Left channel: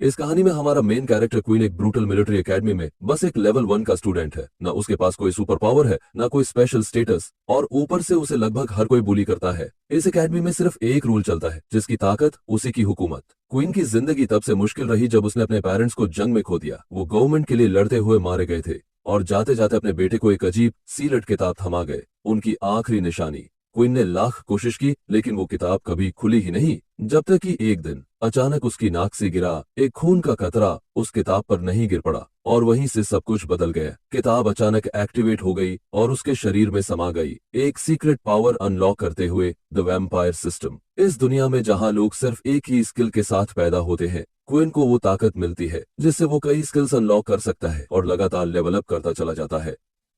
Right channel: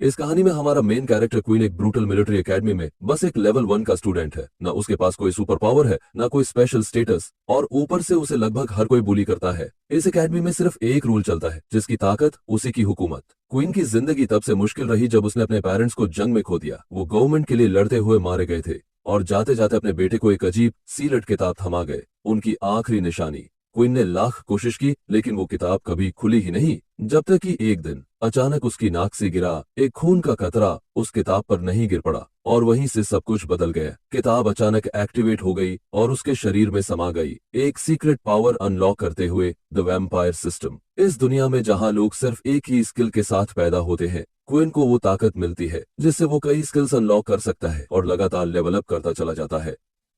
इस कहानी में हमारा मेन कैरेक्टर क्वीन एक ब्रूटल मिलिट्री एकेडमी में बस एक लेवल 1 का स्टूडेंट है। ना उसके पास कोई सुपर पावर है, ना कोई स्पेशल स्टेटस, और ऊपर से उसे लगभग हर कोई बुली करता है। इस एकेडमी में सिर्फ एक रूल चलता है, जिसकी ताकत उसी की हुकूमत। क्वीन की जिंदगी तब से मुश्किल रही जब उसने अपने पेरेंट्स को जंग में खो दिया। वो गवर्नमेंट के लिए लड़ते हुए मारे गए थे और जाते जाते अपने बेटे को एक अजीब सीलट किताब थमा गए, उनकी आखिरी निशानी। क्वीन ने लाख कोशिश की, लेकिन वो किताब कभी खुली ही नहीं, जब तक कि एक दिन अचानक उसकी नाक से गिरा एक खून का कतरा उस किताब पर नहीं गिर पड़ा, और वहीं से सब कुछ बदल गया। किताब अचानक एक्टिवेट हो गई और उसके शरीर में समा गई, एक सीक्रेट पावर अनलॉक करते हुए, द वैम्पायर सिस्टम। इस दुनिया में जहां लोग सिर्फ एक ही स्किल के साथ पैदा होते हैं, क्वीन को वो ताकत मिलती है जिससे वो कई स्किल्स अनलॉक कर सकता है और लगातार लेवल अप करता चला जाता है।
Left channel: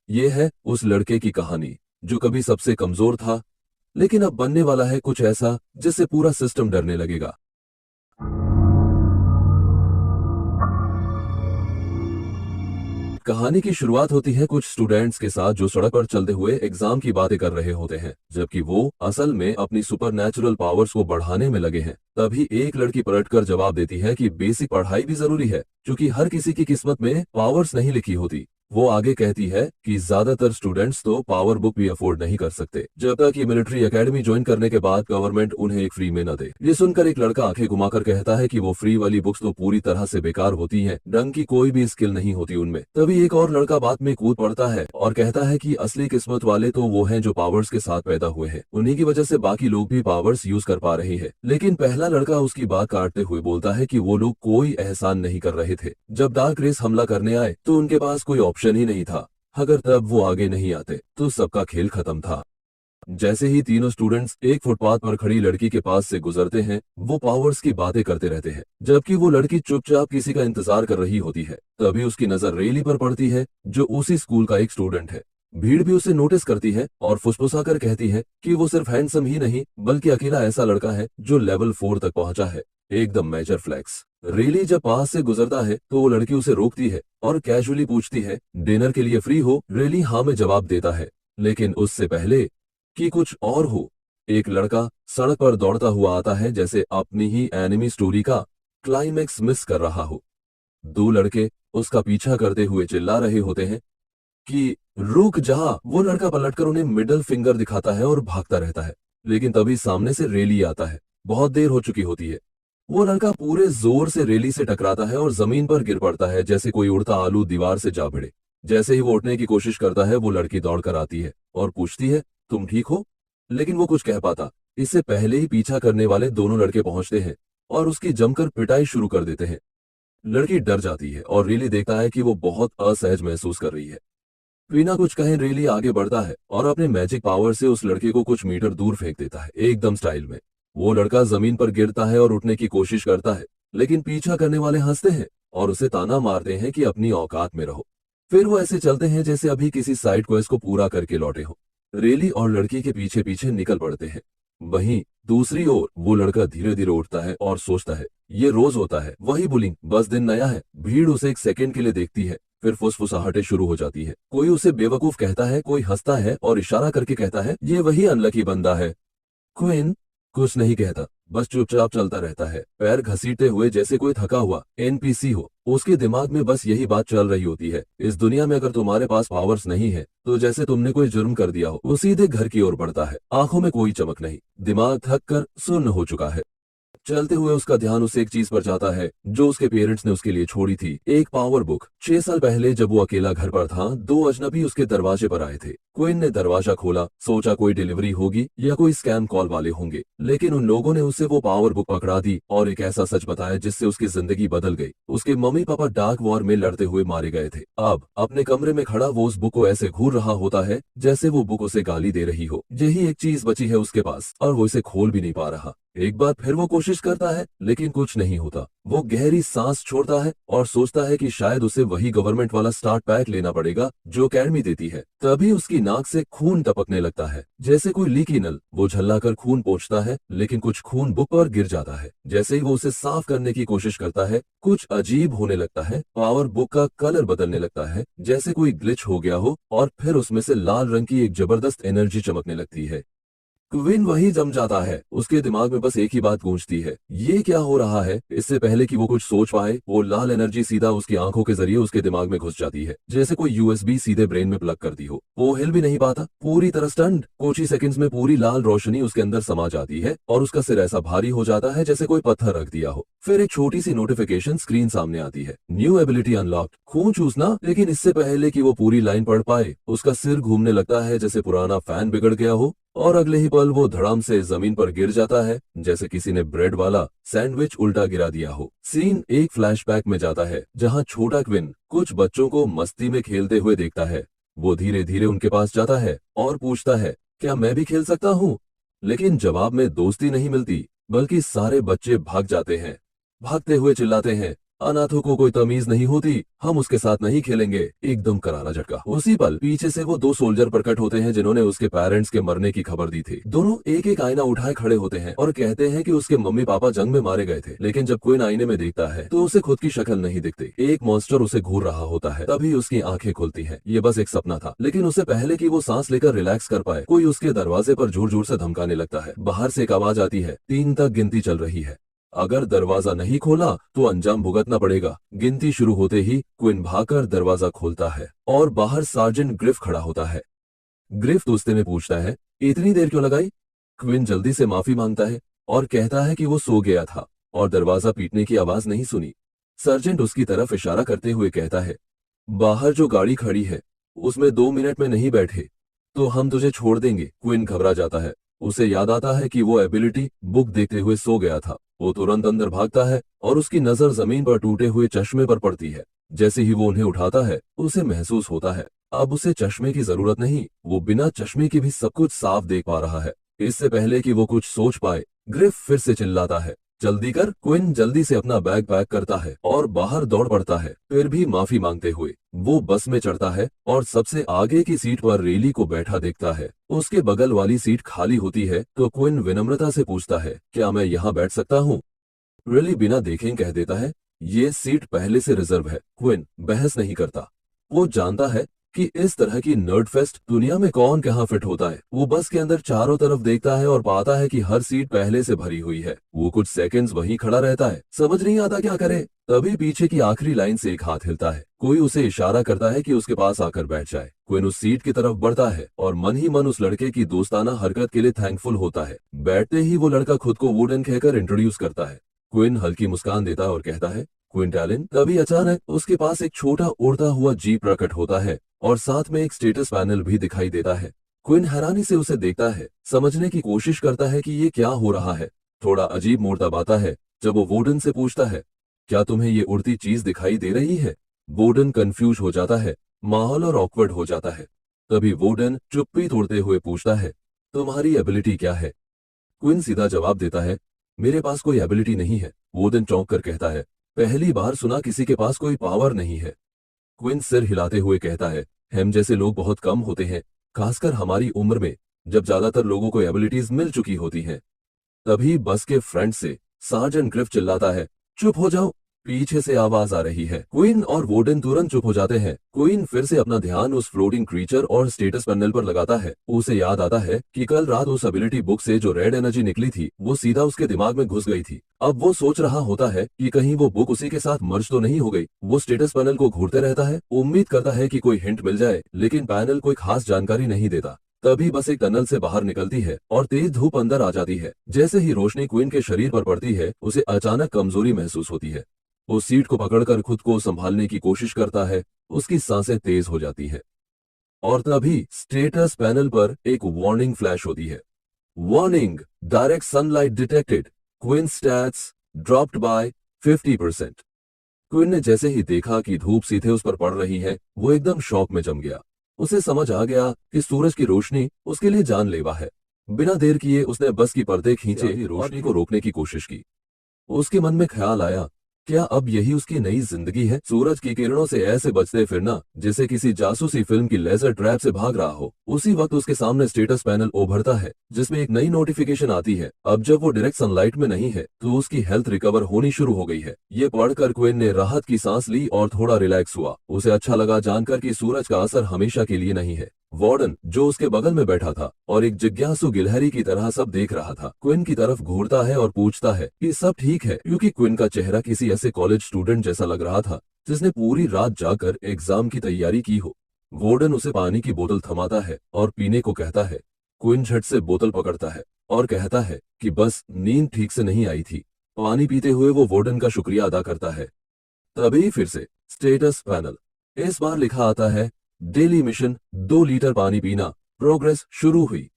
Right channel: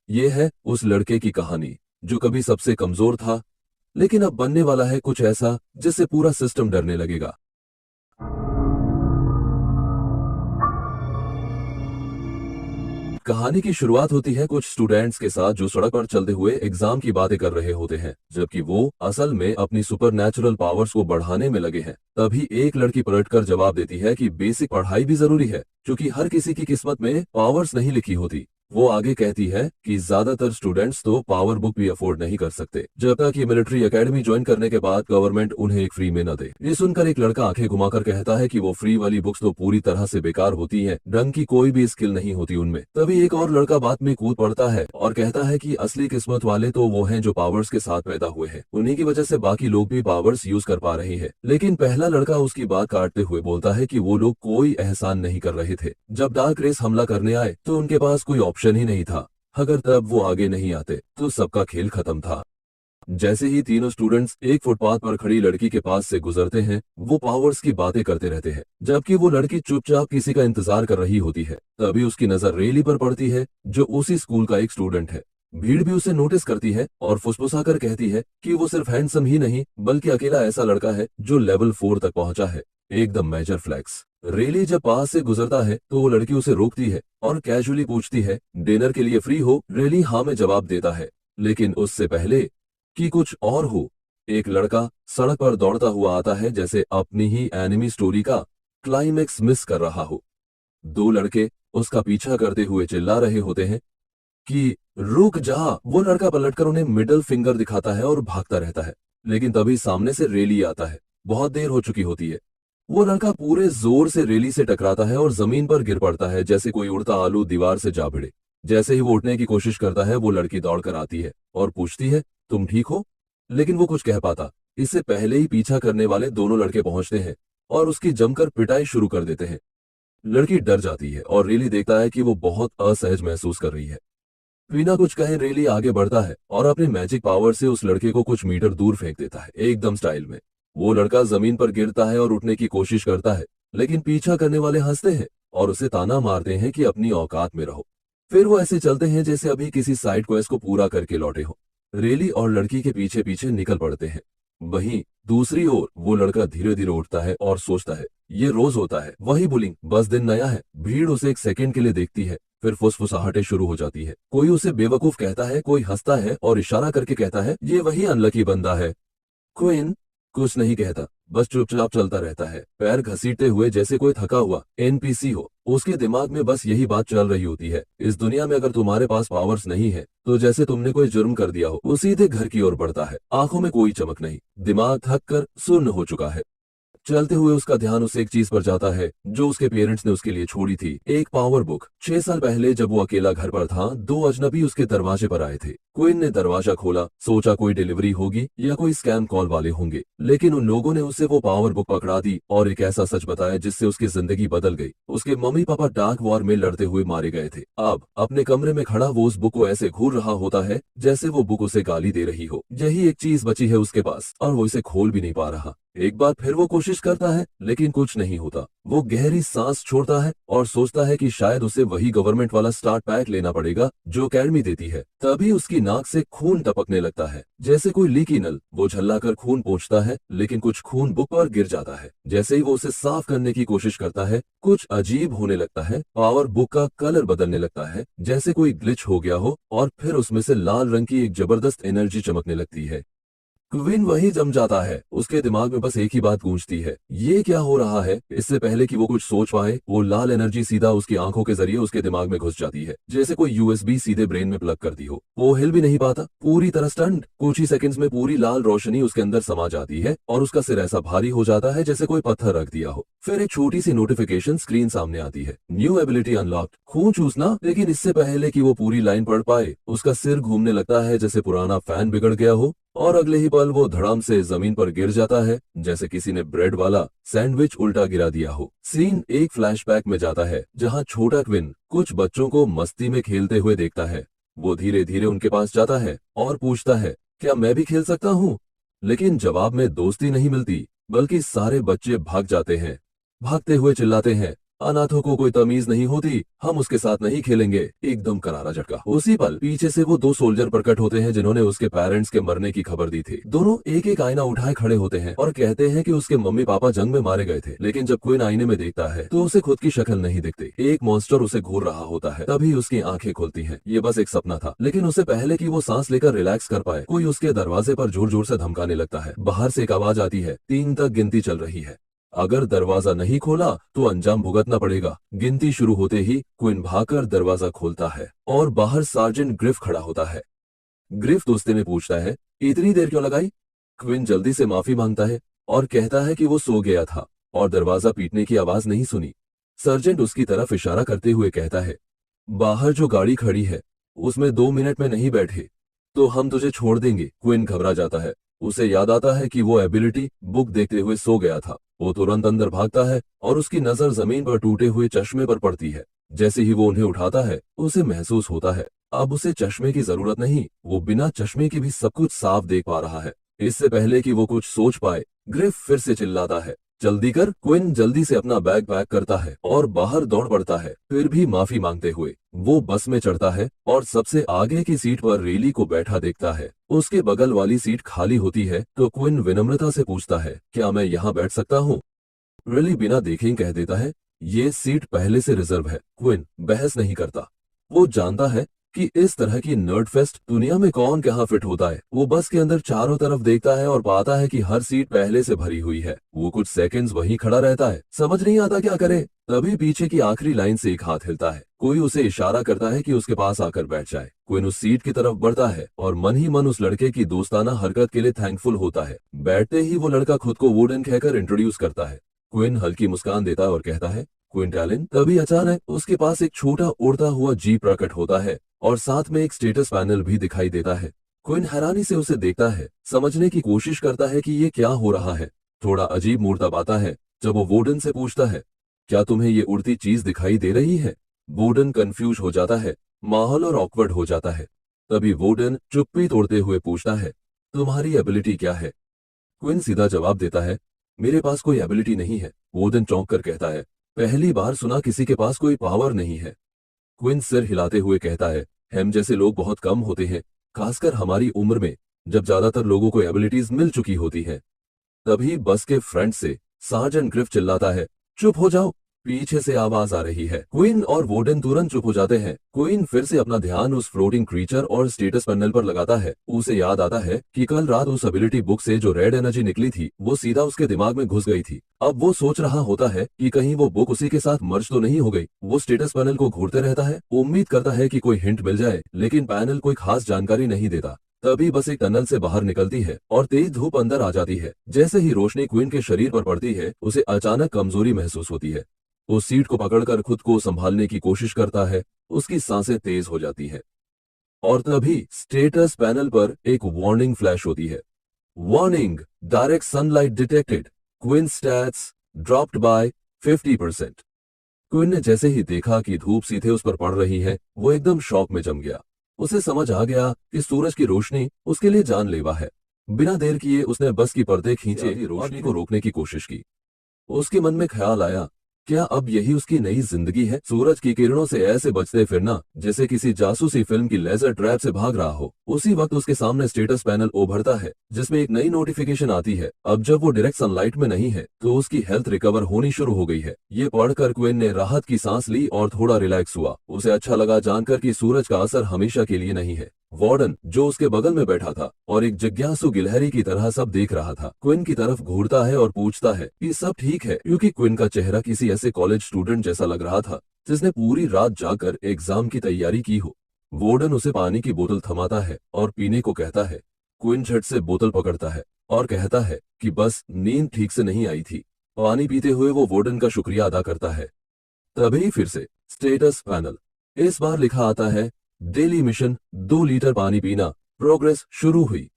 ये है उस लड़के की कहानी जो कभी सबसे कमजोर था, लेकिन अब बनने वाला है कुछ ऐसा जिससे पूरा सिस्टम डरने लगेगा। कहानी की शुरुआत होती है कुछ स्टूडेंट्स के साथ जो सड़क पर चलते हुए एग्जाम की बातें कर रहे होते हैं, जबकि वो असल में अपनी सुपर पावर्स को बढ़ाने में लगे हैं। तभी एक लड़की पलटकर जवाब देती है कि बेसिक पढ़ाई भी जरूरी है, क्योंकि हर किसी की किस्मत में पावर्स नहीं लिखी होती। वो आगे कहती है कि ज्यादातर स्टूडेंट्स तो पावर बुक भी अफोर्ड नहीं कर सकते, जब तक कि मिलिट्री एकेडमी ज्वाइन करने के बाद गवर्नमेंट उन्हें एक फ्री में न दे। ये सुनकर एक लड़का आंखें घुमाकर कहता है कि वो फ्री वाली बुक्स तो पूरी तरह से बेकार होती हैं, ढंग की कोई भी स्किल नहीं होती उनमें। तभी एक और लड़का बात में कूद पड़ता है और कहता है कि असली किस्मत वाले तो वो हैं जो पावर्स के साथ पैदा हुए हैं, उन्हीं की वजह से बाकी लोग भी पावर्स यूज कर पा रहे हैं। लेकिन पहला लड़का उसकी बात काटते हुए बोलता है कि वो लोग कोई एहसान नहीं कर रहे थे। जब डार्क रेस हमला करने आए तो उनके पास कोई ऑप्शन ही नहीं था। अगर तब वो आगे नहीं आते तो सबका खेल खत्म था। जैसे ही तीनों स्टूडेंट्स एक फुटपाथ पर खड़ी लड़की के पास से गुजरते हैं, वो पावर्स की बातें करते रहते हैं, जबकि वो लड़की चुपचाप किसी का इंतजार कर रही होती है। तभी उसकी नजर रेली पर पड़ती है, जो उसी स्कूल का एक स्टूडेंट है। भीड़ भी उसे नोटिस करती है और फुसफुसाकर कहती है कि वो सिर्फ हैंडसम ही नहीं, बल्कि अकेला ऐसा लड़का है जो लेवल 4 तक पहुंचा है। एकदम मेजर फ्लैक्स। रेली जब पास से गुजरता है तो वो लड़की उसे रोकती है और कैजुअली पूछती है, डिनर के लिए फ्री हो? रेली हाँ में जवाब देता है, लेकिन उससे पहले कि कुछ और हो, एक लड़का सड़क पर दौड़ता हुआ आता है, जैसे अपनी ही एनिमी स्टोरी का क्लाइमेक्स मिस कर रहा हो। दो लड़के उसका पीछा करते हुए चिल्ला रहे होते हैं कि रुक जा। वो लड़का पलटकर उन्हें मिडिल फिंगर दिखाता है और भागता रहता है, लेकिन तभी सामने से रेली आता है। बहुत देर हो चुकी होती है। वो लड़का पूरे जोर से रेली से टकराता है और जमीन पर गिर पड़ता है, जैसे कोई उड़ता आलू दीवार से जा भिड़े। जैसे ही वो उठने की कोशिश करता है, वो लड़की दौड़कर आती है और पूछती है, तुम ठीक हो? लेकिन वो कुछ कह पाता इससे पहले ही पीछा करने वाले दोनों लड़के पहुंचते हैं और उसकी जमकर पिटाई शुरू कर देते हैं। लड़की डर जाती है और रेली देखता है कि वो बहुत असहज महसूस कर रही है। बिना कुछ कहे रेली आगे बढ़ता है और अपने मैजिक पावर से उस लड़के को कुछ मीटर दूर फेंक देता है, एकदम स्टाइल में। वो लड़का जमीन पर गिरता है और उठने की कोशिश करता है, लेकिन पीछा करने वाले हंसते हैं और उसे ताना मारते हैं कि अपनी औकात में रहो। फिर वो ऐसे चलते हैं जैसे अभी किसी साइड क्वेस्ट को पूरा करके लौटे हो। रेली और लड़की के पीछे पीछे निकल पड़ते हैं। वहीं दूसरी ओर वो लड़का धीरे धीरे उठता है और सोचता है, ये रोज होता है, वही बुलिंग, बस दिन नया है। भीड़ उसे एक सेकंड के लिए देखती है, फिर फुसफुसाहटें शुरू हो जाती है। कोई उसे बेवकूफ कहता है, कोई हंसता है और इशारा करके कहता है, ये वही अनलकी बंदा है। क्वीन कुछ नहीं कहता, बस चुपचाप चलता रहता है, पैर घसीटते हुए, जैसे कोई थका हुआ एनपीसी हो। उसके दिमाग में बस यही बात चल रही होती है, इस दुनिया में अगर तुम्हारे पास पावर्स नहीं है तो जैसे तुमने कोई जुर्म कर दिया हो। वो सीधे घर की ओर बढ़ता है, आंखों में कोई चमक नहीं, दिमाग थक कर सुन्न हो चुका है। चलते हुए उसका ध्यान उस एक चीज पर जाता है जो उसके पेरेंट्स ने उसके लिए छोड़ी थी, एक पावर बुक। 6 साल पहले जब वो अकेला घर पर था, दो अजनबी उसके दरवाजे पर आए थे। क्विन ने दरवाजा खोला, सोचा कोई डिलीवरी होगी या कोई स्कैम कॉल वाले होंगे, लेकिन उन लोगों ने उसे वो पावर बुक पकड़ा दी और एक ऐसा सच बताया जिससे उसकी जिंदगी बदल गई। उसके मम्मी पापा डार्क वॉर में लड़ते हुए मारे गए थे। अब अपने कमरे में खड़ा वो उस बुक को ऐसे घूर रहा होता है जैसे वो बुक उसे गाली दे रही हो। यही एक चीज बची है उसके पास और वो इसे खोल भी नहीं पा रहा। एक बार फिर वो कोशिश करता है, लेकिन कुछ नहीं होता। वो गहरी सांस छोड़ता है और सोचता है कि शायद उसे वही गवर्नमेंट वाला स्टार्ट पैक लेना पड़ेगा जो अकेडमी देती है। तभी उसकी नाक से खून टपकने लगता है, जैसे कोई लीकी नल। वो झल्लाकर खून पोंछता है, लेकिन कुछ खून बुक पर गिर जाता है। जैसे ही वो उसे साफ करने की कोशिश करता है, कुछ अजीब होने लगता है। पावर बुक का कलर बदलने लगता है, जैसे कोई ग्लिच हो गया हो, और फिर उसमें से लाल रंग की एक जबरदस्त एनर्जी चमकने लगती है। क्विन वही जम जाता है। उसके दिमाग में बस एक ही बात गूंजती है, ये क्या हो रहा है। इससे पहले कि वो कुछ सोच पाए, वो लाल एनर्जी सीधा उसकी आंखों के जरिए उसके दिमाग में घुस जाती है, जैसे कोई यूएसबी सीधे ब्रेन में प्लग कर दी हो। वो हिल भी नहीं पाता, पूरी तरह स्टंट। कुछ ही सेकंड्स में पूरी लाल रोशनी उसके अंदर समा जाती है और उसका सिर ऐसा भारी हो जाता है जैसे कोई पत्थर रख दिया हो। फिर एक छोटी सी नोटिफिकेशन स्क्रीन सामने आती है, न्यू एबिलिटी अनलॉक्ड, खून चूसना। लेकिन इससे पहले कि वो पूरी लाइन पढ़ पाए, उसका सिर घूमने लगता है जैसे पुराना फैन बिगड़ गया हो, और अगले ही पल वो धड़ाम से जमीन पर गिर जाता है, जैसे किसी ने ब्रेड वाला सैंडविच उल्टा गिरा दिया हो। सीन एक फ्लैशबैक में जाता है, जहां छोटा क्विन कुछ बच्चों को मस्ती में खेलते हुए देखता है। वो धीरे धीरे उनके पास जाता है और पूछता है, क्या मैं भी खेल सकता हूँ? लेकिन जवाब में दोस्ती नहीं मिलती, बल्कि सारे बच्चे भाग जाते हैं। भागते हुए चिल्लाते हैं, अनाथों को कोई तमीज नहीं होती, हम उसके साथ नहीं खेलेंगे। एकदम करारा झटका। उसी पल पीछे से वो दो सोल्जर प्रकट होते हैं जिन्होंने उसके पेरेंट्स के मरने की खबर दी थी। दोनों एक एक आईना उठाए खड़े होते हैं और कहते हैं कि उसके मम्मी पापा जंग में मारे गए थे। लेकिन जब क्विन आईने में देखता है तो उसे खुद की शक्ल नहीं दिखती। एक मॉन्स्टर उसे घूर रहा होता है। तभी उसकी आंखें खुलती हैं। ये बस एक सपना था। लेकिन उससे पहले कि वो सांस लेकर रिलैक्स कर पाए, कोई उसके दरवाजे पर जोर जोर से धमकाने लगता है। बाहर से एक आवाज आती है, 3 तक गिनती चल रही है, अगर दरवाजा नहीं खोला तो अंजाम भुगतना पड़ेगा। गिनती शुरू होते ही क्विन भागकर दरवाजा खोलता है और बाहर सार्जेंट ग्रिफ खड़ा होता है। ग्रिफ गुस्से में पूछता है, इतनी देर क्यों लगाई? क्विन जल्दी से माफी मांगता है और कहता है कि वो सो गया था और दरवाजा पीटने की आवाज नहीं सुनी। सर्जेंट उसकी तरफ इशारा करते हुए कहता है, बाहर जो गाड़ी खड़ी है उसमें 2 मिनट में नहीं बैठे तो हम तुझे छोड़ देंगे। क्विन घबरा जाता है। उसे याद आता है कि वो एबिलिटी बुक देखते हुए सो गया था। वो तुरंत अंदर भागता है और उसकी नजर जमीन पर टूटे हुए चश्मे पर पड़ती है। जैसे ही वो उन्हें उठाता है, उसे महसूस होता है अब उसे चश्मे की जरूरत नहीं, वो बिना चश्मे के भी सब कुछ साफ देख पा रहा है। इससे पहले कि वो कुछ सोच पाए, ग्रिफ फिर से चिल्लाता है, जल्दी कर। क्विन जल्दी से अपना बैग पैक करता है और बाहर दौड़ पड़ता है। फिर भी माफी मांगते हुए वो बस में चढ़ता है और सबसे आगे की सीट पर रेली को बैठा देखता है। उसके बगल वाली सीट खाली होती है तो क्विन विनम्रता से पूछता है, क्या मैं यहाँ बैठ सकता हूँ? रेली बिना देखे कह देता है, ये सीट पहले से रिजर्व है। क्विन बहस नहीं करता। वो जानता है कि इस तरह की नर्ड फेस्ट दुनिया में कौन कहाँ फिट होता है। वो बस के अंदर चारों तरफ देखता है और पाता है कि हर सीट पहले से भरी हुई है। वो कुछ सेकंड्स वहीं खड़ा रहता है, समझ नहीं आता क्या करे। तभी पीछे की आखिरी लाइन से एक हाथ हिलता है। कोई उसे इशारा करता है कि उसके पास आकर बैठ जाए। क्विन उस सीट की तरफ बढ़ता है और मन ही मन उस लड़के की दोस्ताना हरकत के लिए थैंकफुल होता है। बैठते ही वो लड़का खुद को वुडन कहकर इंट्रोड्यूस करता है। क्विन हल्की मुस्कान देता है और कहता है, क्विंटैलिन। तभी अचानक उसके पास एक छोटा उड़ता हुआ जीप प्रकट होता है और साथ में एक स्टेटस पैनल भी दिखाई देता है। क्विन हैरानी से उसे देखता है, समझने की कोशिश करता है कि ये क्या हो रहा है। थोड़ा अजीब मूड तब आता है जब वो वोडन से पूछता है, क्या तुम्हें ये उड़ती चीज दिखाई दे रही है? वोडन कंफ्यूज हो जाता है, माहौल और ऑकवर्ड हो जाता है। तभी वोडन चुप्पी तोड़ते हुए पूछता है, तुम्हारी एबिलिटी क्या है? क्विन सीधा जवाब देता है, मेरे पास कोई एबिलिटी नहीं है। वोडन चौंक कर कहता है, पहली बार सुना किसी के पास कोई पावर नहीं है। क्विन सिर हिलाते हुए कहता है, हम जैसे लोग बहुत कम होते हैं, खासकर हमारी उम्र में, जब ज्यादातर लोगों को एबिलिटीज मिल चुकी होती हैं। तभी बस के फ्रंट से सार्जेंट ग्रिफ चिल्लाता है, चुप हो जाओ। पीछे से आवाज आ रही है। क्वीन और वोडन तुरंत चुप हो जाते हैं। क्वीन फिर से अपना ध्यान उस फ्लोटिंग क्रीचर और स्टेटस पैनल पर लगाता है। उसे याद आता है कि कल रात उस एबिलिटी बुक से जो रेड एनर्जी निकली थी वो सीधा उसके दिमाग में घुस गई थी। अब वो सोच रहा होता है कि कहीं वो बुक उसी के साथ मर्ज तो नहीं हो गई। वो स्टेटस पैनल को घूरते रहता है, उम्मीद करता है कि कोई हिंट मिल जाए, लेकिन पैनल कोई खास जानकारी नहीं देता। तभी बस एक टनल से बाहर निकलती है और तेज धूप अंदर आ जाती है। जैसे ही रोशनी क्वीन के शरीर पर पड़ती है, उसे अचानक कमजोरी महसूस होती है। वो सीट को पकड़कर खुद को संभालने की कोशिश करता है। उसकी सांसें तेज हो जाती हैं और तभी स्टेटस पैनल पर एक वार्निंग फ्लैश होती है। Warning, direct sunlight detected, queen stats dropped by 50%। Queen ने जैसे ही देखा कि धूप सीधे उस पर पड़ रही है, वो एकदम शॉक में जम गया। उसे समझ आ गया कि सूरज की रोशनी उसके लिए जानलेवा है। बिना देर किए उसने बस की पर्दे खींचे, रोशनी को रोकने की कोशिश की। उसके मन में ख्याल आया, क्या अब यही उसकी नई जिंदगी है? सूरज की किरणों से ऐसे बचते फिरना जैसे किसी जासूसी फिल्म की लेजर ट्रैप से भाग रहा हो। उसी वक्त उसके सामने स्टेटस पैनल उभरता है जिसमें एक नई नोटिफिकेशन आती है। अब जब वो डायरेक्ट सनलाइट में नहीं है तो उसकी हेल्थ रिकवर होनी शुरू हो गई है। ये पढ़कर क्वीन ने राहत की सांस ली और थोड़ा रिलैक्स हुआ। उसे अच्छा लगा जानकर कि सूरज का असर हमेशा के लिए नहीं है। वार्डन जो उसके बगल में बैठा था और एक जिज्ञासु गिलहरी की तरह सब देख रहा था, क्विन की तरफ घूरता है और पूछता है कि सब ठीक है, क्योंकि क्विन का चेहरा किसी ऐसे कॉलेज स्टूडेंट जैसा लग रहा था जिसने पूरी रात जाकर एग्जाम की तैयारी की हो। वार्डन उसे पानी की बोतल थमाता है और पीने को कहता है। क्विन झट से बोतल पकड़ता है और कहता है कि बस नींद ठीक से नहीं आई थी। पानी पीते हुए वो वार्डन का शुक्रिया अदा करता है। तभी फिर से स्टेटस पैनल। इस बार लिखा आता है, डेली मिशन 2 लीटर पानी पीना, प्रोग्रेस शुरू हुई।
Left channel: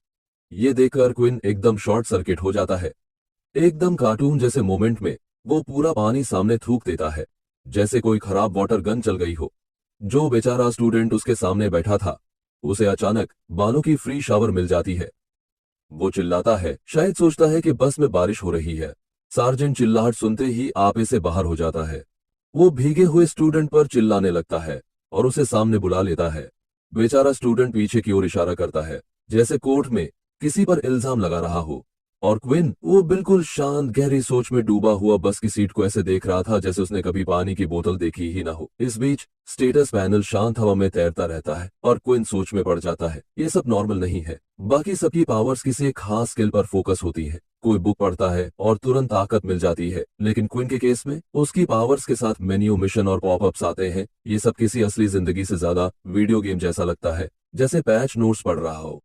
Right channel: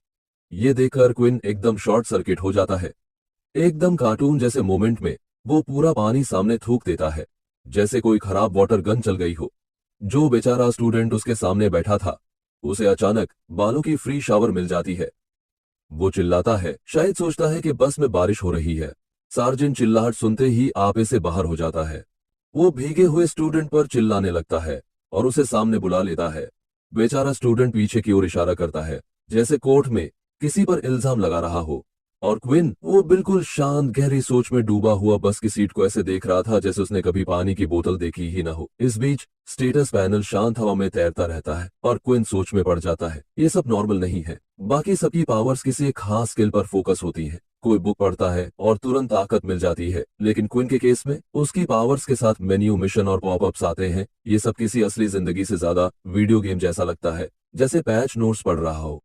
ये देखकर क्विन एकदम शॉर्ट सर्किट हो जाता है। एकदम कार्टून जैसे मोमेंट में वो पूरा पानी सामने थूक देता है, जैसे कोई खराब वाटर गन चल गई हो। जो बेचारा स्टूडेंट उसके सामने बैठा था, उसे अचानक बालों की फ्री शावर मिल जाती है। वो चिल्लाता है, शायद सोचता है कि बस में बारिश हो रही है। सार्जेंट चिल्लाहट सुनते ही आपे से बाहर हो जाता है। वो भीगे हुए स्टूडेंट पर चिल्लाने लगता है और उसे सामने बुला लेता है। बेचारा स्टूडेंट पीछे की ओर इशारा करता है, जैसे कोर्ट में किसी पर इल्जाम लगा रहा हो। और क्विन वो बिल्कुल शांत गहरी सोच में डूबा हुआ बस की सीट को ऐसे देख रहा था जैसे उसने कभी पानी की बोतल देखी ही ना हो। इस बीच स्टेटस पैनल शांत हवा में तैरता रहता है और क्विन सोच में पड़ जाता है, ये सब नॉर्मल नहीं है। बाकी सबकी पावर्स किसी एक खास स्किल पर फोकस होती है। कोई बुक पढ़ता है और तुरंत ताकत मिल जाती है, लेकिन क्विन के केस में उसकी पावर्स के साथ मेन्यू, मिशन और पॉपअप्स आते हैं। ये सब किसी असली जिंदगी से ज्यादा वीडियो गेम जैसा लगता है, जैसे पैच नोट्स पढ़ रहा हो।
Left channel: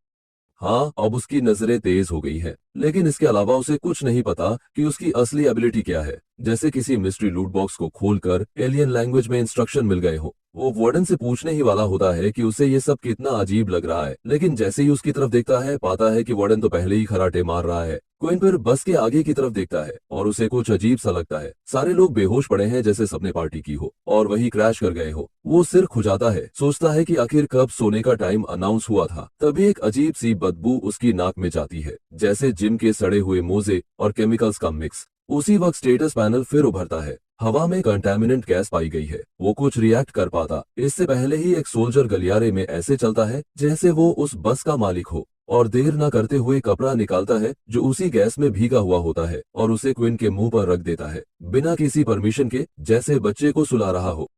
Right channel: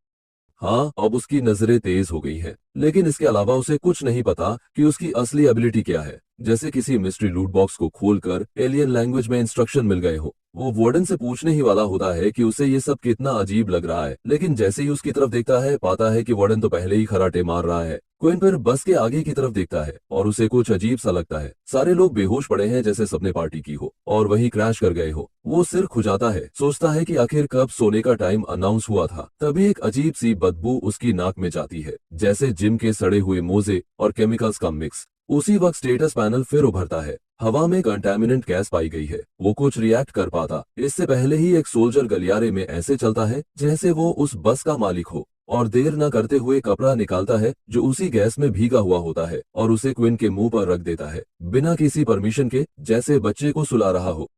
हाँ, अब उसकी नजरें तेज हो गई है, लेकिन इसके अलावा उसे कुछ नहीं पता कि उसकी असली एबिलिटी क्या है। जैसे किसी मिस्ट्री लूट बॉक्स को खोलकर एलियन लैंग्वेज में इंस्ट्रक्शन मिल गए हो। वो वार्डन से पूछने ही वाला होता है कि उसे ये सब कितना अजीब लग रहा है, लेकिन जैसे ही उसकी तरफ देखता है, पाता है कि वार्डन तो पहले ही खराटे मार रहा है। क्विन फिर बस के आगे की तरफ देखता है और उसे कुछ अजीब सा लगता है। सारे लोग बेहोश पड़े हैं, जैसे सबने पार्टी की हो और वही क्रैश कर गए हो। वो सिर खुजाता है, सोचता है कि आखिर कब सोने का टाइम अनाउंस हुआ था। तभी एक अजीब सी बदबू उसकी नाक में जाती है, जैसे जिम के सड़े हुए मोजे और केमिकल्स का मिक्स। उसी वक्त स्टेटस पैनल फिर उभरता है। हवा में कंटेमिनेंट गैस पाई गई है। वो कुछ रिएक्ट कर पाता इससे पहले ही एक सोल्जर गलियारे में ऐसे चलता है जैसे वो उस बस का मालिक हो, और देर ना करते हुए कपड़ा निकालता है जो उसी गैस में भीगा हुआ होता है और उसे क्विन के मुंह पर रख देता है, बिना किसी परमिशन के, जैसे बच्चे को सुला रहा हो।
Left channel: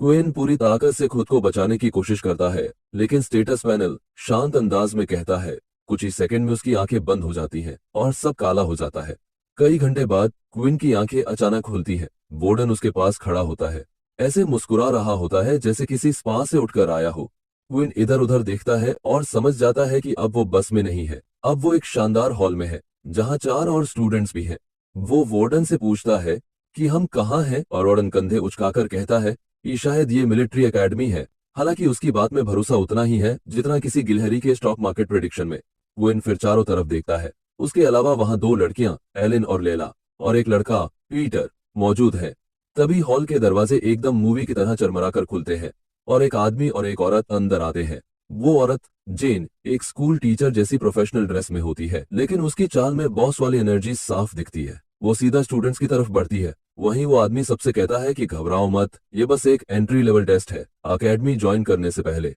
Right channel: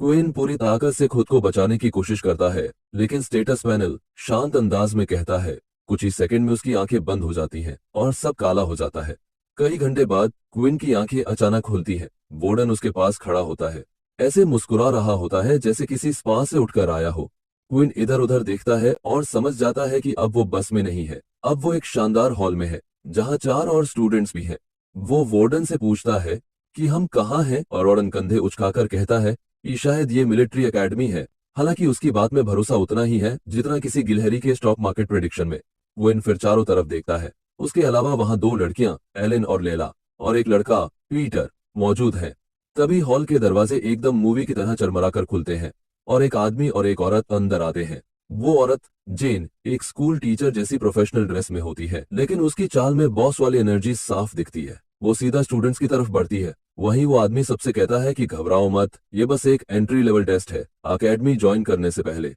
क्विन पूरी ताकत से खुद को बचाने की कोशिश करता है, लेकिन स्टेटस पैनल शांत अंदाज में कहता है। कुछ ही सेकंड में उसकी आंखें बंद हो जाती हैं और सब काला हो जाता है। कई घंटे बाद क्विन की आंखें अचानक खुलती हैं। वार्डन उसके पास खड़ा होता है, ऐसे मुस्कुरा रहा होता है जैसे किसी स्पा से उठकर आया हो। क्विन इधर उधर देखता है और समझ जाता है कि अब वो बस में नहीं है, अब वो एक शानदार हॉल में है जहां 4 और स्टूडेंट्स भी हैं। वो वार्डन से पूछता है कि हम कहाँ हैं, और वार्डन कंधे उचकाकर कहता है कि शायद ये मिलिट्री एकेडमी है। हालांकि उसकी बात में भरोसा उतना ही है जितना किसी गिलहरी के स्टॉक मार्केट प्रेडिक्शन में। क्विन फिर चारों तरफ देखता है। उसके अलावा वहां 2 लड़कियां, एलेन और लेला, और एक लड़का, पीटर, मौजूद है। तभी हॉल के दरवाजे एकदम मूवी की तरह चरमराकर खुलते हैं और एक आदमी और एक औरत अंदर आते हैं। वो औरत, जेन, एक स्कूल टीचर जैसी प्रोफेशनल ड्रेस में होती है, लेकिन उसकी चाल में बॉस वाली एनर्जी साफ दिखती है। वो सीधा स्टूडेंट्स की तरफ बढ़ती है। वहीं वो आदमी सबसे कहता है कि घबराओ मत, ये बस एक एंट्री लेवल टेस्ट है, अकेडमी ज्वाइन करने से पहले।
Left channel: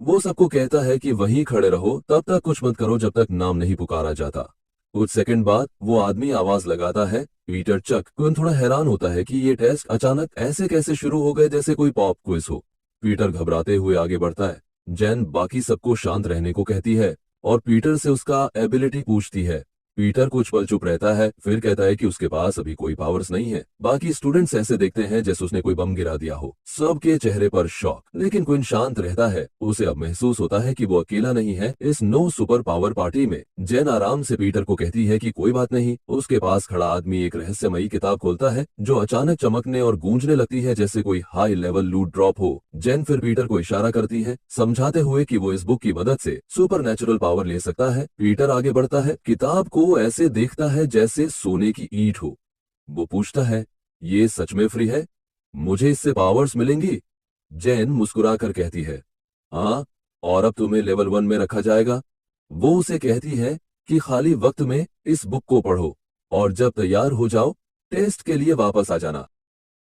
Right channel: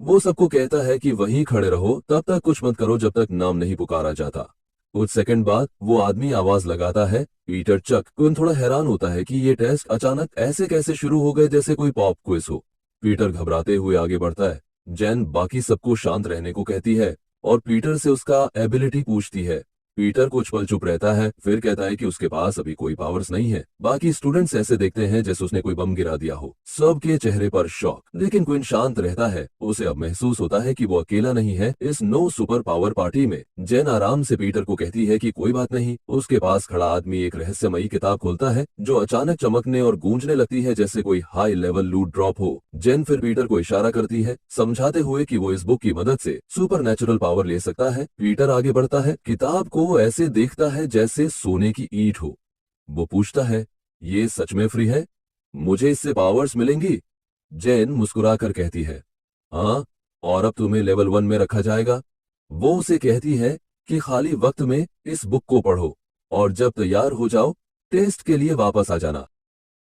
वो सबको कहता है कि वहीं खड़े रहो, तब तक कुछ मत करो जब तक नाम नहीं पुकारा जाता। कुछ सेकंड बाद वो आदमी आवाज लगाता है, पीटर चक। क्विन थोड़ा हैरान होता है कि ये टेस्ट अचानक ऐसे कैसे शुरू हो गए, जैसे कोई पॉप क्विज हो। पीटर घबराते हुए आगे बढ़ता है। जैन बाकी सबको शांत रहने को कहती है और पीटर से उसका एबिलिटी पूछती है। पीटर कुछ पल चुप रहता है, फिर कहता है कि उसके पास अभी कोई पावर्स नहीं है। बाकी स्टूडेंट्स ऐसे देखते हैं जैसे उसने कोई बम गिरा दिया हो। सबके चेहरे पर शॉक, लेकिन क्विन शांत रहता है। उसे अब महसूस होता है कि वो अकेला नहीं है इस नो सुपर पावर पार्टी में। जैन आराम से पीटर को कहती है कि कोई बात नहीं। उसके पास खड़ा आदमी एक रहस्यमयी किताब खोलता है जो अचानक चमकने और गूंजने लगती है जैसे कोई हाई लेवल लूट ड्रॉप हो। जैन फिर पीटर को इशारा करती है, समझाते हुए कि वो इस बुक की मदद से सुपर नेचुरल पावर ले सकता है। पीटर आगे बढ़ता है, किताब को ऐसे देखता है जैसे सोने की ईंट हो। वो पूछता है, ये सच में फ्री है? मुझे इससे पावर्स मिलेंगी? जैन मुस्कुराकर कहती है, हाँ, और अब तुम्हें लेवल 1 में रखा जाएगा। वो उसे कहती है कि खाली वक्त में इस बुक को पढ़ो और जब तैयार हो जाओ टेस्ट के लिए वापस आ जाना।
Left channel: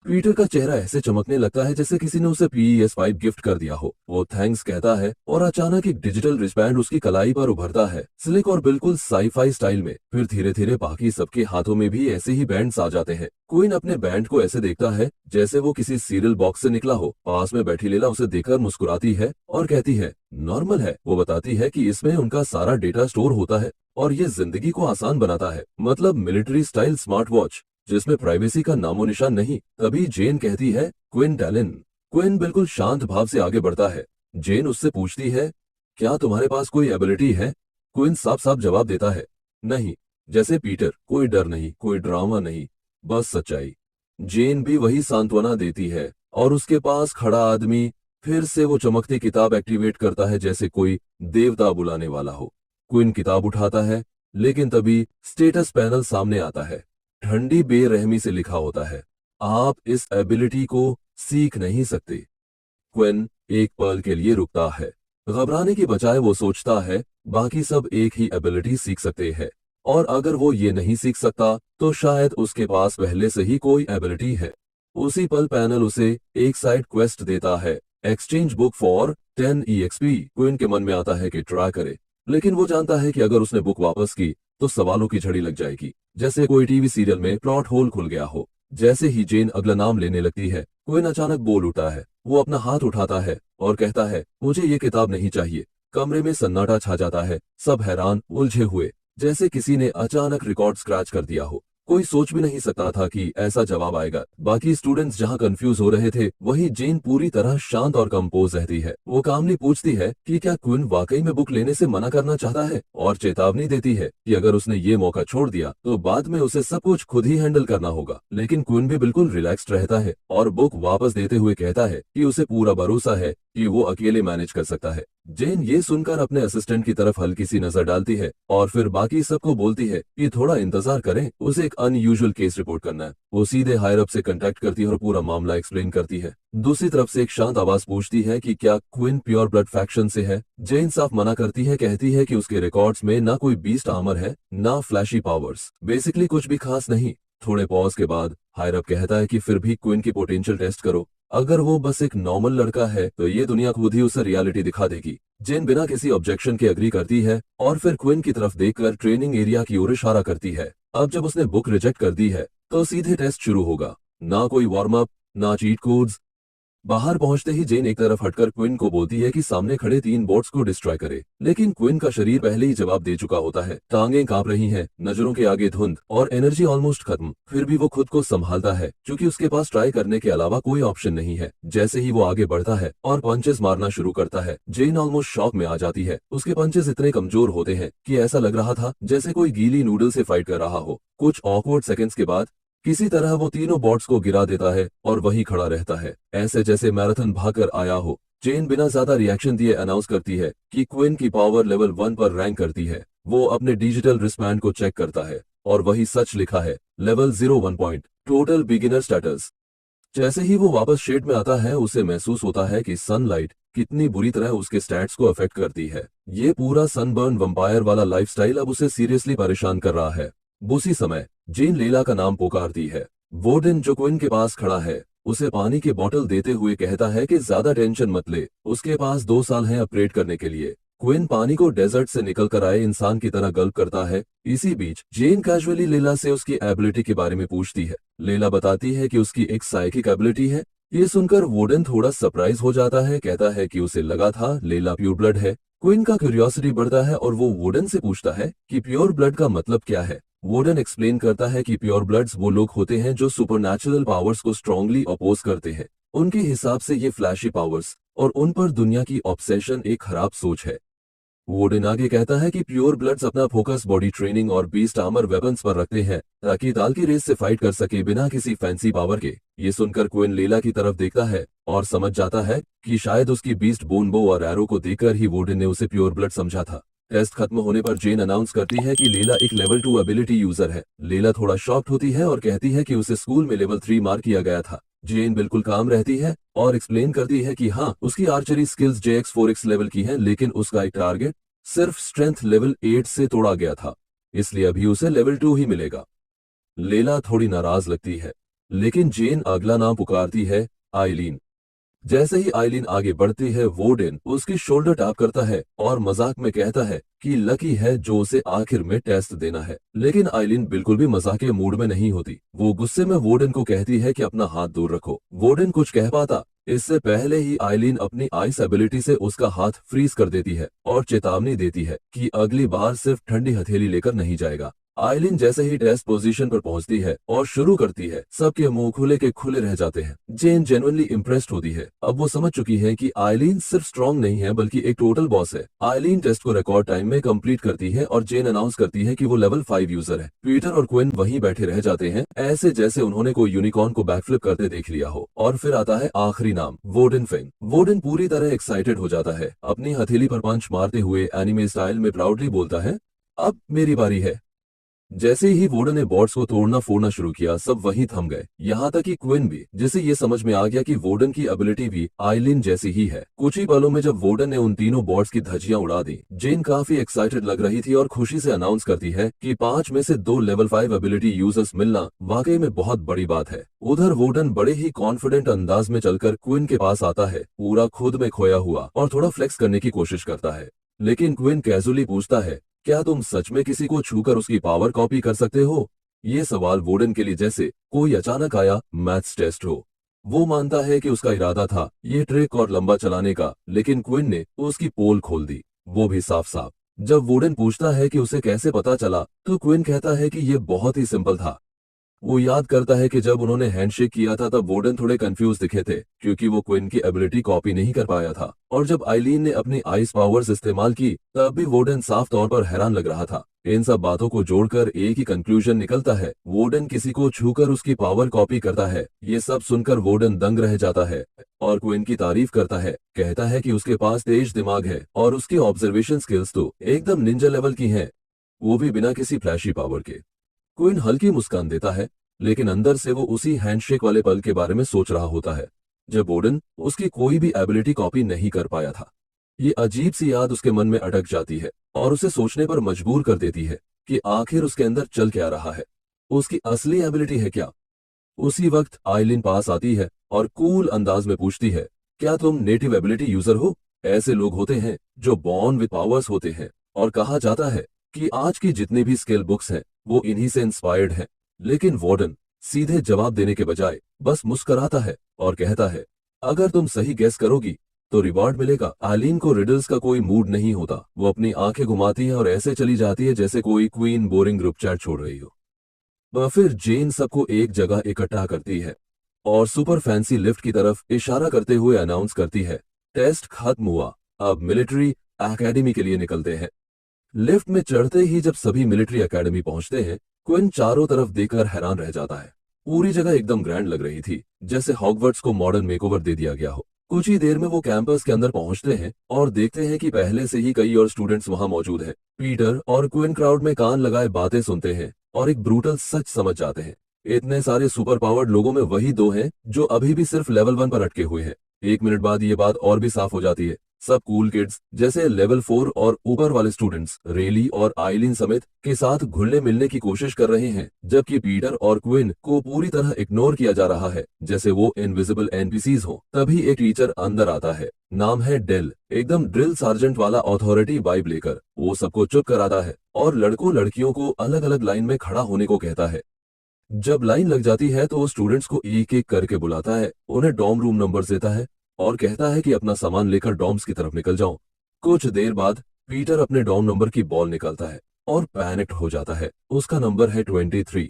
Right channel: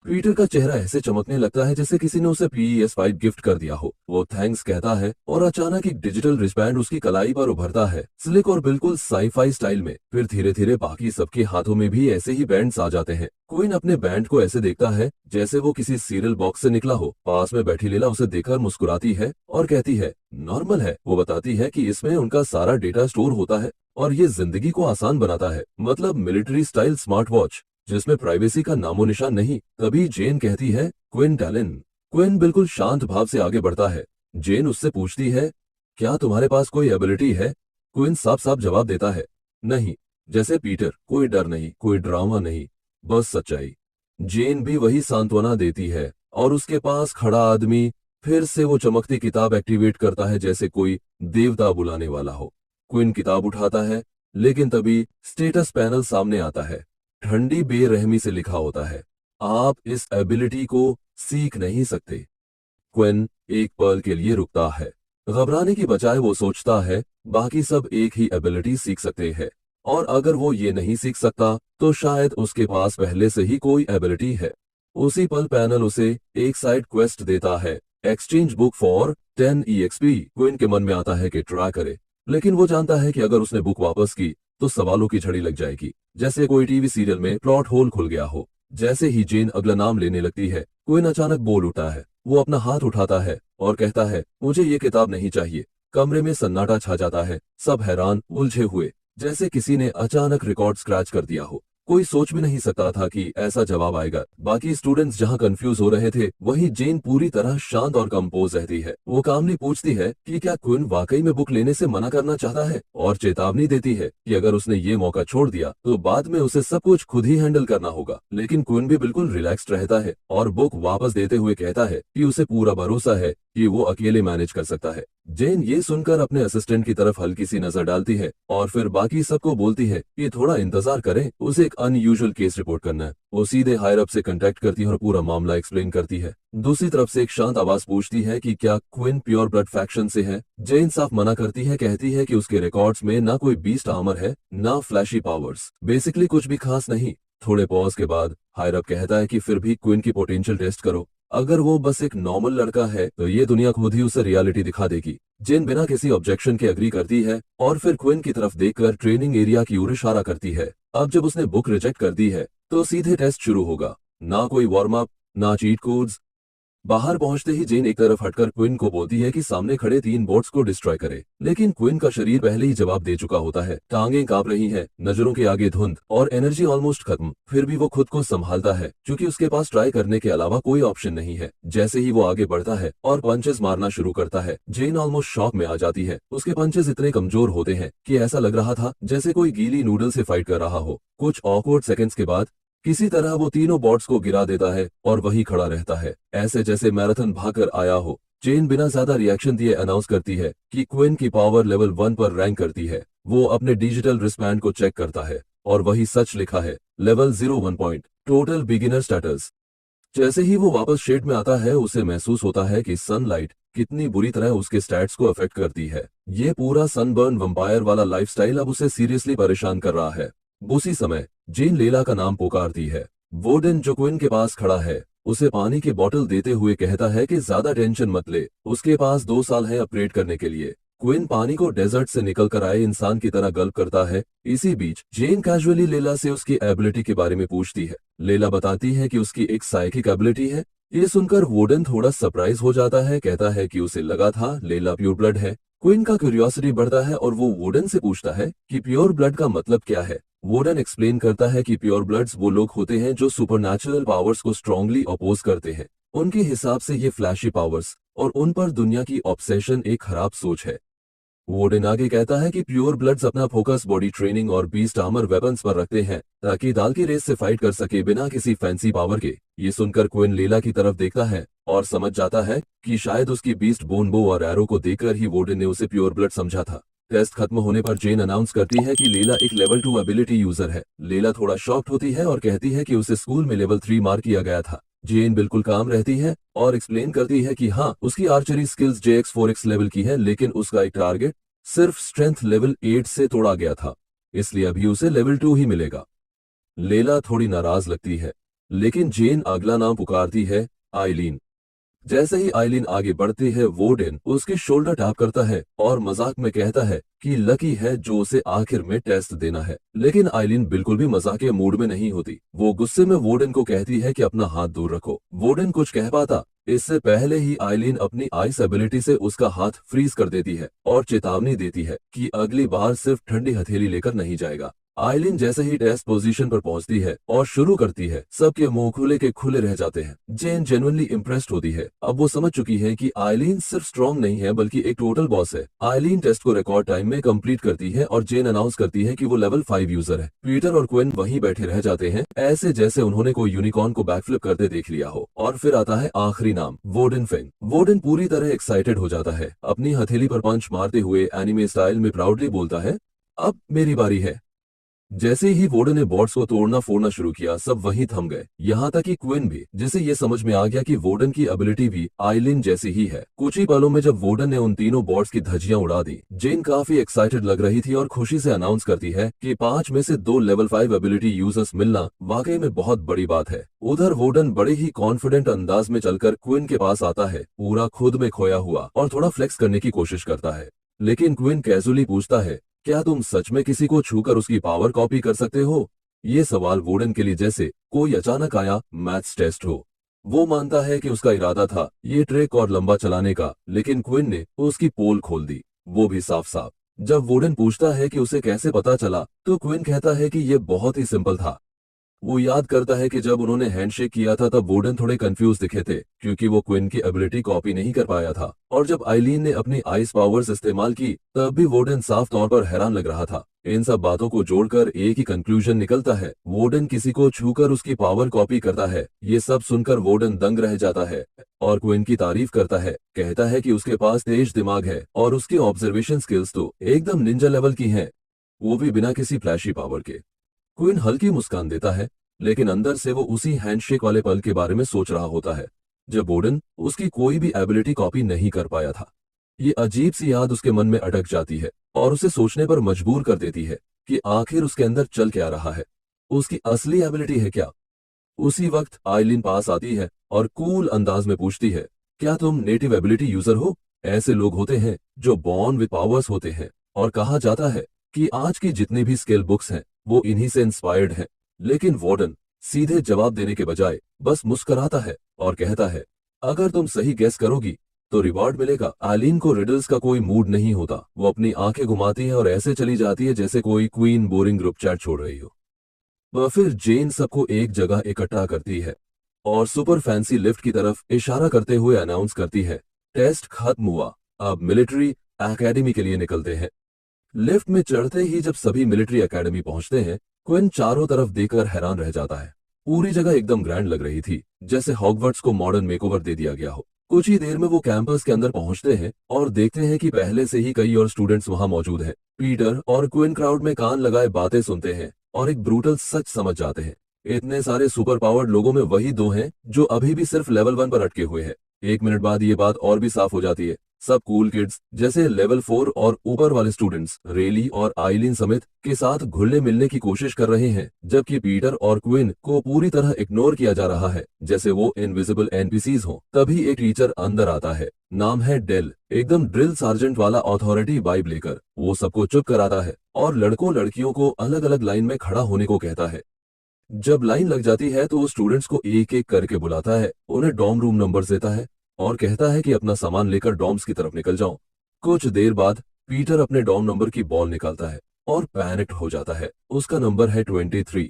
पीटर का चेहरा ऐसे चमकने लगता है जैसे किसी ने उसे PS5 गिफ्ट कर दिया हो। वो थैंक्स कहता है और अचानक एक डिजिटल रिस्टबैंड उसकी कलाई पर उभरता है, स्लिक और बिल्कुल साईफाई स्टाइल में। फिर धीरे धीरे बाकी सबके हाथों में भी ऐसे ही बैंड्स आ जाते हैं। क्वीन अपने बैंड को ऐसे देखता है जैसे वो किसी सीरियल बॉक्स से निकला हो। पास में बैठी लेला उसे देखकर मुस्कुराती है और कहती है नॉर्मल है। वो बताती है कि इसमें उनका सारा डेटा स्टोर होता है और ये जिंदगी को आसान बनाता है, मतलब मिलिट्री स्टाइल स्मार्ट वॉच जिसमें प्राइवेसी का नामो निशान नहीं। तभी जेन कहती है क्विन टैलिन। क्विन बिल्कुल शांत भाव से आगे बढ़ता है। जेन उससे पूछती है क्या तुम्हारे पास कोई एबिलिटी है? क्विन साफ साफ जवाब देता है नहीं। जैसे पीटर, कोई डर नहीं, कोई ड्रामा नहीं, बस सच्चाई। जेन भी वही सांत्वना देती है और उसके पास खड़ा आदमी फिर से वो चमकती किताब एक्टिवेट करता है जैसे कोई देवता बुलाने वाला हो। क्विन किताब उठाता है लेकिन तभी स्टेटस पैनल सामने आता है। ठंडी बेरहमी से लिखा होता है आप इस एबिलिटी को सीख नहीं सकते। क्विन एक पल के लिए रुकता है। घबराने की बजाय वो सोचता है बाकी सब एक ही एबिलिटी सीख सकते हैं और अगर वो ये नहीं सीख सकता तो शायद उसके पास पहले से ही कोई एबिलिटी है। उसी पल पैनल उसे एक साइड क्वेस्ट देता है, exchange book for 10 EXP। Queen के मन में आता है कि ट्राई करे, लेकिन वो जानता है कि अगर उसने बुक वापस की तो सवालों की झड़ी लग जाएगी, जैसे कोई टीवी सीरियल में प्लॉट होल खुल गया हो। जैसे ही जेन अगला नाम लेने लगती है, क्विन अचानक बोल उठता है। वो अपना हाथ उठाता है और कहता है मुझे ये किताब नहीं चाहिए। कमरे में सन्नाटा छा जाता है, सब हैरान उलझे हुए, जैसे किसी ने अचानक रिकॉर्ड स्क्रैच कर दिया हो। कोई सोच भी नहीं सकता था कि ऐसा जवाब आएगा। बाकी स्टूडेंट्स जहां कंफ्यूज हो रहे थे, वहीं जेन पूरी तरह शांत और कंपोज रहती है। वो कामली पूछती है कि क्या क्विन वाकई में बुक लेने से मना करना चाहता है और चेतावनी देती है कि अगर उसने ये मौका छोड़ दिया तो बाद में उसे सब कुछ खुद ही हैंडल करना होगा। लेकिन क्विन भी बिल्कुल रिलैक्स्ड रहता है और बुक वापस देते हुए कहता है कि उसे पूरा भरोसा है कि वो अकेले मैनेज कर सकता है। जेन ये सुनकर अपने असिस्टेंट की तरफ हल्की सी नजर डालती है और फिर बाकी सबको बोलती है कि थोड़ा इंतजार करें, उसे एक अनयूजुअल केस रिपोर्ट करना है। वो सीधे हायर अप से कांटेक्ट करती है और पूरा मामला एक्सप्लेन करती है। दूसरी तरफ से एक शांत आवाज पूछती है कि क्या क्विन प्योर ब्लड फैक्शन से है। जेन साफ मना करती है, कहती है कि उसके रिकॉर्ड्स में ना कोई बीस्ट आर्मर है, ना फ्लैशी पावर्स, बेसिकली कुछ भी खास नहीं। थोड़े पॉज के बाद हायर अप कहता है कि फिर भी क्विन की पोटेंशियल टेस्ट करो। अगर वो बस एक नॉर्मल लड़का है तो ये दुनिया खुद ही उसे रियलिटी दिखा देगी। जेन बिना किसी ऑब्जेक्शन के अग्री करती है और फिर क्विन की तरफ देखकर ट्रेनिंग एरिया की ओर इशारा करती है। अब जब उसने बुक रिजेक्ट कर दी है तो सीधे टेस्ट शुरू होगा, ना कोई वार्म अप, ना चीट कोड्स। बाहर पहुंचते ही जेन एक तरफ हटकर क्विन को बोलती है कि सामने खड़े 3 बोट्स को डिस्ट्रॉय करे, लेकिन क्विन का शरीर पहले ही जवाब दे चुका होता है। टांगें कांप रही हैं, नजरों के आगे धुंध और एनर्जी ऑलमोस्ट खत्म। फिर भी वो खुद को संभालता है क्योंकि उसके पास ट्राई करने के अलावा कोई ऑप्शन नहीं है। जैसे ही वो आगे बढ़ता है और पंचेस मारना शुरू करता है, जेन ऑलमोस्ट शॉक में आ जाती है। उसके पंचेस इतने कमजोर होते हैं कि ऐसा लग रहा था जैसे कोई गीली नूडल से फाइट कर रहा हो। कुछ ऑकवर्ड सेकंड्स के बाद किसी तरह वो तीनों बॉट्स को गिरा देता है और वहीं खड़ा रहता है, ऐसे जैसे मैराथन भागकर आया हो। जेन बिना ज्यादा रिएक्शन दिए अनाउंस करती है कि क्विन की पावर लेवल 1 पर रैंक करती है। वो अपने डिजिटल रिस्टबैंड को चेक करता है और वही सच लिखा है, level 01 point, total beginner status. जैसे ही वो वापस शेड में आता है, उसे महसूस होता है कि सनलाइट कितनी बुरी तरह उसके स्टैट्स को अफेक्ट करती है। ये पूरा सनबर्न वंपायर वाला लाइफस्टाइल अब उसे सीरियसली परेशान कर रहा है। उसी समय जेन लेला का नाम पुकारती है। वोर्डन जो क्विन के पास खड़ा है, उसे पानी की बोतल देते हुए कहता है कि ज्यादा टेंशन मत ले, उसके पास 2 साल हैं अपग्रेड करने के लिए। क्विन पानी को डेजर्ट से निकल कर आए इंसान की तरह गल्प करता है। इसी बीच जेन कैजुअली लेला से उसकी एबिलिटी के बारे में पूछती है। लेला बताती है कि उसकी एक साइकिक एबिलिटी है। ये सुनकर वोर्डन थोड़ा सरप्राइज हो जाता है, कहता है कि उसे लगा था लेला प्योर ब्लड है। क्विन का क्यूरियोसिटी बढ़ता है और वो वोर्डन से पूछता है कि प्योर ब्लड का मतलब क्या है। वोर्डन एक्सप्लेन करता है कि प्योर ब्लड्स वो लोग होते हैं जो सुपरनैचुरल पावर्स को स्ट्रांगली अपोज करते हैं। उनके हिसाब से ये फ्लैशी पावर्स और उन पर दुनिया की ऑब्सेशन एक खराब सोच है। वोर्डन आगे कहता है कि प्योर ब्लड्स अपना फोकस बॉडी ट्रेनिंग और बीस्ट आर्मर वेपन्स पर रखते हैं ताकि दाल की रेस से फाइट कर सके बिना किसी फैंसी पावर के। ये सुनकर क्विन लीला की तरफ देखता है और समझ जाता है कि शायद उसकी बीस्ट बोन बो और एरो को देखकर ही वोर्डन ने उसे प्योर ब्लड समझा था। टेस्ट खत्म होने पर जेन अनाउंस करती है कि लेला एक लेवल 2 एबिलिटी यूजर है। लेला थोड़ा शॉक्ड होती है और कहती है कि उसे स्कूल में लेवल 3 मार्क किया गया था। जेन बिल्कुल काम रहती है और एक्सप्लेन करती है कि हाँ, उसकी आर्चरी स्किल्स JX4X लेवल की है, लेकिन उसका एक टारगेट सिर्फ स्ट्रेंथ लेवल 8 से तोड़ा गया था, इसलिए अभी उसे लेवल 2 ही मिलेगा। लेला थोड़ी नाराज लगती है। लेकिन जेन अगला नाम पुकारती है, आइलीन। जैसे ही आइलीन आगे बढ़ती है, वोर्डन उसकी शोल्डर टैप करता है और मजाक में कहता है कि लकी है जो उसे आखिर में टेस्ट देना है। लेकिन आइलीन बिल्कुल भी मजाक के मूड में नहीं होती। वो गुस्से में वोर्डन को कहती है कि अपना हाथ दूर रखो। वोर्डन कुछ कह पाता इससे पहले ही आइलीन अपनी आइस एबिलिटी से उसका हाथ फ्रीज कर देती है और चेतावनी देती है कि अगली बार सिर्फ ठंडी हथेली लेकर नहीं जाएगा। आइलीन जैसे ही टेस्ट पोजीशन पर पहुंचती है और शुरू करती है, सबके मुंह खुले के खुले रह जाते हैं। जेन जेन्युइनली इम्प्रेस्ड होती है। अब वो समझ चुकी है कि आइलीन सिर्फ स्ट्रांग नहीं है बल्कि एक टोटल बॉस है। आइलीन टेस्ट को रिकॉर्ड टाइम में कंप्लीट करती है और जेन अनाउंस करती है कि वो लेवल 5 यूजर है। पीटर और क्विन वहीं बैठे रह जाते हैं, ऐसे जैसे उन्होंने कोई यूनिकॉर्न को बैकफ्लिप करते देख लिया हो। और फिर आता है आखिरी नाम, वोर्डन फिन। वोर्डन पूरी तरह एक्साइटेड हो जाता है। अपनी हथेली पर पंच मारते हुए एनिमे स्टाइल में प्राउडली बोलता है, अब मेरी बारी है। जैसे ही वोर्डन ने बॉट्स को तोड़ना फोड़ना शुरू किया, सब वहीं थम गए, यहाँ तक कि क्विन भी, जिसे ये समझ में आ गया कि वोर्डन की एबिलिटी भी आइलिन जैसी ही है। कुछ ही पलों में जब वोर्डन ने उन तीनों बॉट्स की धज्जियां उड़ा दी, जेन काफी एक्साइटेड लग रही थी और खुशी से अनाउंस करती है कि 5 में से 2 लेवल 5 एबिलिटी यूजर्स मिलना वाकई में बहुत बड़ी बात है। उधर वोर्डन बड़े ही कॉन्फिडेंट अंदाज में चलकर क्विन के पास आता है, पूरा खुद में खोया हुआ, और थोड़ा फ्लेक्स करने की कोशिश करता है। लेकिन क्विन कैजुअली पूछता है, क्या तुम सच में किसी को छूकर उसकी पावर कॉपी कर सकते हो? ये सवाल वोर्डन के लिए जैसे कोई अचानक आया मैथ्स टेस्ट हो। वो मानता है कि उसका इरादा था ये ट्रिक और लंबा चलाने का, लेकिन क्विन ने उसकी पोल खोल दी, वो भी साफ साफ। जब वोर्डन पूछता है कि उसे कैसे पता चला, तो क्विन कहता है कि ये बहुत ही सिंपल था। वो याद करता है कि जब उन्होंने हैंडशेक किया था तब वोर्डन थोड़े कंफ्यूज दिखे थे, क्योंकि वो क्विन की एबिलिटी कॉपी नहीं कर पाया था। और जब आइलीन ने अपनी आइस पावर्स इस्तेमाल की, तब भी वोर्डन साफ तौर पर हैरान लग रहा था। इन सब बातों को जोड़कर एक ही कंक्लूजन निकलता है, वोर्डन किसी को छूकर उसकी पावर कॉपी करता है। ये सब सुनकर वोर्डन दंग रह जाता है और क्विन की तारीफ करता है, कहता है कि उसके पास तेज दिमाग है और उसकी ऑब्जर्वेशन स्किल्स तो एकदम निंजा लेवल की हैं, वो भी बिना किसी फ्लैशी पावर के। क्विन हल्की मुस्कान देता है, लेकिन अंदर से वो उसी हैंडशेक वाले पल के बारे में सोच रहा होता है, जब वोर्डन उसकी कोई भी एबिलिटी कॉपी नहीं कर पाया था। ये अजीब सी याद उसके मन में अटक जाती है और उसे सोचने पर मजबूर कर देती है कि आखिर उसके अंदर चल क्या रहा है, उसकी असली एबिलिटी है क्या। उसी वक्त आइलिन पास आती है और कूल अंदाज में पूछती है, क्या तुम नेटिव एबिलिटी यूजर हो? ऐसे लोग होते हैं जो बॉर्न विद पावर्स होते हैं, और कहा जाता है कि आज की जितनी भी स्किल बुक्स हैं वो इन्हीं से इंस्पायर्ड हैं। लेकिन वार्डन सीधे जवाब देने के बजाय बस मुस्कुराता है और कहता है, अगर तुम सही गेस करोगी तो रिवॉर्ड मिलेगा। आइलीन को रिडल्स का कोई मूड नहीं होता। वो अपनी आंखें घुमाती है और ऐसे चली जाती है जैसे कोई क्वीन बोरिंग ग्रुप चैट छोड़ रही हो। फिर जेन सबको एक जगह इकट्ठा करती है और सुपर फैंसी लिफ्ट की तरफ इशारा करते हुए अनाउंस करती है, टेस्ट खत्म हुआ, अब मिलिट्री एकेडमी के लिए निकलते हैं। लिफ्ट में चढ़ते ही जब सभी मिलिट्री एकेडमी पहुंचते हैं, क्विन चारों तरफ देखकर हैरान रह जाता है। पूरी जगह एकदम ग्रैंड लग रही थी, जैसे हॉगवर्ट्स को मॉडर्न मेकओवर दे दिया गया हो। कुछ ही देर में वो कैंपस के अंदर पहुंचते हैं और देखते हैं कि पहले से ही कई और स्टूडेंट्स वहां मौजूद हैं। पीटर और क्विन क्राउड में कान लगाए बातें सुनते हैं और एक ब्रूटल सच समझ जाते हैं, इतने सारे सुपर पावर्ड लोगों में वही 2 हैं जो अभी भी सिर्फ लेवल 1 पर अटके हुए हैं। 1 मिनट बाद ये बात और भी साफ हो जाती है। सब कूल किड्स जैसे लेवल 4 और ऊपर वाले स्टूडेंट्स रेली और आइलिन समेत के साथ घुलने मिलने की कोशिश कर रहे हैं, जबकि पीटर और क्विन को पूरी तरह इग्नोर किया जा रहा है, जैसे वो इनविजिबल एनपीसीज हो। तभी एक टीचर अंदर आता है, नाम है डेल, एकदम ड्रिल सार्जेंट वाला अथॉरिटी वाइब लेकर। वो सबको चुप कराता है और लड़कों लड़कियों को अलग अलग लाइन में खड़ा होने को कहता है। जब लाइन लग जाती है तो वो स्टूडेंट्स को एक एक करके बुलाता है, उन्हें डॉर्म रूम नंबर देता है और कहता है कि अपना सामान लेकर डॉर्म्स की तरफ निकल जाओ। कुछ देर बाद पीटर अपने डॉर्म नंबर की बॉल निकालता है और पैनिक्ड हो जाता है। उसका नंबर है 23।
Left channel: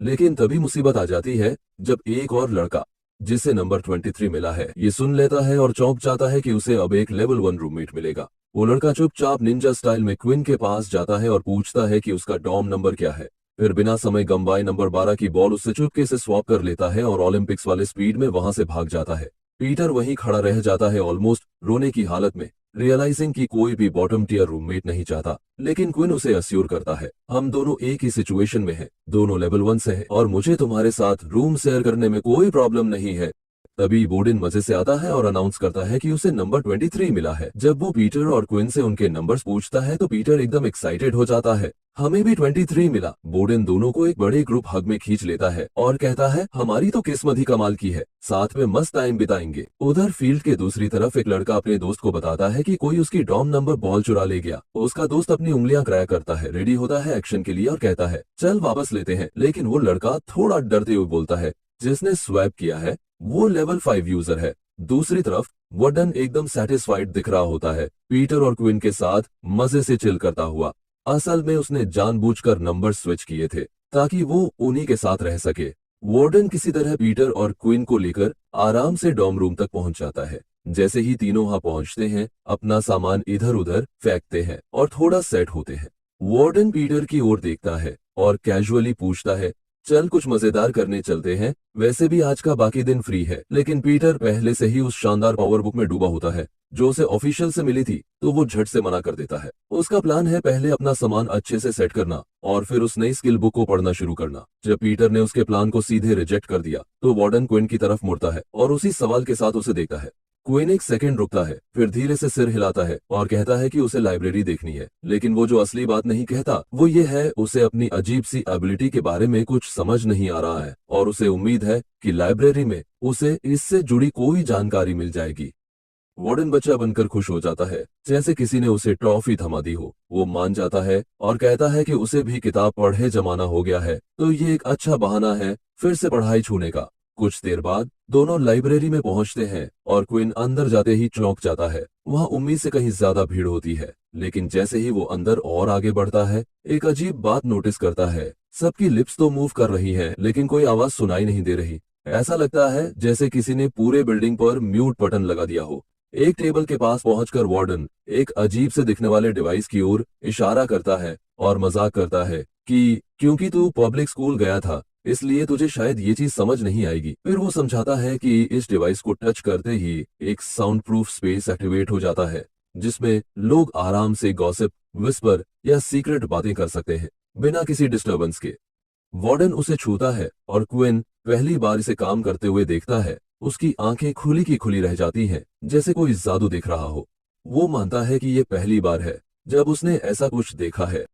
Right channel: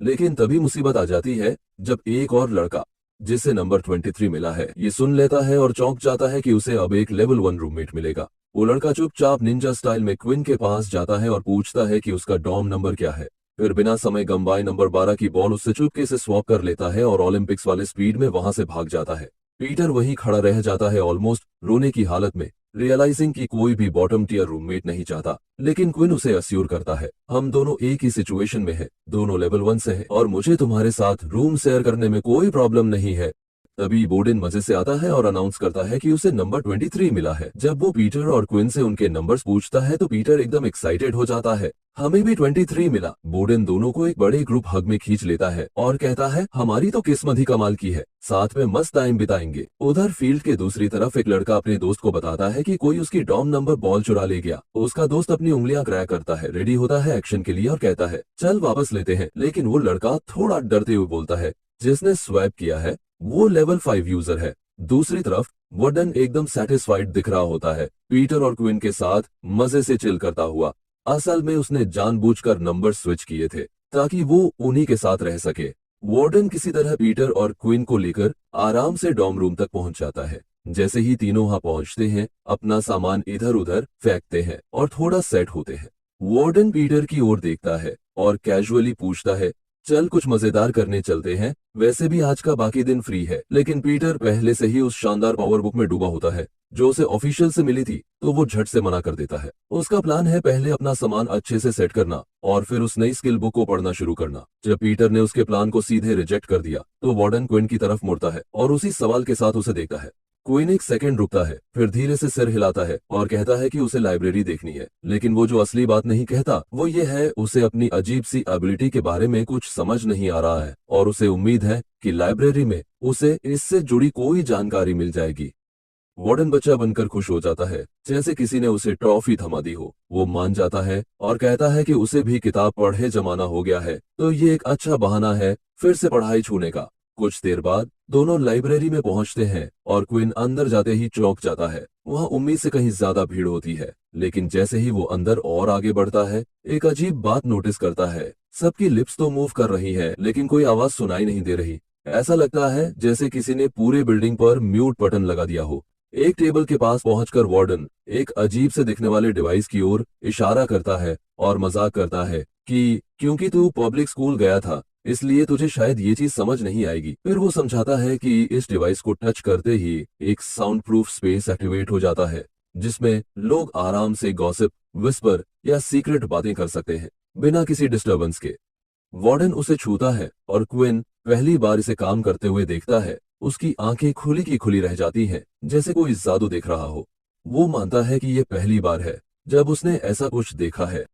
लेकिन तभी मुसीबत आ जाती है जब एक और लड़का, जिसे नंबर 23 मिला है, ये सुन लेता है और चौंक जाता है कि उसे अब एक लेवल 1 रूममेट मिलेगा। वो लड़का चुपचाप निंजा स्टाइल में क्विन के पास जाता है और पूछता है कि उसका डॉर्म नंबर क्या है। फिर बिना समय गंवाए नंबर 12 की बॉल उससे चुपके से स्वैप कर लेता है और ओलंपिक्स वाले स्पीड में वहां से भाग जाता है। पीटर वहीं खड़ा रह जाता है, ऑलमोस्ट रोने की हालत में, रियलाइजिंग कि कोई भी बॉटम टियर रूममेट नहीं चाहता। लेकिन क्विन उसे अस्योर करता है, हम दोनों एक ही सिचुएशन में हैं, दोनों लेवल 1 से हैं और मुझे तुम्हारे साथ रूम शेयर करने में कोई प्रॉब्लम नहीं है। तभी बोर्डन मजे से आता है और अनाउंस करता है कि उसे नंबर 23 मिला है। जब वो पीटर और क्विन से उनके नंबर्स पूछता है तो पीटर एकदम एक्साइटेड हो जाता है। हमें भी 23 मिला। बोर्डन दोनों को एक बड़े ग्रुप हग में खींच लेता है और कहता है हमारी तो किस्मत ही कमाल की है, साथ में मस्त टाइम बिताएंगे। उधर फील्ड के दूसरी तरफ एक लड़का अपने दोस्त को बताता है कि कोई उसकी डॉम नंबर बॉल चुरा ले गया। उसका दोस्त अपनी उंगलियां क्रैक करता है, रेडी होता है एक्शन के लिए और कहता है चल वापस लेते हैं। लेकिन वो लड़का थोड़ा डरते हुए बोलता है जिसने स्वैप किया है वो लेवल 5 यूजर है। दूसरी तरफ वॉर्डन एकदम सेटिस्फाइड दिख रहा होता है, पीटर और क्विन के साथ मजे से चिल करता हुआ। असल में उसने जानबूझकर नंबर स्विच किए थे ताकि वो उन्हीं के साथ रह सके। वार्डन किसी तरह पीटर और क्विन को लेकर आराम से डॉर्म रूम तक पहुंच जाता है। जैसे ही तीनों वहां पहुंचते हैं अपना सामान इधर उधर फेंकते हैं और थोड़ा सेट होते हैं। वार्डन पीटर की ओर देखता है और कैजुअली पूछता है चल कुछ मजेदार करने चलते हैं, वैसे भी आज का बाकी दिन फ्री है। लेकिन पीटर पहले से ही उस शानदार पावर बुक में डूबा होता है जो उसे ऑफिशियल से मिली थी, तो वो झट से मना कर देता है। उसका प्लान है पहले अपना सामान अच्छे से सेट करना और फिर उस नई स्किल बुक को पढ़ना शुरू करना। जब पीटर ने उसके प्लान को सीधे रिजेक्ट कर दिया तो वार्डन क्विन की तरफ मुड़ता है और उसी सवाल के साथ उसे देखता है। क्विन एक सेकंड रुकता है, फिर धीरे से सिर हिलाता है और कहता है कि उसे लाइब्रेरी देखनी है। लेकिन वो जो असली बात नहीं कहता वो ये है उसे अपनी अजीब सी एबिलिटी के बारे में कुछ समझ नहीं आ रहा है और उसे उम्मीद है कि लाइब्रेरी में उसे इससे जुड़ी कोई जानकारी मिल जाएगी। वार्डन बच्चा बनकर खुश हो जाता है जैसे किसी ने उसे ट्रॉफी थमा दी हो। वो मान जाता है और कहता है कि उसे भी किताब पढ़े जमाना हो गया है, तो ये एक अच्छा बहाना है फिर से पढ़ाई छूने का। कुछ देर बाद दोनों लाइब्रेरी में पहुंचते हैं और क्विन अंदर जाते ही चौंक जाता है। वहां उम्मीद से कहीं ज्यादा भीड़ होती है, लेकिन जैसे ही वो अंदर और आगे बढ़ता है एक अजीब बात नोटिस करता है। सबकी लिप्स तो मूव कर रही हैं, लेकिन कोई आवाज सुनाई नहीं दे रही। ऐसा लगता है जैसे किसी ने पूरे बिल्डिंग पर म्यूट बटन लगा दिया हो। एक टेबल के पास पहुंचकर वार्डन एक अजीब से दिखने वाले डिवाइस की ओर इशारा करता है और मजाक करता है कि क्योंकि तू पब्लिक स्कूल गया था इसलिए तुझे शायद ये चीज समझ नहीं आएगी। फिर वो समझाता है कि इस डिवाइस को टच करते ही एक साउंड प्रूफ स्पेस एक्टिवेट हो जाता है जिसमें लोग आराम से गॉसिप, विस्पर या सीक्रेट बातें कर सकते हैं बिना किसी डिस्टरबेंस के। वार्डन उसे छूता है और क्विन पहली बार इसे काम करते हुए देखता है। उसकी आंखें खुली की खुली रह जाती हैं जैसे कोई जादू देख रहा हो। वो मानता है कि ये पहली बार है जब उसने ऐसा कुछ देखा है।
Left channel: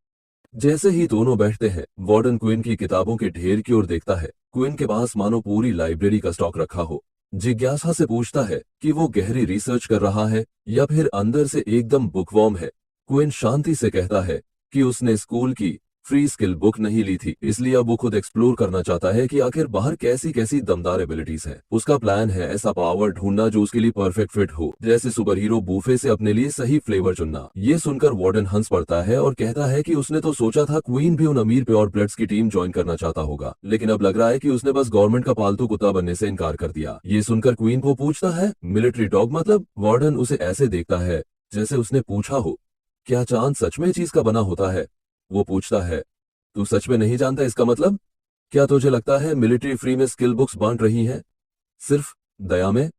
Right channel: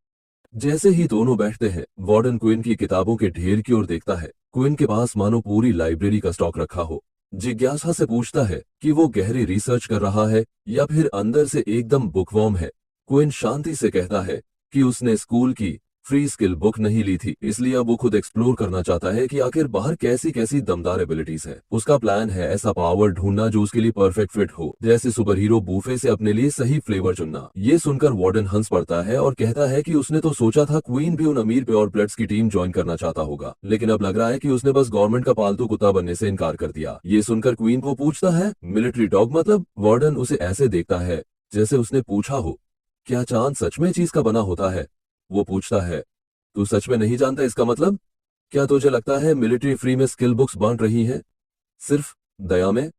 जैसे ही दोनों बैठते हैं वार्डन क्विन की किताबों के ढेर की ओर देखता है। क्विन के पास मानो पूरी लाइब्रेरी का स्टॉक रखा हो। जिज्ञासा से पूछता है कि वो गहरी रिसर्च कर रहा है या फिर अंदर से एकदम बुकवॉर्म है। क्विन शांति से कहता है कि उसने स्कूल की फ्री स्किल बुक नहीं ली थी, इसलिए अब वो खुद एक्सप्लोर करना चाहता है कि आखिर बाहर कैसी कैसी दमदार एबिलिटीज है। उसका प्लान है ऐसा पावर ढूंढना जो उसके लिए परफेक्ट फिट हो, जैसे सुपर हीरो बूफे से अपने लिए सही फ्लेवर चुनना। ये सुनकर वार्डन हंस पड़ता है और कहता है कि उसने तो सोचा था क्वीन भी उन अमीर प्योर ब्लड्स की टीम ज्वाइन करना चाहता होगा, लेकिन अब लग रहा है कि उसने बस गवर्नमेंट का पालतू कुत्ता बनने से इनकार कर दिया। ये सुनकर क्वीन को पूछता है मिलिट्री डॉग मतलब? वार्डन उसे ऐसे देखता है जैसे उसने पूछा हो क्या चांद सच में चीज का बना होता है। वो पूछता है तू सच में नहीं जानता इसका मतलब? क्या तुझे लगता है मिलिट्री फ्री में स्किल बुक्स बांट रही हैं सिर्फ दया में?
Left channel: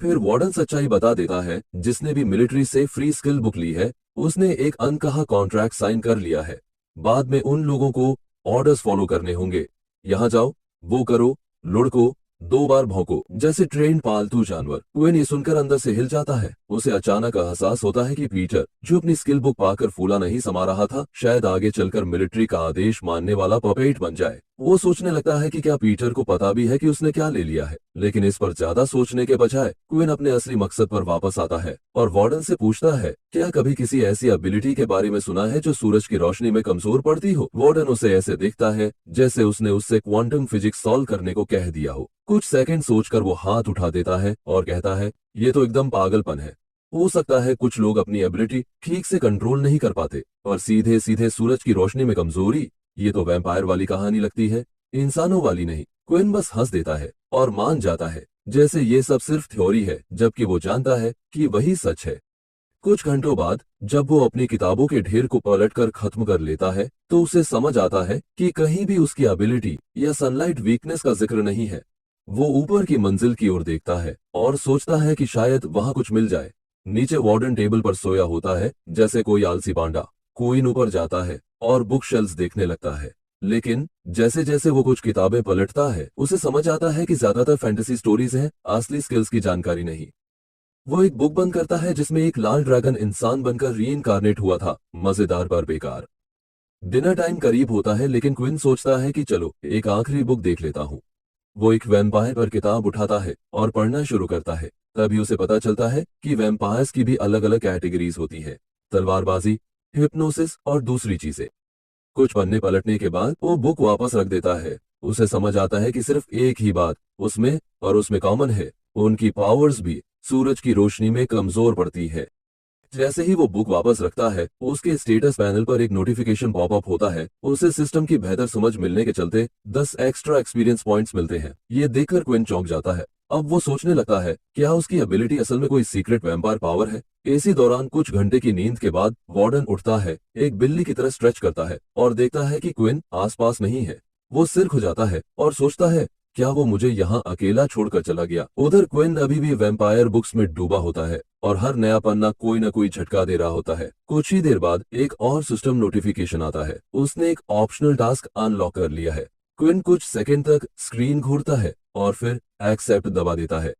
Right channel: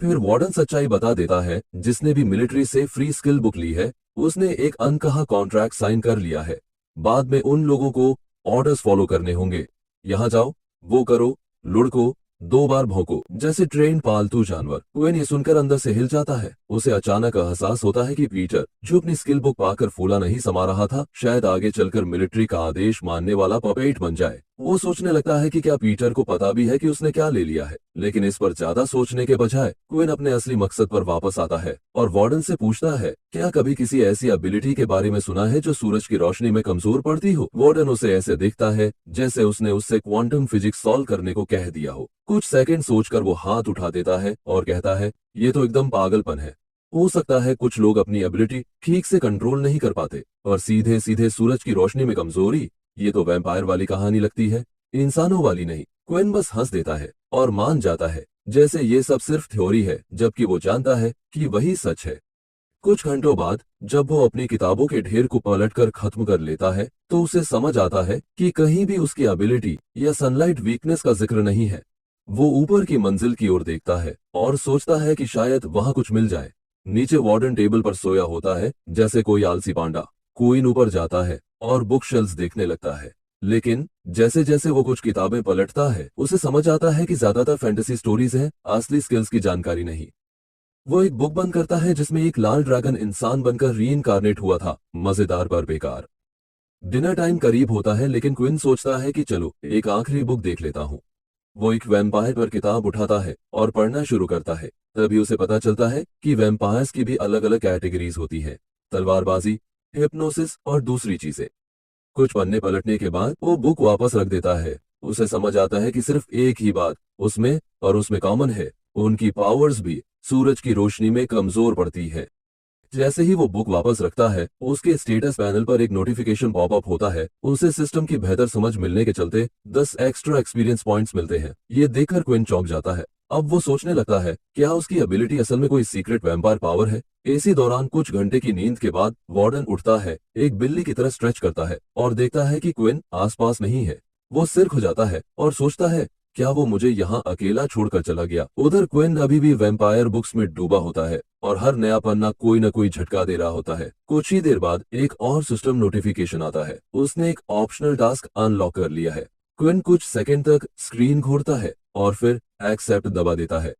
फिर वार्डन सच्चाई बता देता है जिसने भी मिलिट्री से फ्री स्किल बुक ली है उसने एक अनकहा कॉन्ट्रैक्ट साइन कर लिया है। बाद में उन लोगों को ऑर्डर्स फॉलो करने होंगे। यहाँ जाओ, वो करो, लुढ़को, 2 बार भौंको, जैसे ट्रेन पालतू जानवर। क्विन ये सुनकर अंदर से हिल जाता है। उसे अचानक एहसास होता है कि पीटर जो अपनी स्किल बुक पाकर फूला नहीं समा रहा था शायद आगे चलकर मिलिट्री का आदेश मानने वाला पपेट बन जाए। वो सोचने लगता है कि क्या पीटर को पता भी है कि उसने क्या ले लिया है, लेकिन इस पर ज्यादा सोचने के बजाय क्विन अपने असली मकसद पर वापस आता है और वार्डन से पूछता है क्या कभी किसी ऐसी एबिलिटी के बारे में सुना है जो सूरज की रोशनी में कमजोर पड़ती हो। वार्डन उसे ऐसे दिखता है जैसे उसने उससे क्वांटम फिजिक्स सॉल्व करने को कह दिया हो। कुछ सेकंड सोचकर वो हाथ उठा देता है और कहता है ये तो एकदम पागलपन है। हो सकता है कुछ लोग अपनी एबिलिटी ठीक से कंट्रोल नहीं कर पाते और सीधे सीधे सूरज की रोशनी में कमजोरी, ये तो वैम्पायर वाली कहानी लगती है, इंसानों वाली नहीं। क्विन बस हंस देता है और मान जाता है जैसे ये सब सिर्फ थ्योरी है, जबकि वो जानता है कि वही सच है। कुछ घंटों बाद जब वो अपनी किताबों के ढेर को पलटकर खत्म कर लेता है तो उसे समझ आता है कि कहीं भी उसकी एबिलिटी या सनलाइट वीकनेस का जिक्र नहीं है। वो ऊपर की मंजिल की ओर देखता है और सोचता है कि शायद वहां कुछ मिल जाए। नीचे वार्डन टेबल पर सोया होता है जैसे कोई आलसी पांडा। क्वीन ऊपर जाता है और बुक शेल्फ्स देखने लगता है, लेकिन जैसे जैसे वो कुछ किताबें पलटता है उसे समझ आता है कि ज्यादातर फैंटेसी स्टोरीज हैं, असली स्किल्स की जानकारी नहीं। वो एक बुक बंद करता है जिसमें एक लाल ड्रैगन इंसान बनकर रीइंकारनेट हुआ था। मजेदार पर बेकार। डिनर टाइम करीब होता है लेकिन क्विन सोचता है कि चलो एक आखिरी बुक देख लेता हूँ। वो एक वैम्पायर पर किताब उठाता है और पढ़ना शुरू करता है। तभी उसे पता चलता है कि वैम्पायर्स की भी अलग अलग कैटेगरीज होती है, तलवारबाजी, हिप्नोसिस और दूसरी चीजें। कुछ पन्ने पलटने के बाद वो बुक वापस रख देता है। उसे समझ आता है कि सिर्फ एक ही बात उसमें कॉमन है, उनकी पावर्स भी सूरज की रोशनी में कमजोर पड़ती है। जैसे ही वो बुक वापस रखता है उसके स्टेटस पैनल पर एक नोटिफिकेशन पॉपअप होता है। उसे सिस्टम की बेहतर समझ मिलने के चलते 10 एक्स्ट्रा एक्सपीरियंस पॉइंट्स मिलते हैं। ये देखकर क्विन चौंक जाता है। अब वो सोचने लगता है क्या उसकी एबिलिटी असल में कोई सीक्रेट वैम्पायर पावर है। इसी दौरान कुछ घंटे की नींद के बाद वार्डन उठता है, एक बिल्ली की तरह स्ट्रेच करता है और देखता है कि क्विन आसपास नहीं है। वो सिर खुजाता है और सोचता है क्या वो मुझे यहाँ अकेला छोड़कर चला गया। उधर क्विन अभी भी वैम्पायर बुक्स में डूबा होता है और हर नया पन्ना कोई न कोई झटका दे रहा होता है। कुछ ही देर बाद एक और सिस्टम नोटिफिकेशन आता है। उसने एक ऑप्शनल टास्क अनलॉक कर लिया है। क्विन कुछ सेकंड तक स्क्रीन घूरता है और फिर एक्सेप्ट दबा देता है।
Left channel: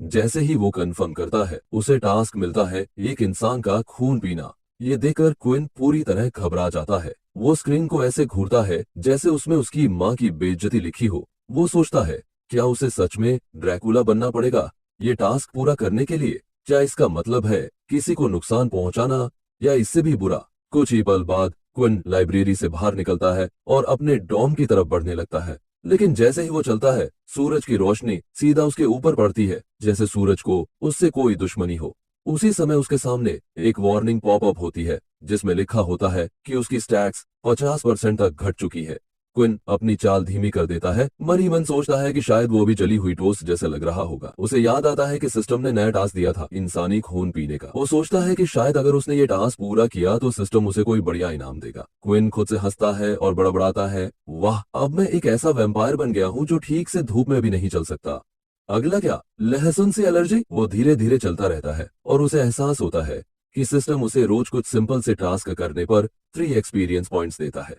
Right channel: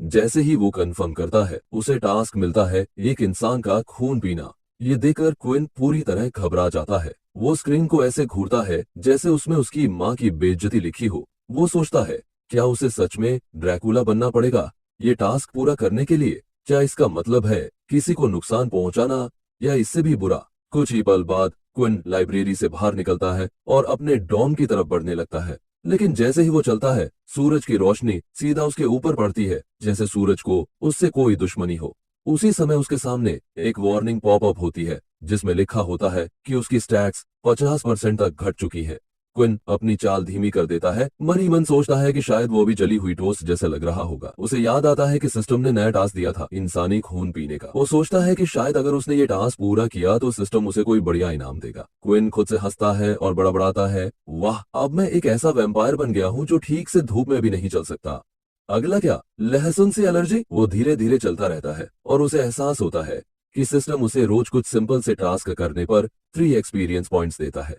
जैसे ही वो कंफर्म करता है उसे टास्क मिलता है एक इंसान का खून पीना। ये देखकर क्विन पूरी तरह घबरा जाता है। वो स्क्रीन को ऐसे घूरता है जैसे उसमें उसकी माँ की बेइज्जती लिखी हो। वो सोचता है क्या उसे सच में ड्रैकुला बनना पड़ेगा ये टास्क पूरा करने के लिए। क्या इसका मतलब है किसी को नुकसान पहुंचाना, या इससे भी बुरा। कुछ ही पल बाद क्विन लाइब्रेरी से बाहर निकलता है और अपने डॉम की तरफ बढ़ने लगता है। लेकिन जैसे ही वो चलता है सूरज की रोशनी सीधा उसके ऊपर पड़ती है, जैसे सूरज को उससे कोई दुश्मनी हो। उसी समय उसके सामने एक वार्निंग पॉपअप होती है जिसमें लिखा होता है कि उसकी स्टैट्स 50% तक घट चुकी है। क्विन अपनी चाल धीमी कर देता है। मनी मन सोचता है कि शायद वो भी जली हुई टोस्ट जैसे लग रहा होगा। उसे याद आता है कि सिस्टम ने नया टास्क दिया था, इंसानी खून पीने का। वो सोचता है कि शायद अगर उसने ये टास्क पूरा किया तो सिस्टम उसे कोई बढ़िया इनाम देगा। क्विन खुद से हंसता है और बड़बड़ाता है, वाह, अब मैं एक ऐसा वैम्पायर बन गया हूँ जो ठीक से धूप में भी नहीं चल सकता। अगला क्या, लहसुन से एलर्जी। वो धीरे धीरे चलता रहता है और उसे एहसास होता है कि सिस्टम उसे रोज कुछ सिंपल से टास्क करने पर 3 एक्सपीरियंस पॉइंट्स देता है।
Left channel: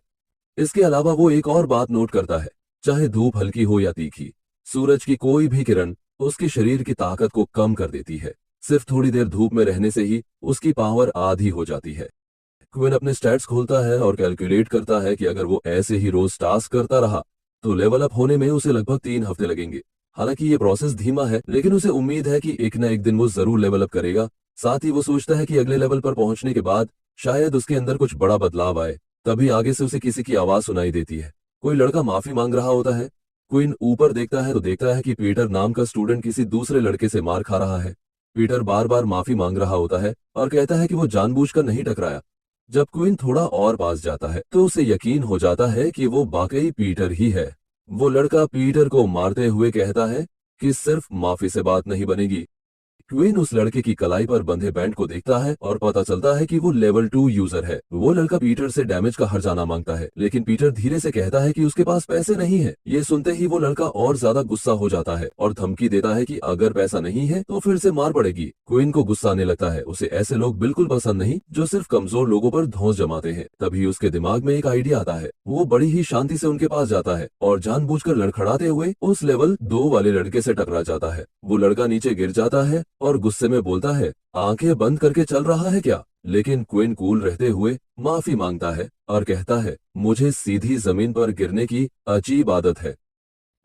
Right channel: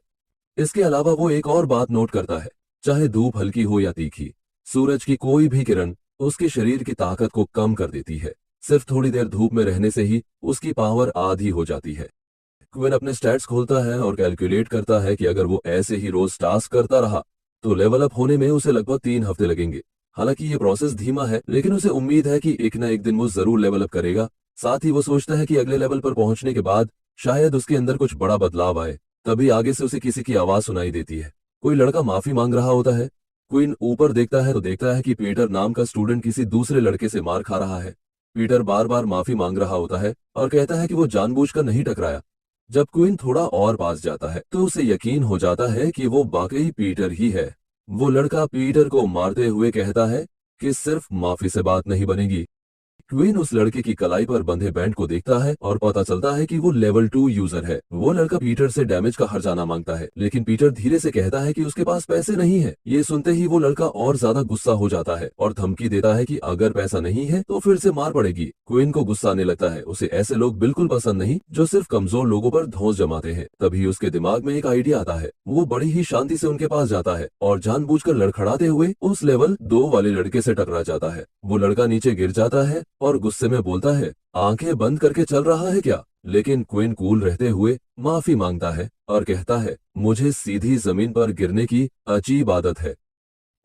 इसके अलावा वो एक और बात नोट करता है, चाहे धूप हल्की हो या तीखी, सूरज की कोई भी किरण उसके शरीर की ताकत को कम कर देती है। सिर्फ थोड़ी देर धूप में रहने से ही उसकी पावर आधी हो जाती है। क्विन अपने स्टैट्स खोलता है और कैलकुलेट करता है कि अगर वो ऐसे ही रोज टास्क करता रहा तो लेवल अप होने में उसे लगभग 3 हफ्ते लगेंगे। हालांकि ये प्रोसेस धीमा है लेकिन उसे उम्मीद है कि एक न एक दिन वो जरूर लेवल अप करेगा। साथ ही वो सोचता है कि अगले लेवल पर पहुंचने के बाद शायद उसके अंदर कुछ बड़ा बदलाव आए। तभी आगे से उसे किसी की आवाज सुनाई देती है। कोई लड़का माफी मांग रहा होता है। क्विन ऊपर देखता है तो देखता है कि पीटर नाम का स्टूडेंट किसी दूसरे लड़के से मार खा रहा है। पीटर बार बार माफी मांग रहा होता है और कहता है कि वो जानबूझकर नहीं टकराया। जब क्विन थोड़ा और पास जाता है तो उसे यकीन हो जाता है कि वो वाकई पीटर ही है। वो लड़का पीटर को मारते हुए कहता है कि सिर्फ माफी से बात नहीं बनेगी। क्वीन उस लड़के की कलाई पर बंधे बैंड को देखता है और पता चलता है कि वो लेवल 2 यूजर है। वो लड़का पीटर से डैमेज का हर्जाना मांगता है लेकिन पीटर धीरे से कहता है कि उसके पास पैसे नहीं है। ये सुनते ही वो लड़का और ज्यादा गुस्सा हो जाता है और धमकी देता है कि अगर पैसा नहीं है तो फिर से मार पड़ेगी। क्वीन को गुस्सा आने लगता है। उसे ऐसे लोग बिल्कुल पसंद नहीं जो सिर्फ कमजोर लोगों पर धौंस जमाते हैं। तभी उसके दिमाग में एक आइडिया आता है। वो बड़ी ही शांति से उनके पास जाता है और जानबूझकर लड़खड़ाते हुए उस लेवल 2 वाले लड़के से टकरा जाता है। वो लड़का नीचे गिर जाता है और गुस्से में बोलता है, आंखें बंद करके चल रहा है क्या। लेकिन क्विन कूल रहते हुए माफी मांगता है और कहता है, मुझे सीधी जमीन पर गिरने की अजीब आदत है।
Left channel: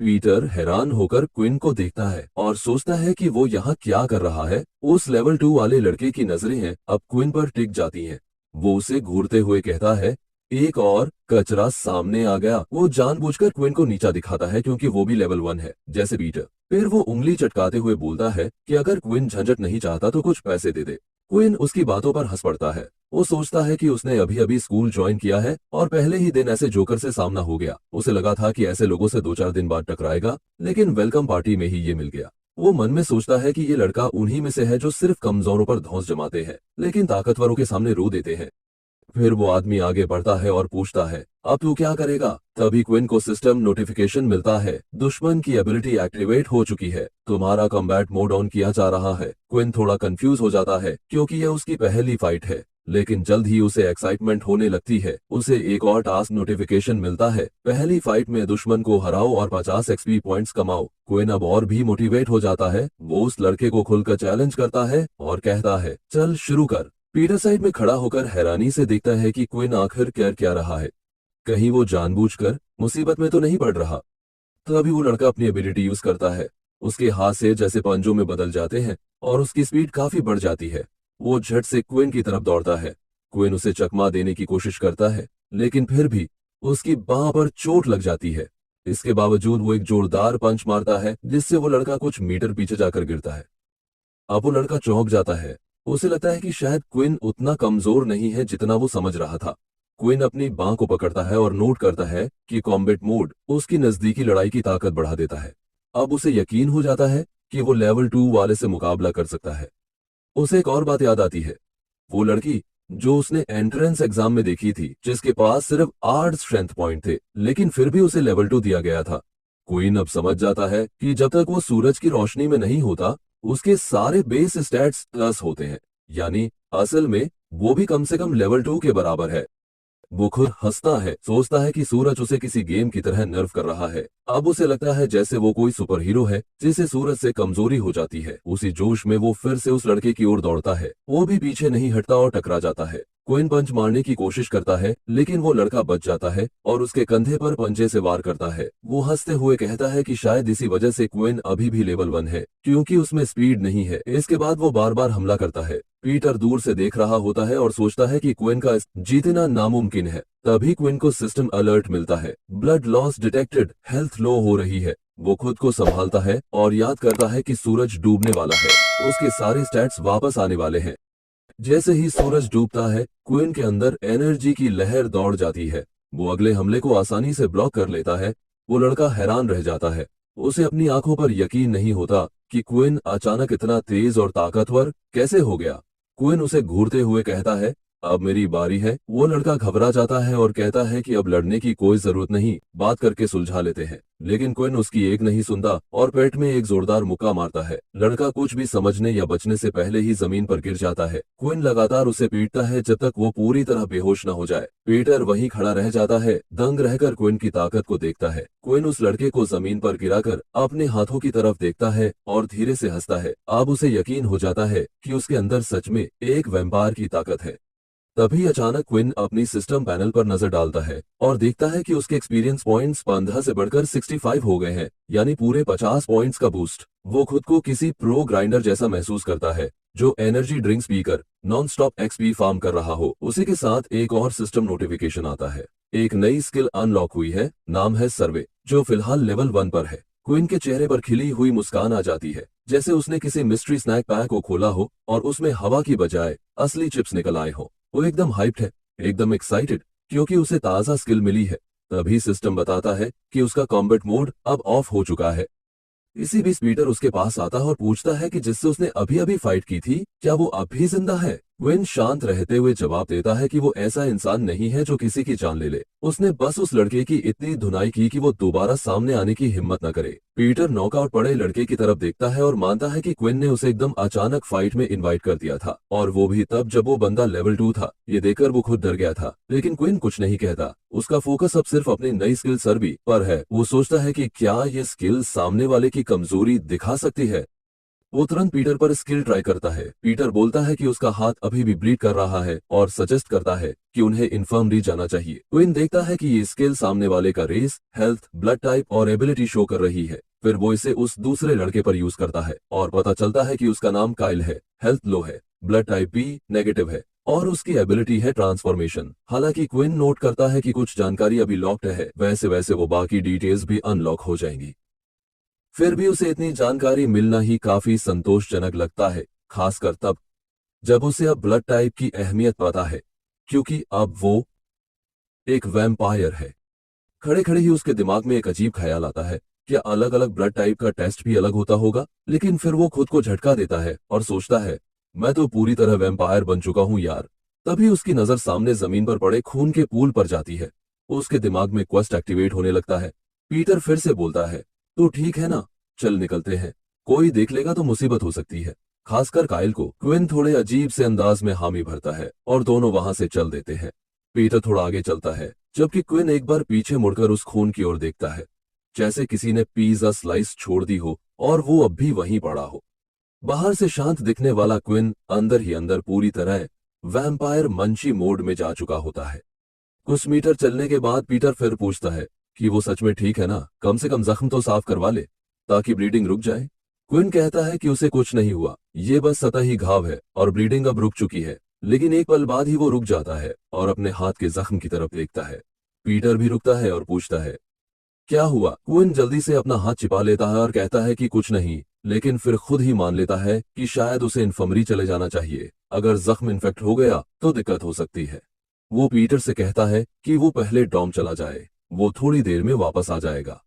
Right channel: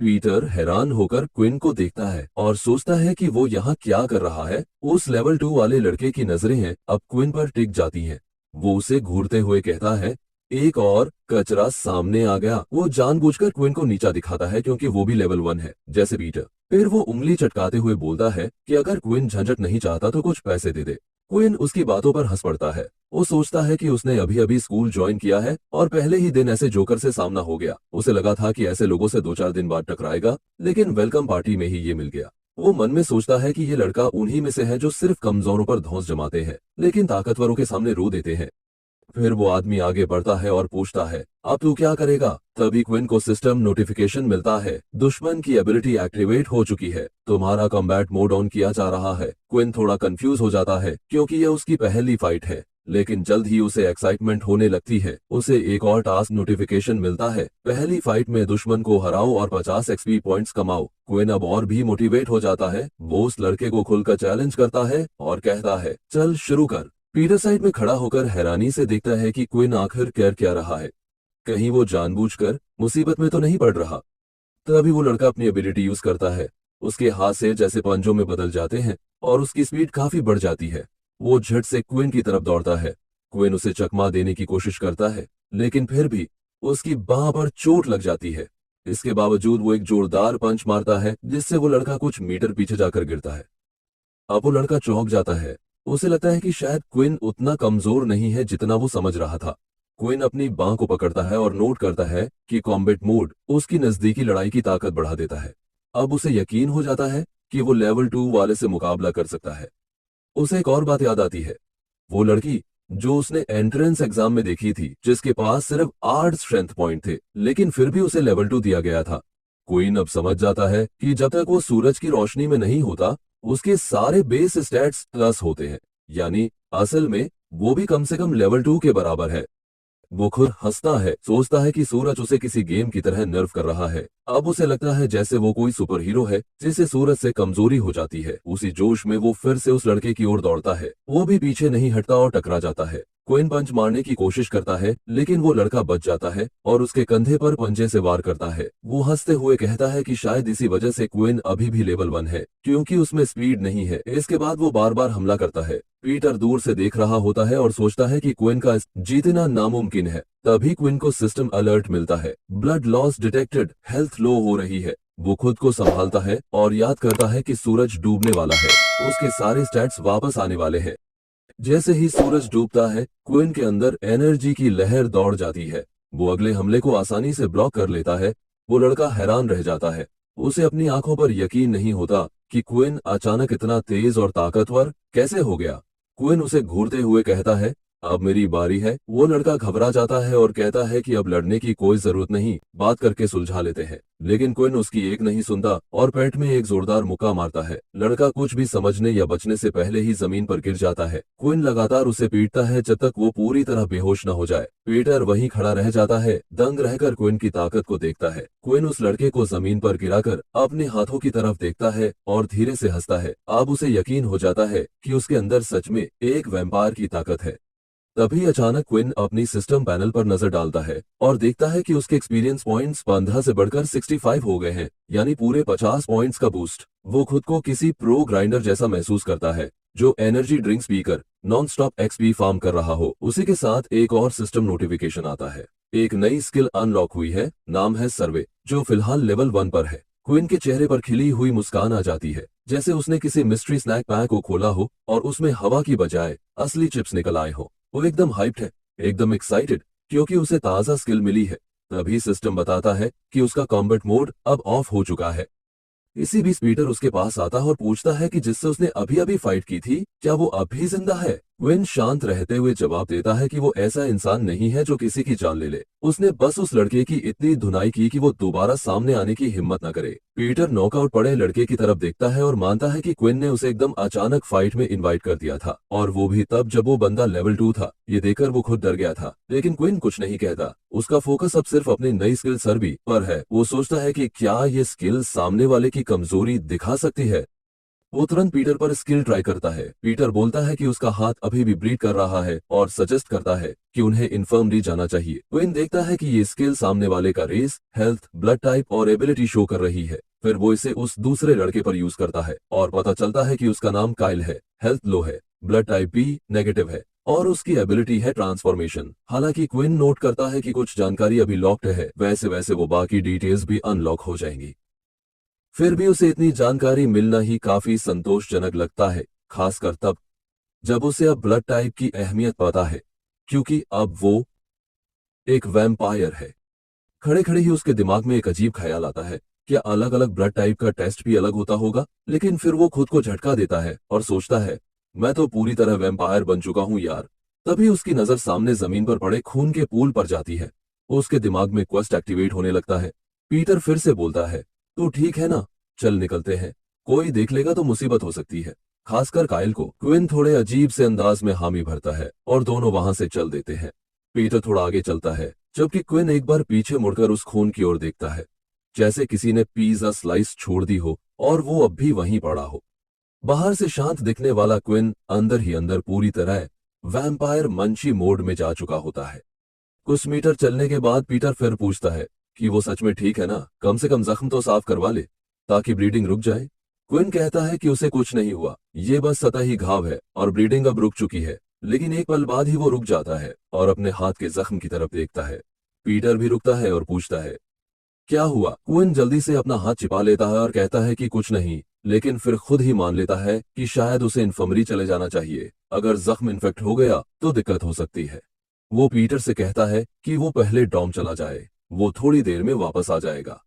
पीटर हैरान होकर क्विन को देखता है और सोचता है कि वो यहाँ क्या कर रहा है। उस लेवल 2 वाले लड़के की नजरें हैं अब क्विन पर टिक जाती हैं। वो उसे घूरते हुए कहता है, एक और कचरा सामने आ गया। वो जानबूझकर क्विन को नीचा दिखाता है क्योंकि वो भी लेवल 1 है जैसे पीटर। फिर वो उंगली चटकाते हुए बोलता है कि अगर क्विन झंझट नहीं चाहता तो कुछ पैसे दे दे। क्विन उसकी बातों पर हंस पड़ता है। वो सोचता है कि उसने अभी अभी स्कूल ज्वाइन किया है और पहले ही दिन ऐसे जोकर से सामना हो गया। उसे लगा था कि ऐसे लोगों से 2-4 दिन बाद टकराएगा, लेकिन वेलकम पार्टी में ही ये मिल गया। वो मन में सोचता है कि ये लड़का उन्हीं में से है जो सिर्फ कमजोरों पर धौंस जमाते हैं लेकिन ताकतवरों के सामने रो देते हैं। फिर वो आदमी आगे बढ़ता है और पूछता है, अब तू क्या करेगा। तभी क्विन को सिस्टम नोटिफिकेशन मिलता है, दुश्मन की एबिलिटी एक्टिवेट हो चुकी है, तुम्हारा कॉम्बैट मोड ऑन किया जा रहा है। क्विन थोड़ा कंफ्यूज हो जाता है क्योंकि यह उसकी पहली फाइट है लेकिन जल्द ही उसे एक्साइटमेंट होने लगती है। उसे एक और टास्क नोटिफिकेशन मिलता है, पहली फाइट में दुश्मन को हराओ और 50 एक्सपी पॉइंट्स कमाओ। क्विन अब और भी मोटिवेट हो जाता है। वो उस लड़के को खुलकर चैलेंज करता है और कहता है, चल शुरू कर। पीटर साइड में खड़ा होकर हैरानी से देखता है कि क्विन आखिर कर क्या रहा है। कहीं वो जानबूझकर मुसीबत में तो नहीं पड़ रहा। तभी वो लड़का अपनी एबिलिटी यूज करता है। उसके हाथ से जैसे पंजों में बदल जाते हैं और उसकी स्पीड काफी बढ़ जाती है। वो झट से क्विन की तरफ दौड़ता है। क्विन उसे चकमा देने की कोशिश करता है, लेकिन फिर भी उसकी बांह पर चोट लग जाती है। इसके बावजूद वो एक जोरदार पंच मारता है, जिससे वो लड़का कुछ मीटर पीछे जाकर गिरता है। अब वो लड़का चौंक जाता है। उसे लगता है कि शायद क्विन उतना कमजोर नहीं है जितना वो समझ रहा था। क्विन अपनी बांह को पकड़ता है और नोट करता है कि कॉम्बैट मोड उसकी नजदीकी लड़ाई की ताकत बढ़ा देता है। अब उसे यकीन हो जाता है कि वो लेवल 2 वाले से मुकाबला कर सकता है। उसे एक और बात याद आती है, वो लड़की जो उसने एंट्रेंस एग्जाम में देखी थी, जिसके पास सिर्फ 8 स्ट्रेंथ पॉइंट थे, लेकिन फिर भी उसे लेवल 2 दिया गया था। क्वीन अब समझ जाता है कि जब तक वो सूरज की रोशनी में नहीं होता, उसके सारे बेस स्टैट्स प्लस होते हैं, यानी असल में वो भी कम से कम लेवल 2 के बराबर है। वो खुद हंसता है, सोचता है कि सूरज उसे किसी गेम की तरह नर्व कर रहा है। अब उसे लगता है जैसे वो कोई सुपर हीरो है जिसे सूरज से कमजोरी हो जाती है। उसी जोश में वो फिर से उस लड़के की ओर दौड़ता है। वो भी पीछे नहीं हटता और टकरा जाता है। क्विन पंच मारने की कोशिश करता है, लेकिन वो लड़का बच जाता है और उसके कंधे पर पंजे से वार करता है। वो हंसते हुए कहता है कि शायद इसी वजह से क्विन अभी भी लेवल 1 है, क्योंकि उसमें स्पीड नहीं है। इसके बाद वो बार बार हमला करता है। पीटर दूर से देख रहा होता है और सोचता है कि क्विन का जीतना नामुमकिन है। तभी क्विन को सिस्टम अलर्ट मिलता है, ब्लड लॉस डिटेक्टेड, हेल्थ लो हो रही है। वो खुद को संभालता है और याद करता है कि सूरज डूबने वाला है, उसके सारे स्टैट्स वापस आने वाले हैं। जैसे ही सूरज डूबता है, क्विन के अंदर एनर्जी की लहर दौड़ जाती है। वो अगले हमले को आसानी से ब्लॉक कर लेता है। वो लड़का हैरान रह जाता है। उसे अपनी आंखों पर यकीन नहीं होता कि क्विन अचानक इतना तेज और ताकतवर कैसे हो गया। क्विन उसे घूरते हुए कहता है, अब मेरी बारी है। वो लड़का घबरा जाता है और कहता है कि अब लड़ने की कोई जरूरत नहीं, बात करके सुलझा लेते हैं। लेकिन क्विन उसकी एक नहीं सुनता और पेट में एक जोरदार मुक्का मारता है। लड़का कुछ भी समझने या बचने से पहले ही जमीन पर गिर जाता है। क्विन लगातार उसे पीटता है जब तक वो पूरी तरह बेहोश न हो जाए। पीटर वहीं खड़ा रह जाता है, दंग रहकर क्विन की ताकत को देखता है। क्विन उस लड़के को जमीन पर गिराकर अपने हाथों की तरफ देखता है और धीरे से हंसता है। अब उसे यकीन हो जाता है कि उसके अंदर सच में एक वैम्पायर की ताकत है। तभी अचानक क्विन अपनी सिस्टम पैनल पर नजर डालता है और देखता है कि उसके एक्सपीरियंस पॉइंट्स 15 से बढ़कर 65 हो गए हैं, यानी पूरे 50 पॉइंट्स का बूस्ट। वो खुद को किसी प्रो ग्राइंडर जैसा महसूस करता है, जो एनर्जी ड्रिंक्स पीकर नॉन स्टॉप एक्सपी फार्म कर रहा हो। उसी के साथ एक और सिस्टम नोटिफिकेशन आता है। एक नई स्किल अनलॉक हुई है, नाम है सर्वे, जो फिलहाल लेवल 1 पर है। क्विन के चेहरे पर खिली हुई मुस्कान आ जाती है, जैसे उसने किसी मिस्ट्री स्नैक पैक को खोला हो और उसमें हवा की बजाय असली चिप्स निकल आए हो। वो एकदम हाइप्ड है, एकदम एक्साइटेड, क्योंकि उसे ताजा स्किल मिली है। तभी सिस्टम बताता है कि उसका कॉम्बैट मोड अब ऑफ हो चुका है। इसी बीच पीटर उसके पास आता है और पूछता है कि जिससे उसने अभी अभी फाइट की थी, क्या वो अब भी जिंदा है। विन शांत रहते हुए जवाब देता है कि वो ऐसा इंसान नहीं है जो किसी की जान ले ले। उसने बस उस लड़के की इतनी धुनाई की कि वो दोबारा सामने आने की हिम्मत न करे। पीटर नॉकआउट पड़े लड़के की तरफ देखता है और मानता है कि क्विन ने उसे एकदम अचानक फाइट में इनवाइट कर दिया था, और वो भी तब जब वो बंदा लेवल 2 था। ये देखकर वो खुद डर गया था, लेकिन क्विन कुछ नहीं कहता। उसका फोकस अब सिर्फ अपनी नई स्किल सर्वी पर है। वो सोचता है कि क्या ये स्किल सामने वाले की कमजोरी दिखा सकती है। वो तुरंत पीटर पर स्किल ट्राई करता है। पीटर बोलता है कि उसका हाथ अभी भी ब्लीड कर रहा है और सजेस्ट करता है कि उन्हें इन्फर्मरी जाना चाहिए। क्विन देखता है कि ये स्किल सामने वाले का रेस, हेल्थ, ब्लड टाइप और एबिलिटी शो कर रही है। फिर वो इसे उस दूसरे लड़के पर यूज करता है और पता चलता है कि उसका नाम काइल है, हेल्थ लो है, ब्लड टाइप बी नेगेटिव है और उसकी एबिलिटी है ट्रांसफॉर्मेशन। हालांकि क्विन नोट करता है कि कुछ जानकारी अभी लॉक्ड है, वैसे वैसे वो बाकी डिटेल्स भी अनलॉक हो जाएंगी। फिर भी उसे इतनी जानकारी मिलना ही काफी संतोषजनक लगता है, खासकर तब जब उसे अब ब्लड टाइप की अहमियत पता है, क्योंकि अब वो एक वैम्पायर है। खड़े खड़े ही उसके दिमाग में एक अजीब ख्याल आता है, क्या अलग अलग ब्लड टाइप का टेस्ट भी अलग होता होगा। लेकिन फिर वो खुद को झटका देता है और सोचता है, मैं तो पूरी तरह वैम्पायर बन चुका हूं यार। तभी उसकी नजर सामने जमीन पर पड़े खून के पूल पर जाती है। उसके दिमाग में क्वेस्ट एक्टिवेट होने लगता है। पीटर फिर से बोलता है, तू ठीक है ना, चल निकलते हैं, कोई देख लेगा तो मुसीबत हो सकती है, खासकर काइल को। क्विन थोड़े अजीब से अंदाज में हामी भरता है और दोनों वहां से चल देते हैं। पीटर थोड़ा आगे चलता है, जबकि क्विन एक बार पीछे मुड़कर उस खून की ओर देखता है, जैसे किसी ने पिज्जा स्लाइस छोड़ दी हो और वो अब भी वहीं पड़ा हो। बाहर से शांत दिखने वाला क्विन अंदर ही अंदर पूरी तरह वैम्पायर मंची मोड में जा चुका होता है। कुछ मीटर चलने के बाद पीटर फिर पूछता है कि वो सच में ठीक है ना, कम से कम जख्म तो साफ करवा ले ताकि ब्लीडिंग रुक जाए। क्विन कहता है कि उसे कुछ नहीं हुआ, ये बस सतही घाव है और ब्लीडिंग अब रुक चुकी है। लेकिन एक पल बाद ही वो रुक जाता है और अपने हाथ के जख्म की तरफ देखता है। पीटर भी रुकता है और पूछता है, क्या हुआ? क्विन जल्दी से अपना हाथ छिपा लेता है और कहता है कि कुछ नहीं, लेकिन फिर खुद ही मान लेता है कि शायद उसे इन्फर्मरी चले जाना चाहिए। अगर जख्म इन्फेक्ट हो गया तो दिक्कत हो सकती है। वो पीटर से कहता है कि वो पहले डॉम चला जाए, वो थोड़ी देर में वापस आ जाएगा।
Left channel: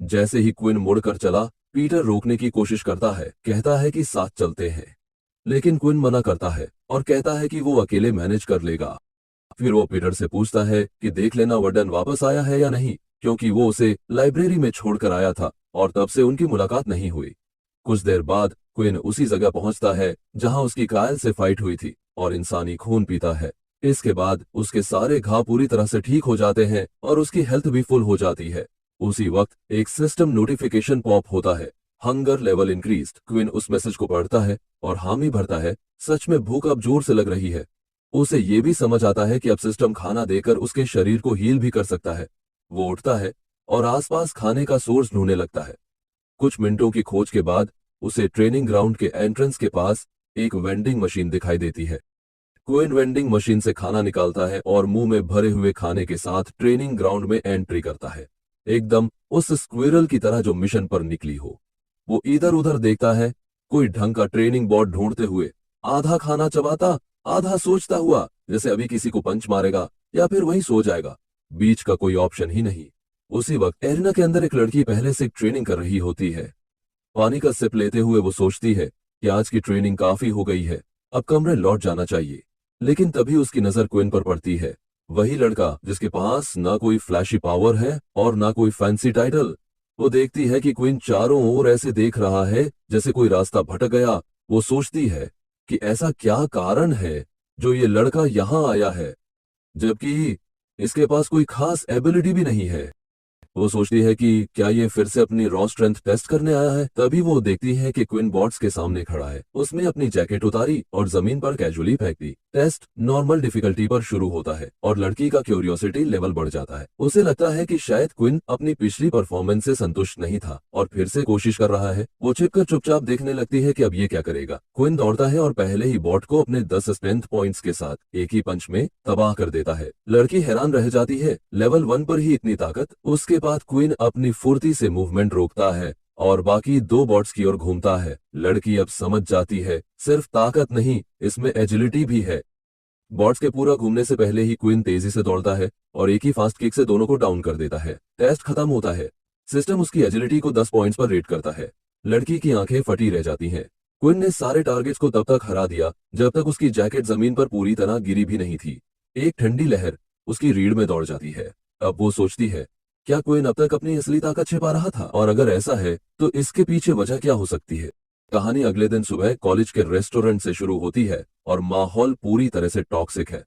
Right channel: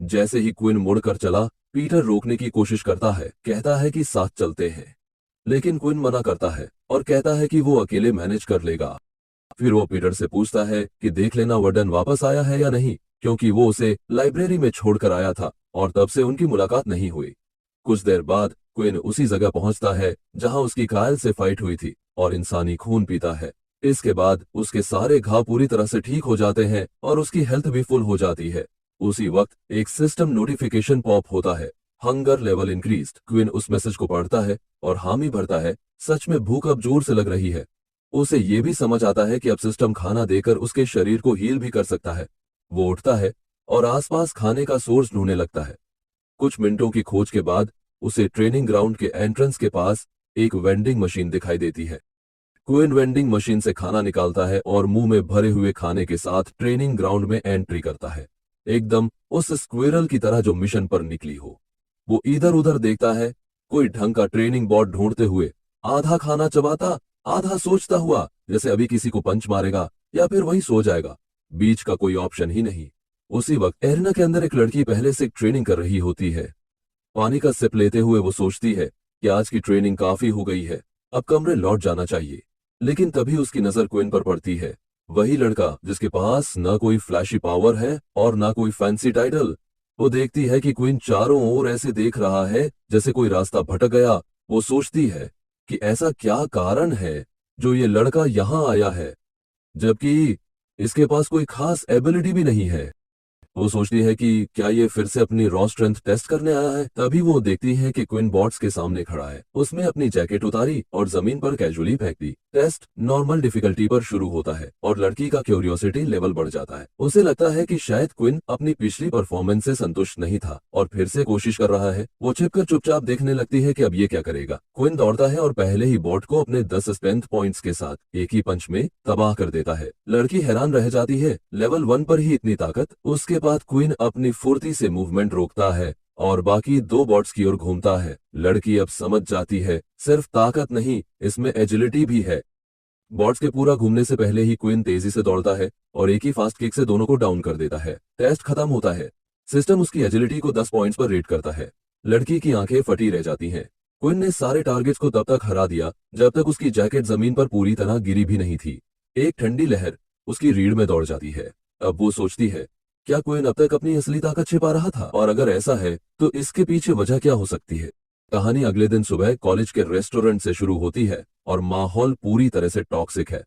जैसे ही क्विन मुड़कर चला, पीटर रोकने की कोशिश करता है, कहता है कि साथ चलते हैं। लेकिन क्विन मना करता है और कहता है कि वो अकेले मैनेज कर लेगा। फिर वो पीटर से पूछता है कि देख लेना वर्डन वापस आया है या नहीं, क्योंकि वो उसे लाइब्रेरी में छोड़कर आया था और तब से उनकी मुलाकात नहीं हुई। कुछ देर बाद क्विन उसी जगह पहुंचता है जहां उसकी कायल से फाइट हुई थी और इंसानी खून पीता है। इसके बाद उसके सारे घाव पूरी तरह से ठीक हो जाते हैं और उसकी हेल्थ भी फुल हो जाती है। उसी वक्त एक सिस्टम नोटिफिकेशन पॉप होता है, हंगर लेवल इंक्रीज्ड। क्विन उस मैसेज को पढ़ता है और हामी भरता है, सच में भूख अब जोर से लग रही है। उसे ये भी समझ आता है कि अब सिस्टम खाना देकर उसके शरीर को हील भी कर सकता है। वो उठता है और आसपास खाने का सोर्स ढूंढने लगता है। कुछ मिनटों की खोज के बाद उसे ट्रेनिंग ग्राउंड के एंट्रेंस के पास एक वेंडिंग मशीन दिखाई देती है। क्विन वेंडिंग मशीन से खाना निकालता है और मुंह में भरे हुए खाने के साथ ट्रेनिंग ग्राउंड में एंट्री करता है, एकदम उस स्क्विरल की तरह जो मिशन पर निकली हो। वो इधर उधर देखता है, कोई ढंग का ट्रेनिंग बोर्ड ढूंढते हुए, आधा खाना चबाता, आधा सोचता हुआ, जैसे अभी किसी को पंच मारेगा या फिर वहीं सो जाएगा। बीच का कोई ऑप्शन ही नहीं। उसी वक्त एरिना के अंदर एक लड़की पहले से ट्रेनिंग कर रही होती है। पानी का सिप लेते हुए वो सोचती है कि आज की ट्रेनिंग काफी हो गई है, अब कमरे लौट जाना चाहिए। लेकिन तभी उसकी नजर क्विन पर पड़ती है, वही लड़का जिसके पास ना कोई फ्लैशी पावर है और ना कोई फैंसी टाइटल। वो देखती है कि क्विन चारों ओर ऐसे देख रहा है जैसे कोई रास्ता भटक गया। वो सोचती है कि ऐसा क्या कारण है जो ये लड़का यहाँ आया है, जबकि इसके पास कोई खास एबिलिटी भी नहीं है। वो सोचती है कि क्या ये फिर से अपनी रॉ स्ट्रेंथ टेस्ट करने आया है। तभी वो देखती है कि क्विन बॉट्स के सामने खड़ा है। उसने अपनी जैकेट उतारी और जमीन पर कैजुअली फेंक दी। टेस्ट नॉर्मल डिफिकल्टी पर शुरू होता है और लड़की का क्यूरियोसिटी लेवल बढ़ जाता है। उसे लगता है कि शायद क्विन अपनी पिछली परफॉर्मेंस से संतुष्ट नहीं था और फिर से कोशिश कर रहा है। वो छिपकर चुपचाप देखने लगती है कि अब ये क्या करेगा। क्विन दौड़ता है और पहले ही बॉट को अपने 10 स्ट्रेंथ पॉइंट्स के साथ एक ही पंच में तबाह कर देता है। लड़की हैरान रह जाती है, लेवल 1 पर ही इतनी ताकत। उसके बाद क्वीन अपनी फुर्ती से मूवमेंट रोकता है और बाकी 2 बॉट्स की ओर घूमता है। लड़की अब समझ जाती है, सिर्फ ताकत नहीं, इसमें एजिलिटी भी है। बॉट्स के पूरा घूमने से पहले ही क्वीन तेजी से दौड़ता है और एक ही फास्ट किक से दोनों को डाउन कर देता है। टेस्ट खत्म होता है। सिस्टम उसकी एजिलिटी को 10 पॉइंट्स पर रेट करता है। लड़की की आंखें फटी रह जाती हैं। क्वीन ने सारे टारगेट्स को तब तक हरा दिया जब तक उसकी जैकेट जमीन पर पूरी तरह गिरी भी नहीं थी। एक ठंडी लहर उसकी रीढ़ में दौड़ जाती है। अब वो सोचती है, क्या क्वीन अब तक अपनी असली ताकत छिपा रहा था? और अगर ऐसा है तो इसके पीछे वजह क्या हो सकती है? कहानी अगले दिन सुबह कॉलेज के रेस्टोरेंट से शुरू होती है और माहौल पूरी तरह से टॉक्सिक है।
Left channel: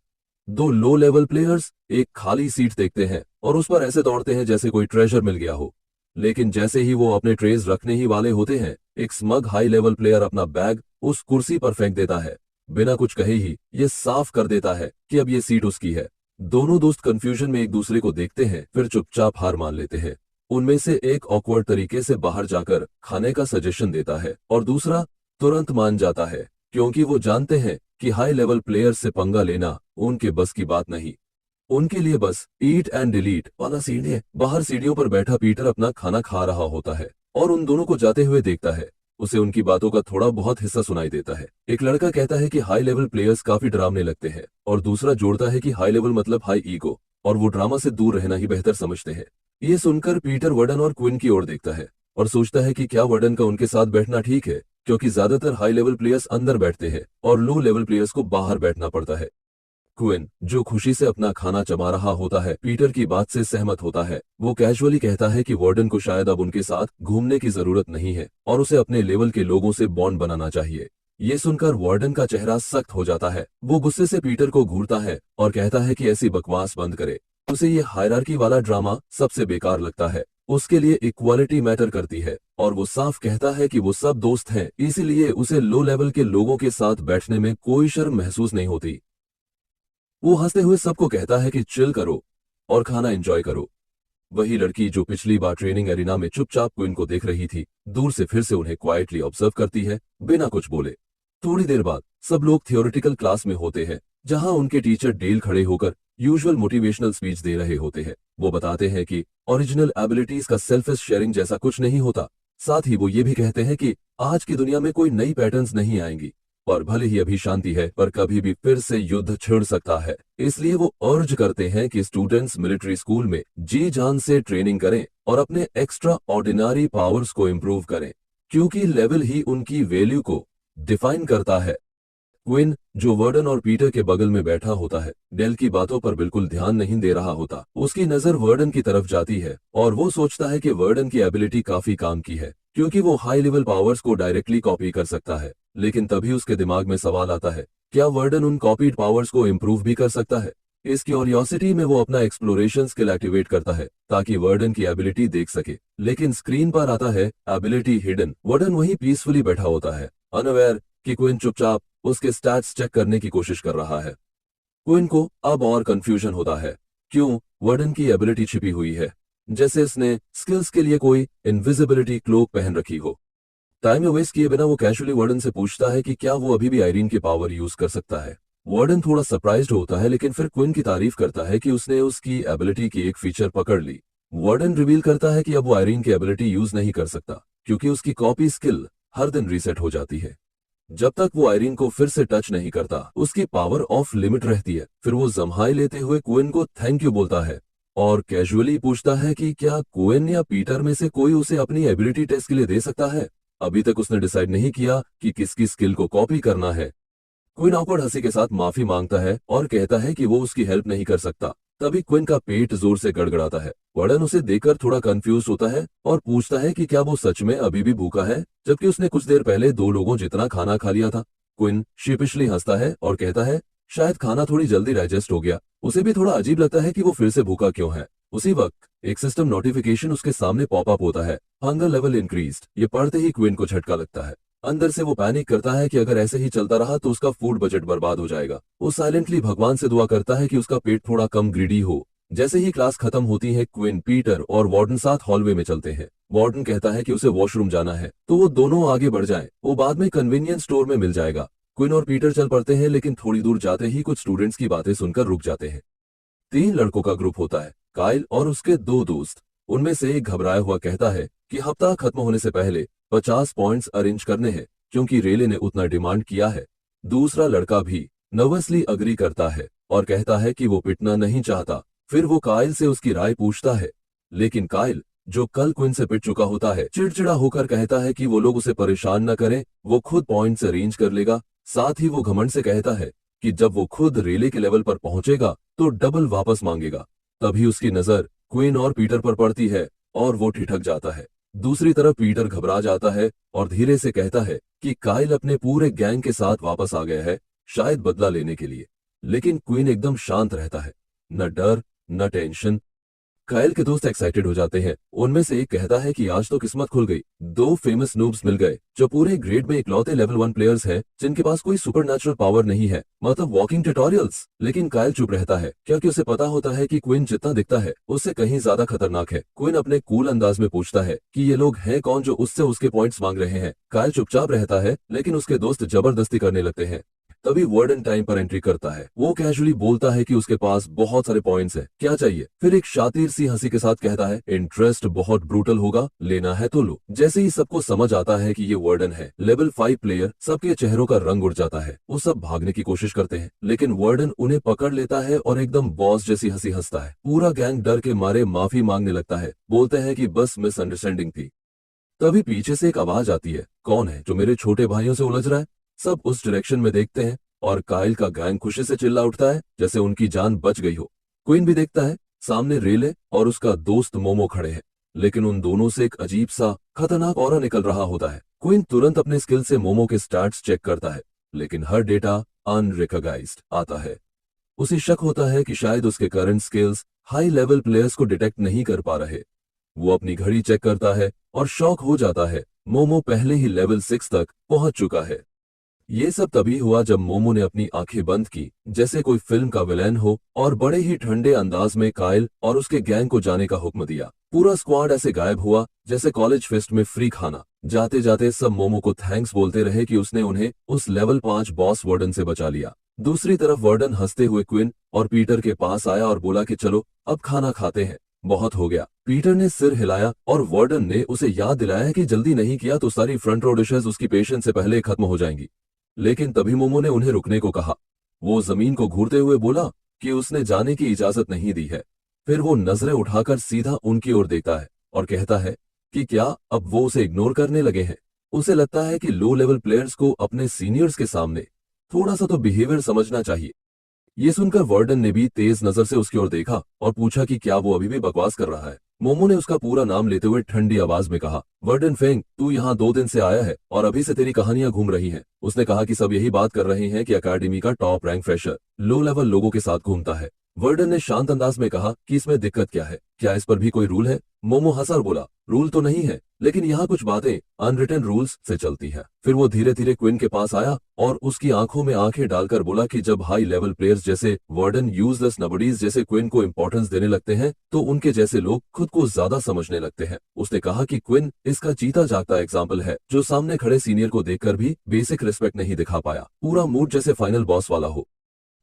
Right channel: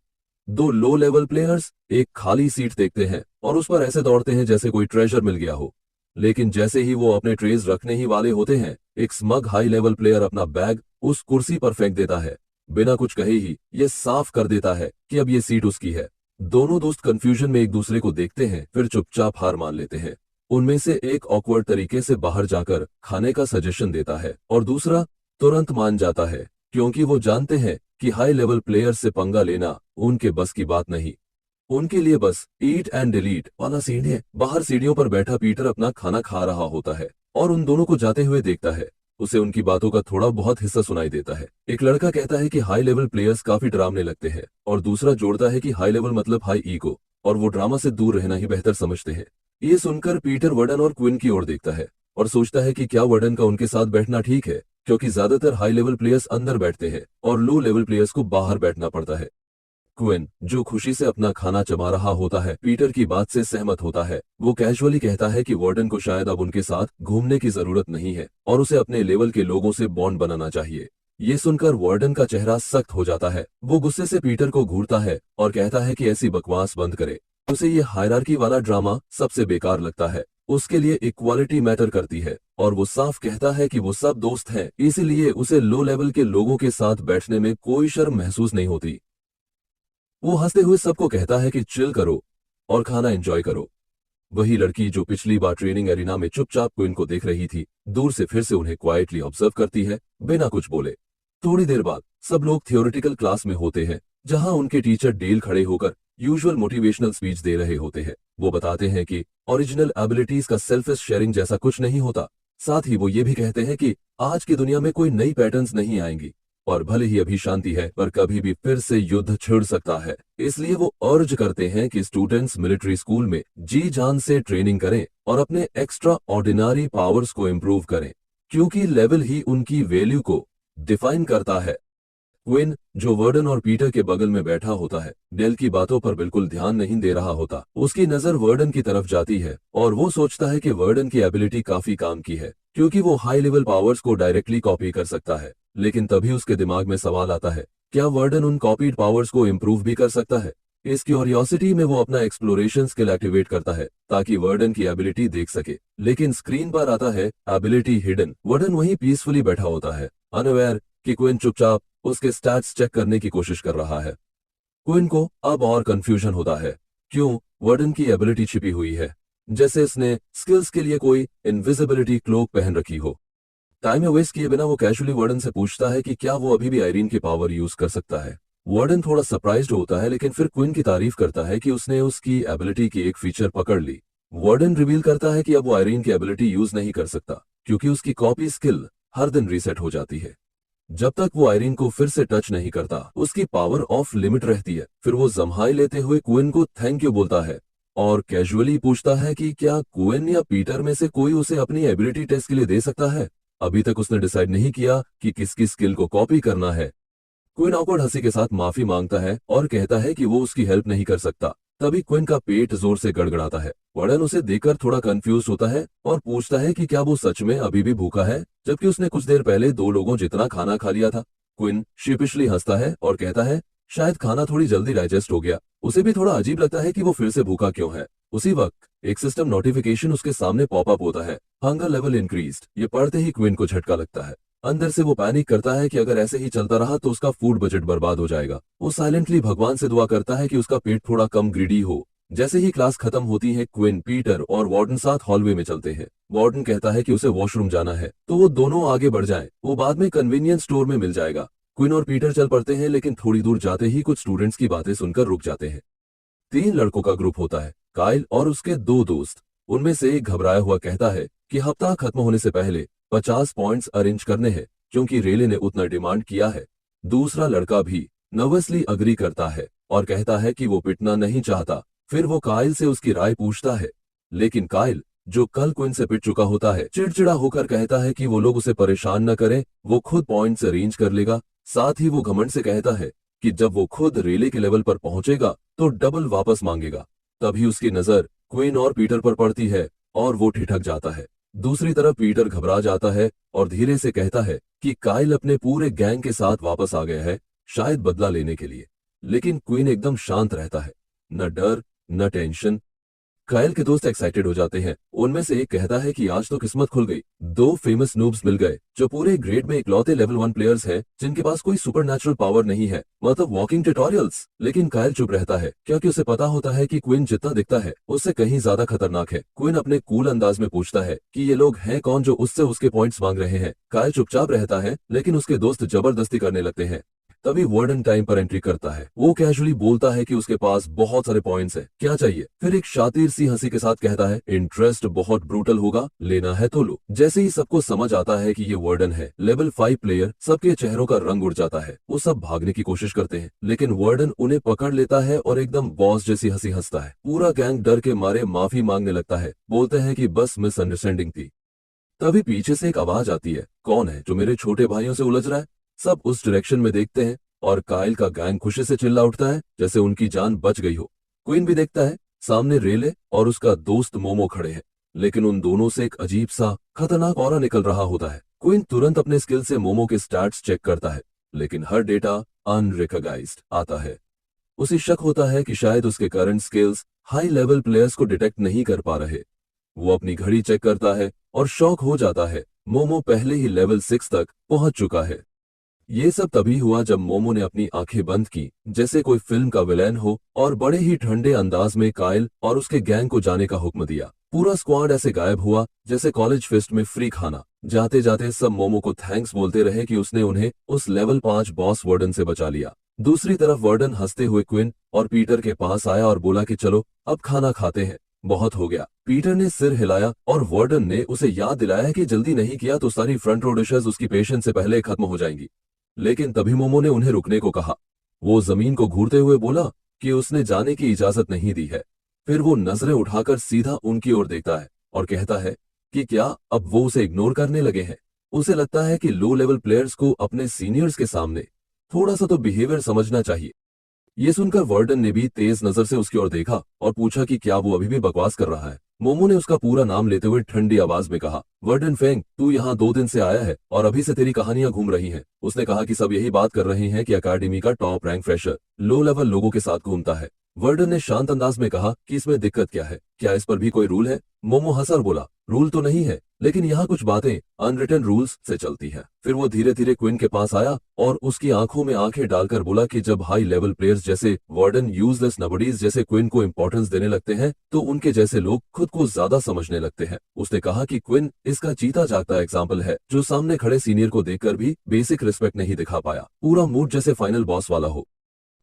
2 लो लेवल प्लेयर्स एक खाली सीट देखते हैं और उस पर ऐसे दौड़ते हैं जैसे कोई ट्रेजर मिल गया हो। लेकिन जैसे ही वो अपने ट्रेज रखने ही वाले होते हैं, एक स्मग हाई लेवल प्लेयर अपना बैग उस कुर्सी पर फेंक देता है। बिना कुछ कहे ही ये साफ कर देता है कि अब ये सीट उसकी है। दोनों दोस्त कंफ्यूजन में एक दूसरे को देखते हैं, फिर चुपचाप हार मान लेते हैं। उनमें से एक ऑकवर्ड तरीके से बाहर जाकर खाने का सजेशन देता है और दूसरा तुरंत मान जाता है, क्योंकि वो जानते हैं कि हाई लेवल प्लेयर्स से पंगा लेना उनके बस की बात नहीं। उनके लिए बस ईट एंड डिलीट वाला सीन है। बाहर सीढ़ियों पर बैठा पीटर अपना खाना खा रहा होता है और उन दोनों को जाते हुए देखता है। उसे उनकी बातों का थोड़ा बहुत हिस्सा सुनाई देता है। एक लड़का कहता है कि हाई लेवल प्लेयर्स काफी डरावने लगते हैं और दूसरा जोड़ता है कि हाई लेवल मतलब हाई ईगो और वो ड्रामा से दूर रहना ही बेहतर समझते हैं। ये सुनकर पीटर वर्डन और क्विन की ओर देखता है और सोचता है कि क्या वर्डन का उनके साथ बैठना ठीक है, क्योंकि ज्यादातर हाई लेवल प्लेयर्स अंदर बैठते हैं और लो लेवल प्लेयर्स को बाहर बैठना पड़ता है। क्विन, जो खुशी से अपना खाना चबा रहा होता है, पीटर की बात से सहमत होता है। वो कैजुअली कहता है कि वार्डन को शायद अब उनके साथ घूमने की जरूरत नहीं है और उसे अपने लेवल के लोगों से बॉन्ड बनाना चाहिए। ये सुनकर वार्डन का चेहरा सख्त हो जाता है। वो गुस्से से पीटर को घूरता है और कहता है कि ऐसी बकवास बंद करे। उसे ये हायरार्की वाला ड्रामा सबसे बेकार लगता है। उसके लिए इक्वालिटी मैटर करती है और वो साफ कहता है कि वो सब दोस्त हैं, इसीलिए उसे लो लेवल के लोगों के साथ बैठने में कोई शर्म महसूस नहीं होती। वो हंसते हुए सबको कहता है कि चिल करो और खाना एंजॉय करो। वही लड़की जो पिछली बार ट्रेनिंग एरिना में चुपचाप क्विन को देख रही थी, दूर से फिर से उन्हें क्वाइटली ऑब्जर्व करती है, बिना कुछ बोले। थोड़ी देर बाद सब लोग थियोरेटिकल क्लास में होते हैं, जहां उनके टीचर डेल खड़े होकर यूजुअल मोटिवेशनल स्पीच दे रहे होते हैं। वो बताते हैं कि ओरिजिनल एबिलिटीज का सेल्फिश शेयरिंग जैसा कुछ नहीं होता। साथ ही वो ये भी कहते हैं कि आज की दुनिया में कोई नई पैटर्न्स नहीं आएंगी और भले ही अभी शांति है, पर कभी भी फिर से युद्ध छिड़ सकता है। इसलिए वो अर्ज करते हैं कि स्टूडेंट्स मिलिट्री स्कूल में जी जान से ट्रेनिंग करें और अपने एक्स्ट्रा ऑर्डिनरी पावर्स को इम्प्रूव करें, क्योंकि लेवल ही उनकी वैल्यू को डिफाइन करता है। क्विन, जो वर्डन और पीटर के बगल में बैठा होता है, डेल की बातों पर बिल्कुल ध्यान नहीं दे रहा होता। उसकी नजर वर्डन की तरफ जाती है और वो सोचता है कि वर्डन की एबिलिटी काफी काम की है, क्योंकि वो हाई लेवल पावर्स को डायरेक्टली कॉपी कर सकता है। लेकिन तभी उसके दिमाग में सवाल आता है, क्या वर्डन उन कॉपीड पावर्स को इम्प्रूव भी कर सकता है? इस क्यूरियोसिटी में वो अपना एक्सप्लोरेशन स्किल एक्टिवेट करता है ताकि वर्डन की एबिलिटी देख सके। लेकिन स्क्रीन पर आता है एबिलिटी हिडन। वर्डन वहीं पीसफुली बैठा होता है, अनअवेयर कि क्विन चुपचाप उसके स्टैट्स चेक करने की कोशिश कर रहा है। क्विन को अब और कंफ्यूजन होता है, क्यों वर्डन की एबिलिटी छिपी हुई है, जैसे उसने स्किल्स के लिए कोई इनविजिबिलिटी क्लोक पहन रखी हो। टाइम में वेस्ट किए बिना वो कैजुअली वार्डन से पूछता है कि क्या वो अभी भी आयरीन की पावर यूज कर सकता है। वार्डन थोड़ा सरप्राइज्ड होता है, लेकिन फिर क्विन की तारीफ करता है कि उसने उसकी एबिलिटी की एक फीचर पकड़ ली। वार्डन रिवील करता है कि अब वो आयरीन की एबिलिटी यूज नहीं कर सकता, क्योंकि उसकी कॉपी स्किल हर दिन रीसेट हो जाती है। जब तक वो आयरीन को फिर से टच नहीं करता, उसकी पावर ऑफ लिमिट रहती है। फिर वो जम्हाई लेते हुए क्विन को थैंक यू बोलता है और कैजुअली पूछता है कि क्या क्विन या पीटर में से कोई उसे अपनी एबिलिटी टेस्ट के लिए दे सकता है। अभी तक उसने डिसाइड नहीं किया कि किसकी स्किल को कॉपी करना है। क्विन ऑकवर्ड हंसी के साथ माफी मांगता है और कहता है कि वो उसकी हेल्प नहीं कर सकता। तभी क्विन का पेट जोर से गड़गड़ाता है। वर्डन उसे देखकर थोड़ा कंफ्यूज होता है और पूछता है कि क्या वो सच में अभी भी भूखा है, जबकि उसने कुछ देर पहले 2 लोगों जितना खाना खा लिया था। क्विन शिपिशली हंसता है और कहता है शायद खाना थोड़ी जल्दी डाइजेस्ट हो गया। उसे भी थोड़ा अजीब लगता है कि वो फिर से भूखा क्यों है। उसी वक्त एक सिस्टम नोटिफिकेशन उसके सामने पॉपअप होता है, हंगर लेवल इंक्रीज्ड। ये पढ़ते ही क्विन को झटका लगता है। अंदर से वो पैनिक करता है कि अगर ऐसे ही चलता रहा तो उसका फूड बजट बर्बाद हो जाएगा। वो साइलेंटली भगवान से दुआ करता है कि उसका पेट थोड़ा कम ग्रीडी हो। जैसे ही क्लास खत्म होती है, क्विन, पीटर और वार्डन साथ हॉलवे में चलते हैं। वार्डन कहता है कि उसे वॉशरूम जाना है, तो वो दोनों आगे बढ़ जाएं। वो बाद में कन्वीनियंस स्टोर में मिल जाएगा। क्विन और पीटर चल पड़ते हैं, लेकिन थोड़ी दूर जाते ही कुछ स्टूडेंट्स की बातें सुनकर रुक जाते हैं। 3 लड़कों का ग्रुप होता है, काइल और उसके 2 दोस्त। उनमें से एक घबराया हुआ कहता है कि हफ्ता खत्म होने से पहले 50 पॉइंट्स अरेंज करने हैं, क्योंकि रेले ने उतना डिमांड किया है। दूसरा लड़का भी नर्वसली अग्री करता है और कहता है कि वो पिटना नहीं चाहता। फिर वो काइल से उसकी राय पूछता है, लेकिन काइल, जो कल क्विन से पिट चुका होता है, चिड़चिड़ा होकर कहता है कि वो लोग उसे परेशान न करें, वो खुद पॉइंट्स अरेंज कर लेगा। साथ ही वो घमंड से कहता है कि जब वो खुद रेले के लेवल पर पहुंचेगा तो डबल वापस मांगेगा। तभी उसकी नजर क्विन और पीटर पर पड़ती है और वो ठिठक जाता है। दूसरी तरफ पीटर घबरा जाता है और धीरे से कहता है कि काइल अपने पूरे गैंग के साथ वापस आ गया है, शायद बदला लेने के लिए। लेकिन क्विन एकदम शांत रहता है, न डर न टेंशन। काइल के दोस्त एक्साइटेड हो जाते हैं। उनमें से एक कहता है कि आज तो किस्मत खुल गई, 2 फेमस नूब्स मिल गए जो पूरे ग्रेड में इकलौते लेवल 1 प्लेयर्स हैं जिनके पास कोई सुपरनैचुरल पावर नहीं है, मतलब वॉकिंग ट्यूटोरियल्स। लेकिन काइल चुप रहता है, क्योंकि उसे पता होता है कि क्विन जितना दिखता है उससे कहीं ज्यादा खतरनाक है। क्विन अपने कूल अंदाज में पूछता है कि ये लोग हैं कौन जो उससे उसके पॉइंट्स मांग रहे हैं। काइल चुपचाप रहता है, लेकिन उसके दोस्त जबरदस्ती करने लगते हैं। तभी वार्डन टाइम पर एंट्री करता है। वो कैजुअली बोलता है कि उसके पास बहुत सारे पॉइंट्स हैं, क्या चाहिए। फिर एक शातिर सी हंसी के साथ कहता है, इंटरेस्ट बहुत ब्रूटल होगा, लेना है तो लो। जैसे ही सबको समझ आता है कि ये वार्डन है, लेवल 5 प्लेयर, सबके चेहरों का रंग उड़ जाता है। वो सब भागने की कोशिश करते हैं, लेकिन वार्डन उन्हें पकड़ लेता है और एकदम बॉस जैसी हंसी हंसता है। पूरा गैंग डर के मारे माफी मांगने लगता है, बोलते हैं कि बस मिसअंडरस्टैंडिंग थी। तभी पीछे से एक आवाज आती है, कौन है जो मेरे छोटे भाइयों से उलझ रहा है। सब उस डायरेक्शन में देखते हैं और काइल का गैंग खुशी से चिल्ला उठता है जैसे उनकी जान बच गई हो। क्वीन भी देखता है, सामने रेले और उसका दोस्त मोमो खड़े हैं, लेकिन उन दोनों से एक अजीब सा खतरनाक ऑरा निकल रहा होता है। क्विन तुरंत अपने स्किल से मोमो के स्टैट्स चेक करता है, लेकिन हर डेटा अनरिकॉग्नाइज्ड आता है। उसे शक होता है कि शायद उसके current skills high level players को डिटेक्ट नहीं कर पा रहे। वो अपनी घड़ी चेक करता है और शॉक हो जाता है, मोमो पहले ही लेवल 6 तक पहुंच चुका है। ये सब तभी हुआ जब मोमो ने अपनी आंखें बंद की, जैसे कोई फिल्म का विलेन हो, और बड़े ही ठंडे अंदाज में काइल और उसके गैंग को जाने का हुक्म दिया। पूरा स्क्वाड ऐसे गायब हुआ जैसे कॉलेज फेस्ट में फ्री खाना। जाते जाते सब मोमो को थैंक्स बोलते रहे कि उसने उन्हें उस लेवल 5 बॉस वार्डन से बचा लिया। दूसरी तरफ वार्डन हंसते हुए क्विन और पीटर के पास आया और बोला कि चलो अब खाना खाते हैं, बहुत हो गया। पीटर ने सिर हिलाया और वार्डन ने उसे याद दिलाया कि जल्दी नहीं किया तो सारी फ्रंट रो डिशेस उसकी पेशेंस से पहले खत्म हो जाएंगी। लेकिन तभी मोमो ने उन्हें रुकने को कहा। वो जमीन को घूरते हुए बोला कि उसने जाने की इजाजत नहीं दी है। फिर वो नजरें उठाकर सीधा उनकी ओर देखता है और कहता है कि क्या अब वो उसे इग्नोर करने लगे हैं। उसे लगता है कि लो लेवल प्लेयर्स को अपने सीनियर्स के सामने थोड़ा सा तो बिहेवियर समझना चाहिए। ये सुनकर वार्डन ने भी तेज नजर से उसकी ओर देखा और पूछा कि क्या वो अभी भी बकवास कर रहा है। मोमो ने उसका पूरा नाम लेते हुए ठंडी आवाज में कहा, वर्डन फेंग, तू यहाँ 2 दिन से आया है और अभी से तेरी कहानियां घूम रही हैं। उसने कहा कि सब यही बात कर रहे हैं कि अकेडमी का top rank fresher low level लोगों के साथ घूमता है। वर्डन ने शांत अंदाज में कहा कि इसमें दिक्कत क्या है, क्या इस पर भी कोई रूल है। मोमो हंसा और बोला, रूल तो नहीं है, लेकिन यहाँ कुछ बातें अनरिटन रूल्स से चलती है। फिर वो धीरे धीरे क्विन के पास आया और उसकी आंखों में आंखें डालकर बोला कि जब हाई लेवल प्लेयर्स जैसे वार्डन यूजलेस नबडीज जैसे क्विन को इंपॉर्टेंस देने लगते हैं तो उनके जैसे लोग खुद को ज्यादा समझने लगते हैं। उसने कहा कि क्विन इसका जीता जागता एग्जाम्पल है, जो सामने खड़े सीनियर को देखकर भी बेसिक रिस्पेक्ट नहीं दिखा पाया। पूरा मूड जैसे फाइनल बॉस वाला हो।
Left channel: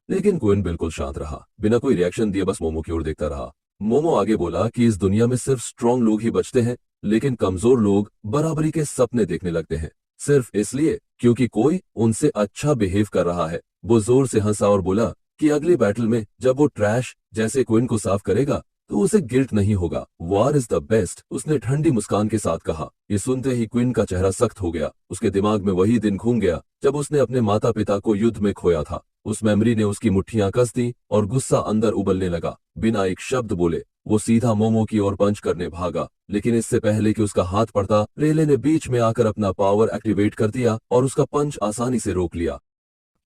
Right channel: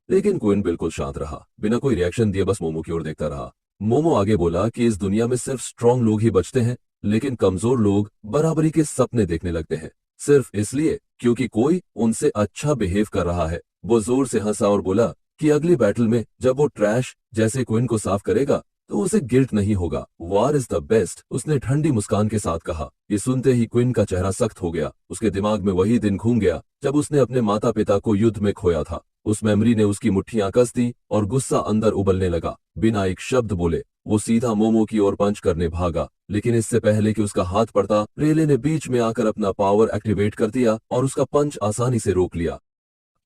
लेकिन क्विन बिल्कुल शांत रहा, बिना कोई रिएक्शन दिए बस मोमो की ओर देखता रहा। मोमो आगे बोला कि इस दुनिया में सिर्फ स्ट्रांग लोग ही बचते हैं, लेकिन कमजोर लोग बराबरी के सपने देखने लगते हैं, सिर्फ इसलिए क्योंकि कोई उनसे अच्छा बिहेव कर रहा है। वो जोर से हंसा और बोला कि अगली बैटल में जब वो ट्रैश जैसे क्विन को साफ करेगा तो उसे गिल्ट नहीं होगा। वार इज द बेस्ट, उसने ठंडी मुस्कान के साथ कहा। ये सुनते ही क्विन का चेहरा सख्त हो गया। उसके दिमाग में वही दिन घूम गया जब उसने अपने माता पिता को युद्ध में खोया था। उस मेमोरी ने उसकी मुट्ठियां कस दी और गुस्सा अंदर उबलने लगा। बिना एक शब्द बोले वो सीधा मोमो की ओर पंच करने भागा, लेकिन इससे पहले कि उसका हाथ पड़ता, रेले ने बीच में आकर अपना पावर एक्टिवेट कर दिया और उसका पंच आसानी से रोक लिया।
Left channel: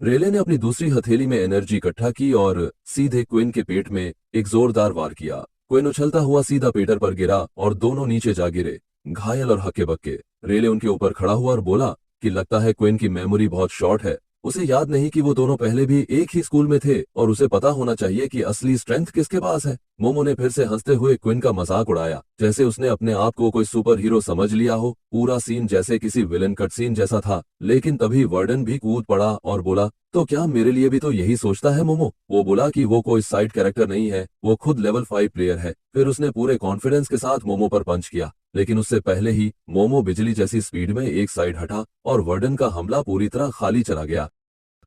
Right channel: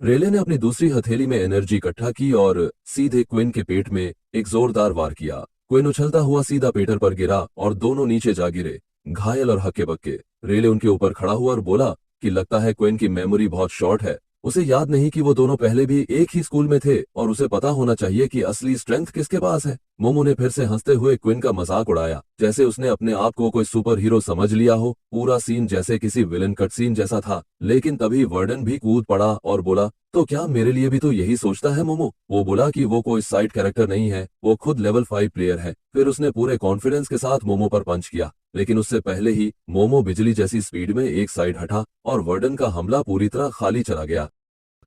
रेले ने अपनी दूसरी हथेली में एनर्जी इकट्ठा की और सीधे क्विन के पेट में एक जोरदार वार किया। क्विन उछलता हुआ सीधा पीटर पर गिरा और दोनों नीचे जा गिरे, घायल और हक्के बक्के। रेले उनके ऊपर खड़ा हुआ और बोला कि लगता है क्विन की मेमोरी बहुत शॉर्ट है, उसे याद नहीं कि वो दोनों पहले भी एक ही स्कूल में थे और उसे पता होना चाहिए कि असली स्ट्रेंथ किसके पास है। मोमो ने फिर से हंसते हुए क्विन का मजाक उड़ाया, जैसे उसने अपने आप को कोई सुपर हीरो समझ लिया हो। पूरा सीन जैसे किसी विलन कट सीन जैसा था। लेकिन तभी वर्डन भी कूद पड़ा और बोला, तो क्या मेरे लिए भी तो यही सोचता है मोमो? वो बोला कि वो कोई साइड कैरेक्टर नहीं है, वो खुद लेवल 5 प्लेयर है। फिर उसने पूरे कॉन्फिडेंस के साथ मोमो पर पंच किया, लेकिन उससे पहले ही मोमो बिजली जैसी स्पीड में एक साइड हटा और वर्डन का हमला पूरी तरह खाली चला गया।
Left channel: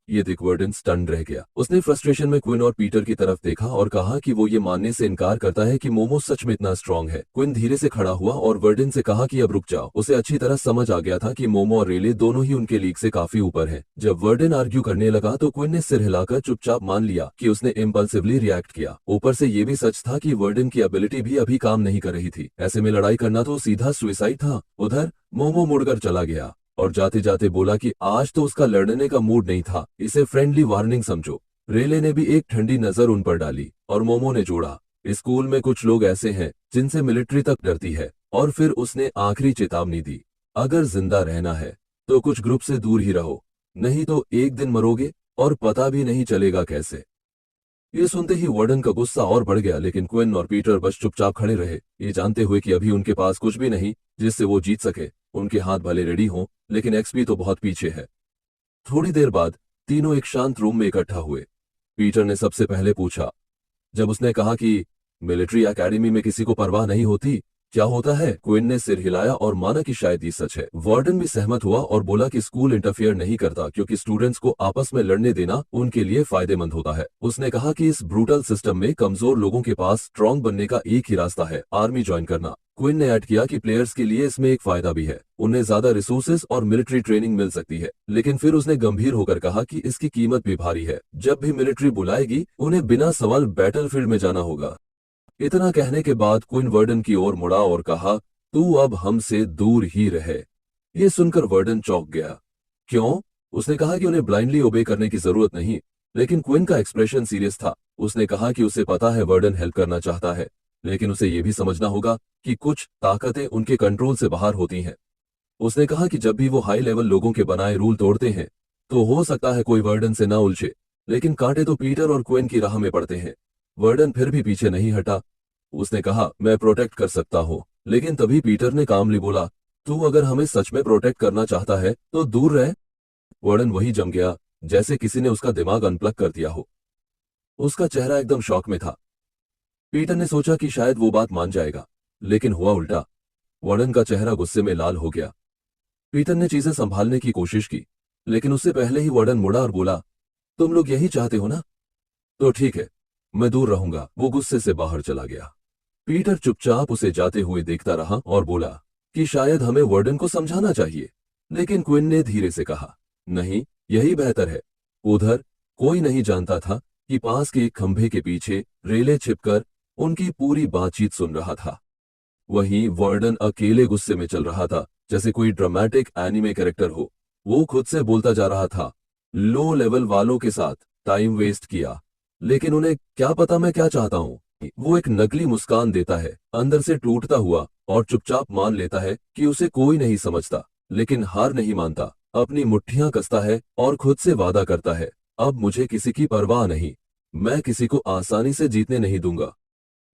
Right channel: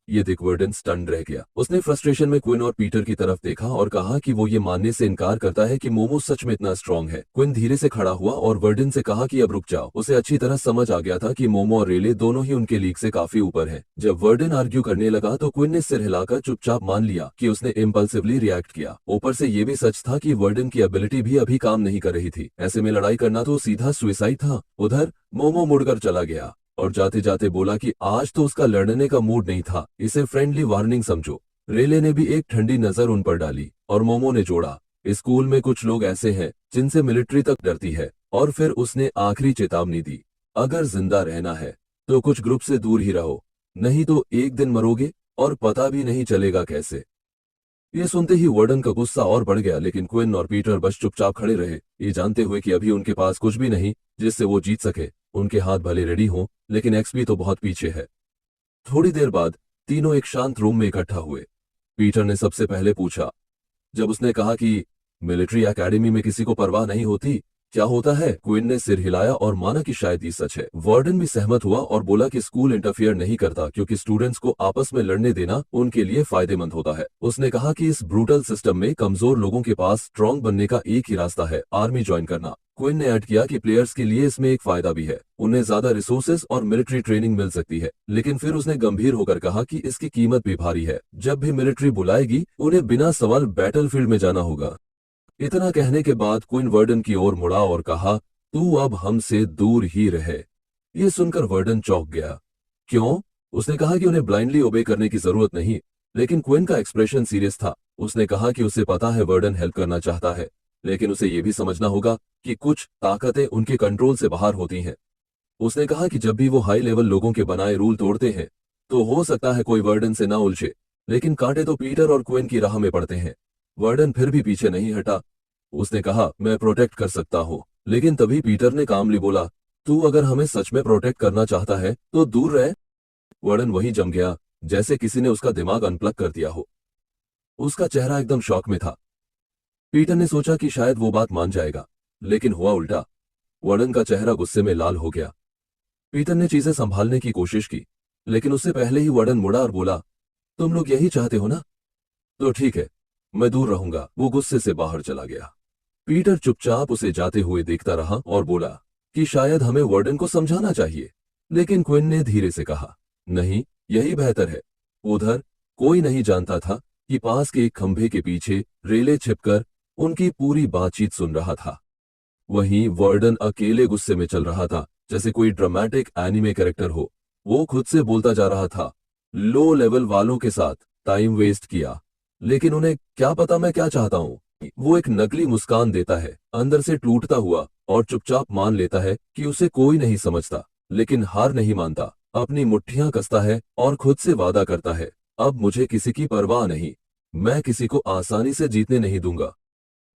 ये देख वर्डन स्टन्ड रह गया। उसने फ्रस्ट्रेशन में क्विन और पीटर की तरफ देखा और कहा कि वो ये मानने से इनकार करता है कि मोमो सच में इतना स्ट्रांग है। क्विन धीरे से खड़ा हुआ और वर्डन से कहा कि अब रुक जाओ। उसे अच्छी तरह समझ आ गया था कि मोमो और रेले दोनों ही उनके लीग से काफी ऊपर हैं। जब वर्डन आर्ग्यू करने लगा तो क्विन ने सिर हिलाकर चुपचाप मान लिया कि उसने इम्पल्सिवली रिएक्ट किया। ऊपर से ये भी सच था कि वर्डन की एबिलिटी भी अभी काम नहीं कर रही थी। ऐसे में लड़ाई करना तो सीधा सुसाइड था। उधर मोमो मुड़कर चला गया और जाते जाते बोला कि आज तो उसका लड़ने का मूड नहीं था, इसे फ्रेंडली वार्निंग समझो। रेले ने भी एक ठंडी नजर उन पर डाली और मोमो ने जोड़ा, स्कूल में कुछ लोग ऐसे हैं जिनसे मिलिट्री तक डरती है। और फिर उसने आखिरी चेतावनी दी, अगर जिंदा रहना है तो कुछ ग्रुप से दूर ही रहो, नहीं तो एक दिन मरोगे और पता भी नहीं चलेगा कैसे। ये सुनते ही वार्डन का गुस्सा और बढ़ गया, लेकिन क्विन और पीटर बस चुपचाप खड़े रहे, ये जानते हुए कि अभी उनके पास कुछ भी नहीं जिससे वो जीत सके। उनके हाथ भले रेडी हों, लेकिन एक्सपी तो बहुत पीछे है। थोड़ी देर बाद तीनों एक शांत रूम में इकट्ठा हुए। पीटर ने सबसे पहले पूछा, जब उसने कहा कि मिलिट्री एकेडमी में किसी को परवाह नहीं होती, क्या होता है? क्विन ने सिर हिलाया और माना कि शायद ये सच है। वार्डन भी सहमत हुआ और बोला कि स्कूल इंटरफियर नहीं करता क्योंकि स्टूडेंट्स को आपस में लड़ने देना उनके लिए फायदेमंद होता है। उसने कहा कि इस ब्रूटल सिस्टम में कमजोर लोगों के पास स्ट्रांग बनने का एक ही रास्ता है, आर्मी ज्वाइन करना। क्विन ने ऐड किया कि प्लेयर्स के लिए इसमें एक फायदा भी है, उन्हें ज्यादा रिसोर्सेज और मिलिट्री ट्रेनिंग मिल सकती है। लेकिन फिर उसने गंभीर होकर कहा कि इसकी कीमत भी भारी है। जब भी मिलिट्री बुलाएगी उन्हें बिना सवाल बैटलफील्ड में जाना होगा। इतना कहने के बाद क्विन वर्डन की ओर मुड़ा और कहा, तू अब हमसे दूर ही रहे। ये सुनकर वर्डन चौंक गया। क्यों? उसने कहा कि उन्हें ब्लाइंडली ओबे करने की जरूरत नहीं, लेकिन क्विन का एक्सप्रेशन सीरियस था। उसने कहा कि उसे पता है वर्डन हेल्प करना चाहता है, लेकिन उसे यह भी समझना होगा कि कुछ ताकतें उनके कंट्रोल से बाहर होती हैं। उसने कहा कि जब भी वो हाई लेवल लोगों के बनाए रूल तोड़ते हैं, तो हो सकता है कोई वर्डन से ना उलझे, लेकिन कांटे तो पीटर और क्विन की राह में पड़ते हैं। वर्डन फिर भी पीछे नहीं हटा। उसने कहा, मैं प्रोटेक्ट कर सकता हूँ, लेकिन तभी पीटर ने कामली बोला, तू अगर हमें सच में प्रोटेक्ट करना चाहता है तो दूर रह। वर्डन वही जम गया, जैसे किसी ने उसका दिमाग अनप्लग कर दिया हो। उसका चेहरा एकदम शॉक में था। पीटर ने सोचा कि शायद वो बात मान जाएगा, लेकिन हुआ उल्टा। वर्डन का चेहरा गुस्से में लाल हो गया। पीटर ने चीजें संभालने की कोशिश की, लेकिन उससे पहले ही वर्डन मुड़ा और बोला, तुम लोग यही चाहते हो ना? तो ठीक है, मैं दूर रहूंगा। वो गुस्से से बाहर चला गया। पीटर चुपचाप उसे जाते हुए देखता रहा और बोला कि शायद हमें वर्डन को समझाना चाहिए, लेकिन क्विन ने धीरे से कहा, नहीं, यही बेहतर है। उधर कोई नहीं जानता था कि पास के एक खंभे के पीछे रेले छिपकर उनकी पूरी बातचीत सुन रहा था। वहीं वार्डन अकेले गुस्से में चल रहा था, जैसे कोई ड्रामेटिक एनिमे कैरेक्टर हो। वो खुद से बोलता जा रहा था, लो लेवल वालों के साथ टाइम वेस्ट किया, लेकिन उन्हें क्या पता मैं क्या चाहता हूँ। वो एक नकली मुस्कान देता है, अंदर से टूटता हुआ, और चुपचाप मान लेता है कि उसे कोई नहीं समझता, लेकिन हार नहीं मानता। अपनी मुट्ठियां कसता है और खुद से वादा करता है, अब मुझे किसी की परवाह नहीं, मैं किसी को आसानी से जीतने नहीं दूंगा।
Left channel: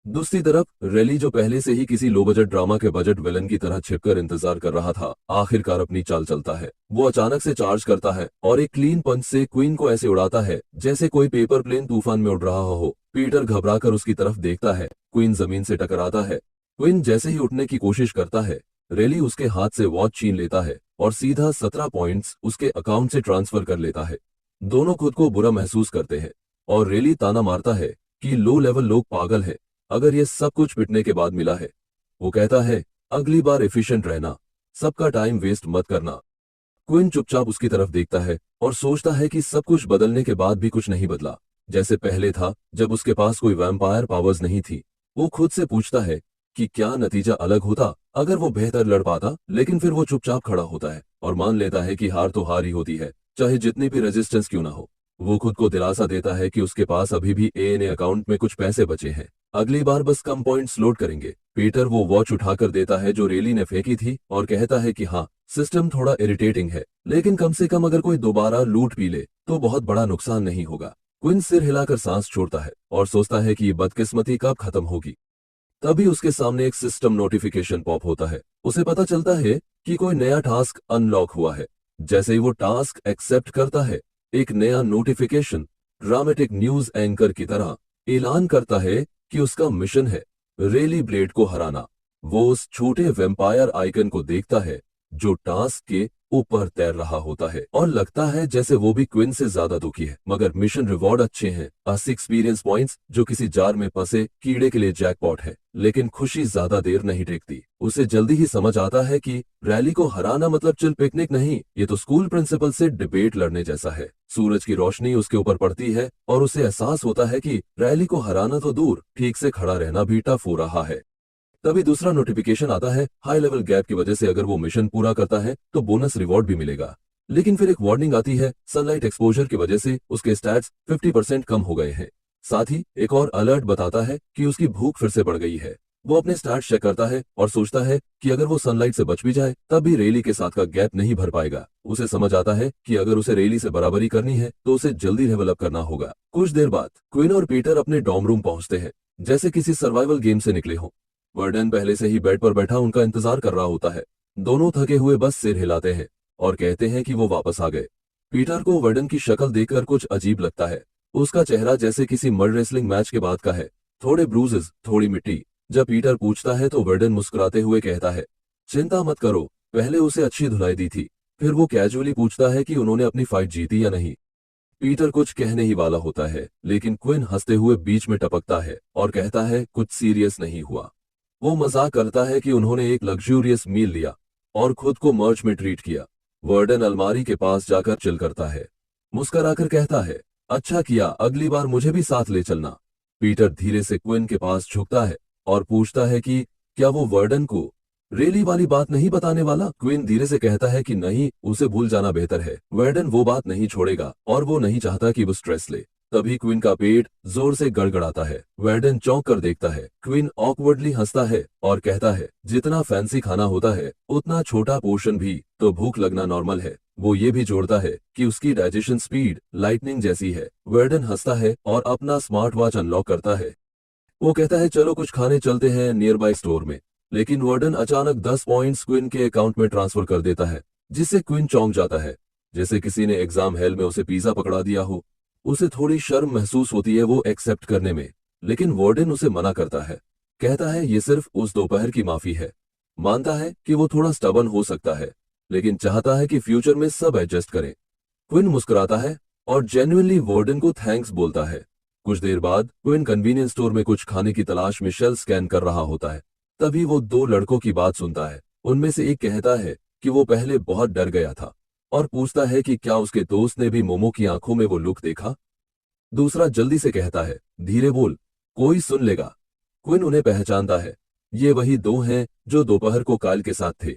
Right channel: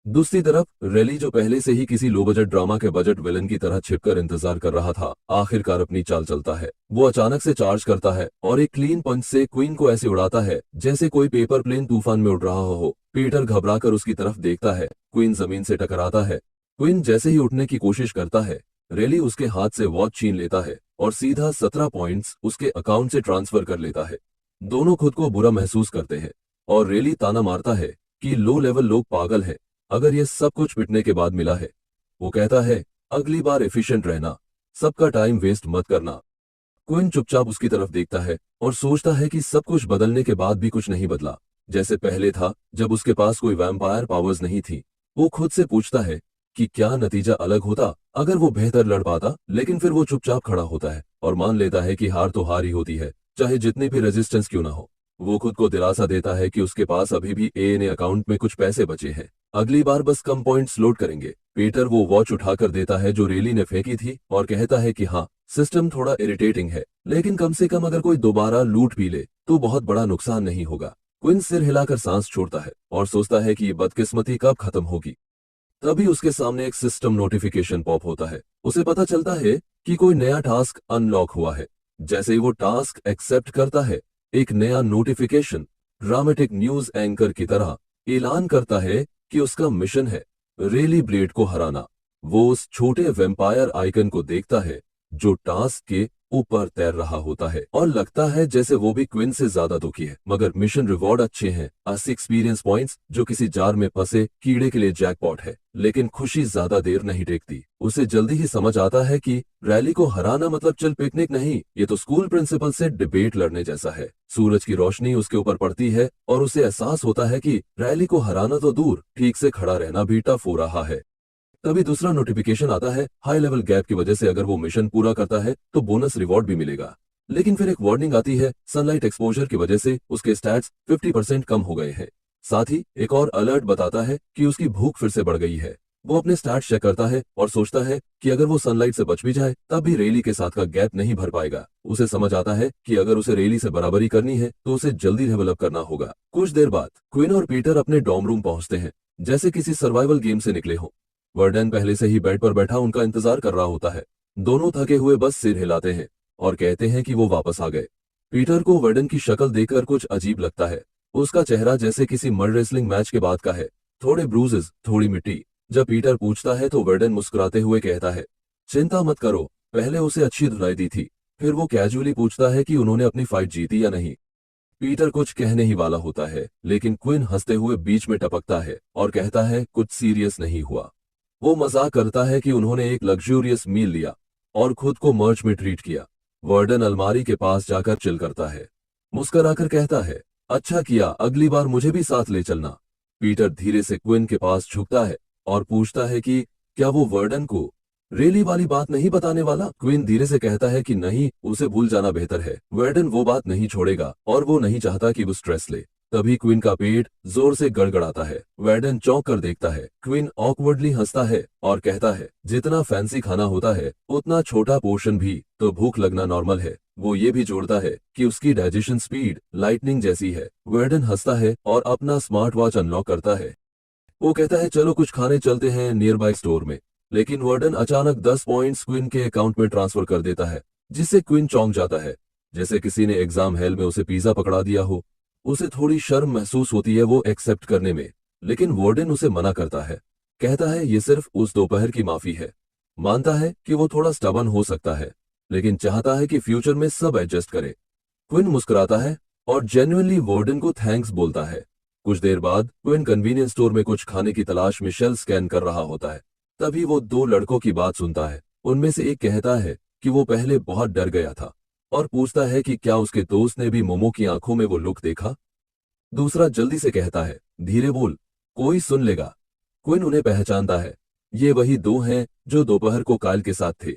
दूसरी तरफ रेली, जो पहले से ही किसी लो बजट ड्रामा के बजट विलन की तरह छिपकर इंतजार कर रहा था, आखिरकार अपनी चाल चलता है। वो अचानक से चार्ज करता है और एक क्लीन पंच से क्वीन को ऐसे उड़ाता है जैसे कोई पेपर प्लेन तूफान में उड़ रहा हो। पीटर घबराकर उसकी तरफ देखता है। क्वीन जमीन से टकराता है। क्वीन जैसे ही उठने की कोशिश करता है, रेली उसके हाथ से वॉच छीन लेता है और सीधा 17 पॉइंट्स उसके अकाउंट से ट्रांसफर कर लेता है। दोनों खुद को बुरा महसूस करते हैं और रेली ताना मारता है कि लो लेवल लोग पागल हैं, अगर ये सब कुछ पिटने के बाद मिला है। वो कहता है, अगली बार एफिशिएंट रहना, सबका टाइम वेस्ट मत करना। क्विन चुपचाप उसकी तरफ देखता है और सोचता है कि सब कुछ बदलने के बाद भी कुछ नहीं बदला, जैसे पहले था जब उसके पास कोई वैम्पायर पावर्स नहीं थी। वो खुद से पूछता है कि क्या नतीजा अलग होता अगर वो बेहतर लड़ पाता, लेकिन फिर वो चुपचाप खड़ा होता है और मान लेता है कि हार तो हार ही होती है, चाहे जितनी भी रेजिस्टेंस क्यों ना हो। वो खुद को दिलासा देता है कि उसके पास अभी भी एएनए अकाउंट में कुछ पैसे बचे हैं, अगली बार बस कम पॉइंट्स लोड करेंगे। पीटर वो वॉच उठाकर देता है जो रेली ने फेंकी थी और कहता है कि हाँ, सिस्टम थोड़ा इरिटेटिंग है, लेकिन कम से कम अगर कोई दोबारा लूट पी ले तो बहुत बड़ा नुकसान नहीं होगा। क्विन सिर हिलाकर सांस छोड़ता है और सोचता है कि ये बदकिस्मती कब खत्म होगी। तभी उसके सामने एक सिस्टम नोटिफिकेशन पॉप होता है। उसे पता चलता है कि कोई नया टास्क अनलॉक हुआ है। जैसे ही वो टास्क एक्सेप्ट करता है, एक नया नोटिफिकेशन ड्रामेटिक न्यूज एंकर की तरह ऐलान करता है कि उसका मिशन है रेली ब्लेड को हराना। वो उस छोटे वेम्पायर आइकन को देखता है जो टास्क के ऊपर तैर रहा होता है और लगता है जैसे वो भी क्विन से ज्यादा दुखी है। मगर मिशन रिवॉर्ड अच्छे हैं, 80 एक्सपीरियंस पॉइंट्स, जो किसी जार में फंसे कीड़े के लिए जैकपॉट है। लेकिन खुशी ज्यादा देर नहीं टेकती। उसे जल्दी ही समझ आता है कि रैली को हराना मतलब चिल पिकनिक नहीं, ये तो स्कूल प्रिंसिपल से डिबेट लड़ने जैसा है। सूरज की रोशनी उसके ऊपर पड़ती है और उसे एहसास होता है कि रैली को हराना तो दूर, ठीक से खड़ा रहना भी टफ हो रहा है। तभी दूसरा नोटिफिकेशन आता है, हाई लेवल गैप की वजह से अगर वो मिशन पूरा करता है तो बोनस रिवॉर्ड भी मिलेगा। लेकिन फिर एक वार्निंग आती है, सनलाइट एक्सपोजर की वजह से उसके स्टैट्स 50% कम हो गए हैं। साथ ही एक और अलर्ट बताता है कि उसकी भूख फिर से बढ़ गई है। वो अपने स्टैट्स चेक करता है और सोचता है कि अगर वो सनलाइट से बच भी जाए तब भी रेली के साथ का गैप नहीं भर पाएगा। उसे समझ आता है कि अगर उसे रेली से बराबरी करनी है तो उसे जल्दी लेवल अप करना होगा। कुछ देर बाद क्वीन और पीटर अपने डॉर्म रूम पहुंचते हैं, जैसे किसी सर्वाइवल गेम से निकले हों। वर्डन पहले से ही बेड पर बैठा उनका इंतजार कर रहा होता है। दोनों थके हुए बस सिर हिलाते हैं और कहते हैं कि वो वापस आ गए। पीटर को वर्डन की शक्ल देखकर कुछ अजीब लगता है। उसका चेहरा जैसे किसी मड रेसलिंग मैच के बाद का है, थोड़े ब्रूजेस, थोड़ी मिट्टी। जब पीटर पूछता है तो वर्डन मुस्कुराते हुए कहता है, चिंता मत करो, पहले उसे अच्छी धुलाई दी थी। फिर वो कैजुअली पूछता है कि उन्होंने अपनी फाइट जीती या नहीं। पीटर कुछ कहने ही वाला होता है, लेकिन क्विन हंसते हुए बीच में टपकता है और कहता है, कुछ सीरियस नहीं हुआ। वो मजाक करता है कि उन्होंने एक लग्जूरियस मील लिया और खुद को मर्च में ट्रीट किया। वर्डन अलमारी के पास जाकर चिल करता है, मुस्कुराकर कहता है, अच्छा किया, अगली बार मुझे भी साथ ले चलना। पीटर धीरे से क्विन के पास झुकता है और पूछता है कि क्या वो वर्डन को रेली वाली बात नहीं बताने वाला? क्विन धीरे से कहता है कि नहीं, उसे भूल जाना बेहतर है। वर्डन वो बात नहीं छोड़ेगा और वो नहीं चाहता कि वो स्ट्रेस ले। तभी क्विन का पेट जोर से गड़गड़ाता है। वर्डन चौंक कर देखता है। क्विन ऑकवर्डली हंसता है और कहता है, जितना फैंसी खाना होता है उतना छोटा पोर्शन भी तो भूख लगना नॉर्मल है। वो ये भी जोड़ता है कि उसकी डाइजेशन स्पीड लाइटनिंग जैसी है। वर्डन हंसता है और अपना स्मार्ट वॉच अनलॉक करता है। वो कहता है, चलो कुछ खाने चलते हैं नियर बाय स्टोर में। लेकिन वर्डन अचानक 10 पॉइंट्स क्विन के अकाउंट में ट्रांसफर कर देता है, जिससे क्विन चौंक जाता है, जैसे किसी ने एग्जाम हेल में उसे पिज्जा पकड़ा दिया हो। उसे थोड़ी शर्म महसूस होती है वो एक्सेप्ट करने में, लेकिन वार्डन उसे मना करता है। कहता है ये सिर्फ उस दोपहर की माफी है। मानता है कि वो थोड़ा स्टबन हो सकता है, लेकिन चाहता है कि फ्यूचर में सब एडजस्ट करे। क्विन मुस्कुराता है और जेन्युइनली वार्डन को थैंक्स बोलता है। कुछ देर बाद क्विन कन्वीनियंस स्टोर में कुछ खाने की तलाश में शेल्फ स्कैन कर रहा होता है। तभी वो दो लड़कों की बात सुनता है। उनमें से एक कहता है कि वो पहले बहुत डर गया था और पूछता है कि क्या उसके दोस्त ने भी मोमो की आंखों में वो लुक देखा। दूसरा जल्दी से कहता है, धीरे बोल, कोई सुन लेगा। क्विन उन्हें पहचानता है। ये वही दो हैं जो दोपहर को कायल के साथ थे।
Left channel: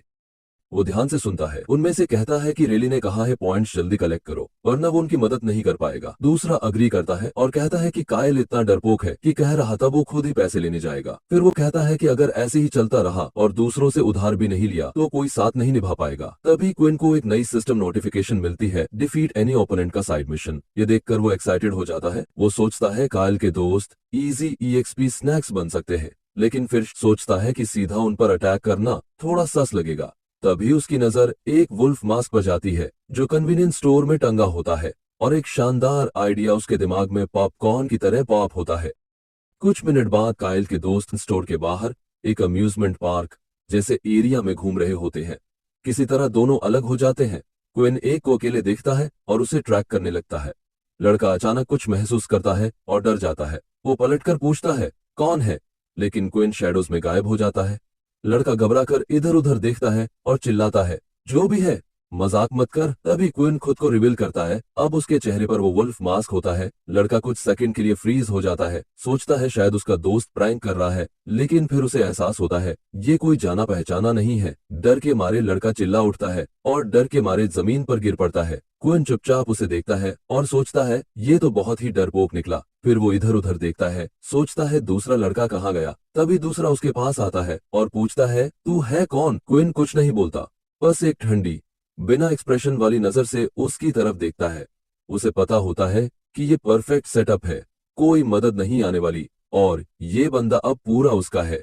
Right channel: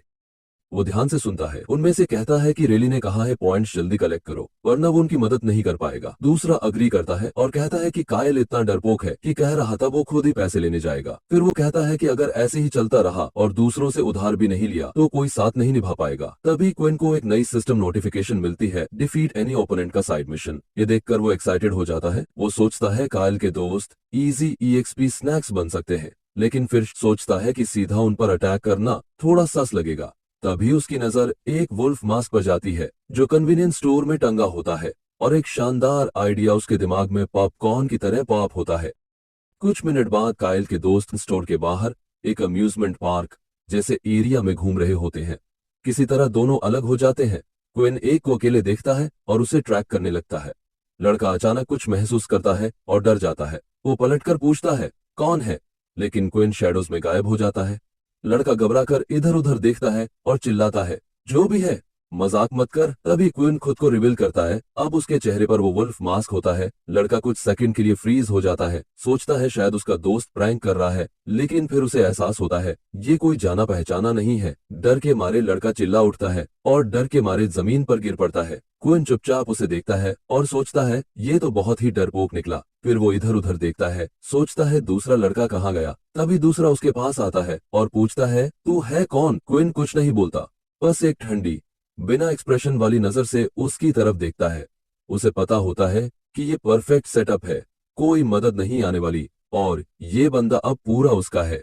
वो ध्यान से सुनता है। उनमें से कहता है कि रेली ने कहा है पॉइंट्स जल्दी कलेक्ट करो वरना वो उनकी मदद नहीं कर पाएगा। दूसरा अग्री करता है और कहता है कि कायल इतना डरपोक है कि कह रहा था वो खुद ही पैसे लेने जाएगा। फिर वो कहता है कि अगर ऐसे ही चलता रहा और दूसरों से उधार भी नहीं लिया तो कोई साथ नहीं निभा पाएगा। तभी क्विन को एक नई सिस्टम नोटिफिकेशन मिलती है, डिफीट एनी ओपोनेंट का साइड मिशन। ये देखकर वो एक्साइटेड हो जाता है। वो सोचता है कायल के दोस्त इजी EXP स्नैक्स बन सकते हैं, लेकिन फिर सोचता है कि सीधा उन पर अटैक करना थोड़ा सस लगेगा। तभी उसकी नजर एक वुल्फ मास्क पर जाती है जो कन्वीनियंस स्टोर में टंगा होता है और एक शानदार आइडिया उसके दिमाग में पॉपकॉर्न की तरह पॉप होता है। कुछ मिनट बाद कायल के दोस्त स्टोर के बाहर एक अम्यूजमेंट पार्क जैसे एरिया में घूम रहे होते हैं। किसी तरह दोनों अलग हो जाते हैं। क्विन एक को अकेले देखता है और उसे ट्रैक करने लगता है। लड़का अचानक कुछ महसूस करता है और डर जाता है। वो पलटकर पूछता है, कौन है? लेकिन क्विन शैडोज में गायब हो जाता है। लड़का घबराकर इधर उधर देखता है और चिल्लाता है, जो भी है मजाक मत कर। तभी क्विन खुद को रिवील करता है। अब उसके चेहरे पर वो वुल्फ मास्क होता है। लड़का कुछ सेकंड के लिए फ्रीज हो जाता है, सोचता है शायद उसका दोस्त प्रैंक कर रहा है, लेकिन फिर उसे एहसास होता है ये कोई जाना पहचाना नहीं है। डर के मारे लड़का चिल्ला उठता है और डर के मारे जमीन पर गिर पड़ता है। क्विन चुपचाप उसे देखता है और सोचता है ये तो बहुत ही डरपोक निकला। फिर वो इधर उधर देखता है, सोचता है दूसरा लड़का कहाँ गया। तभी दूसरा उसके पास आता है और पूछता है, तू है कौन? क्विन कुछ नहीं बोलता, बस एक ठंडी बिना एक्सप्रेशन वाली नजर से उसकी तरफ देखता है। उसे पता होता है कि ये परफेक्ट सेटअप है, कोई मदद नहीं आने वाली और ये बंदा अब पूरा उसका है।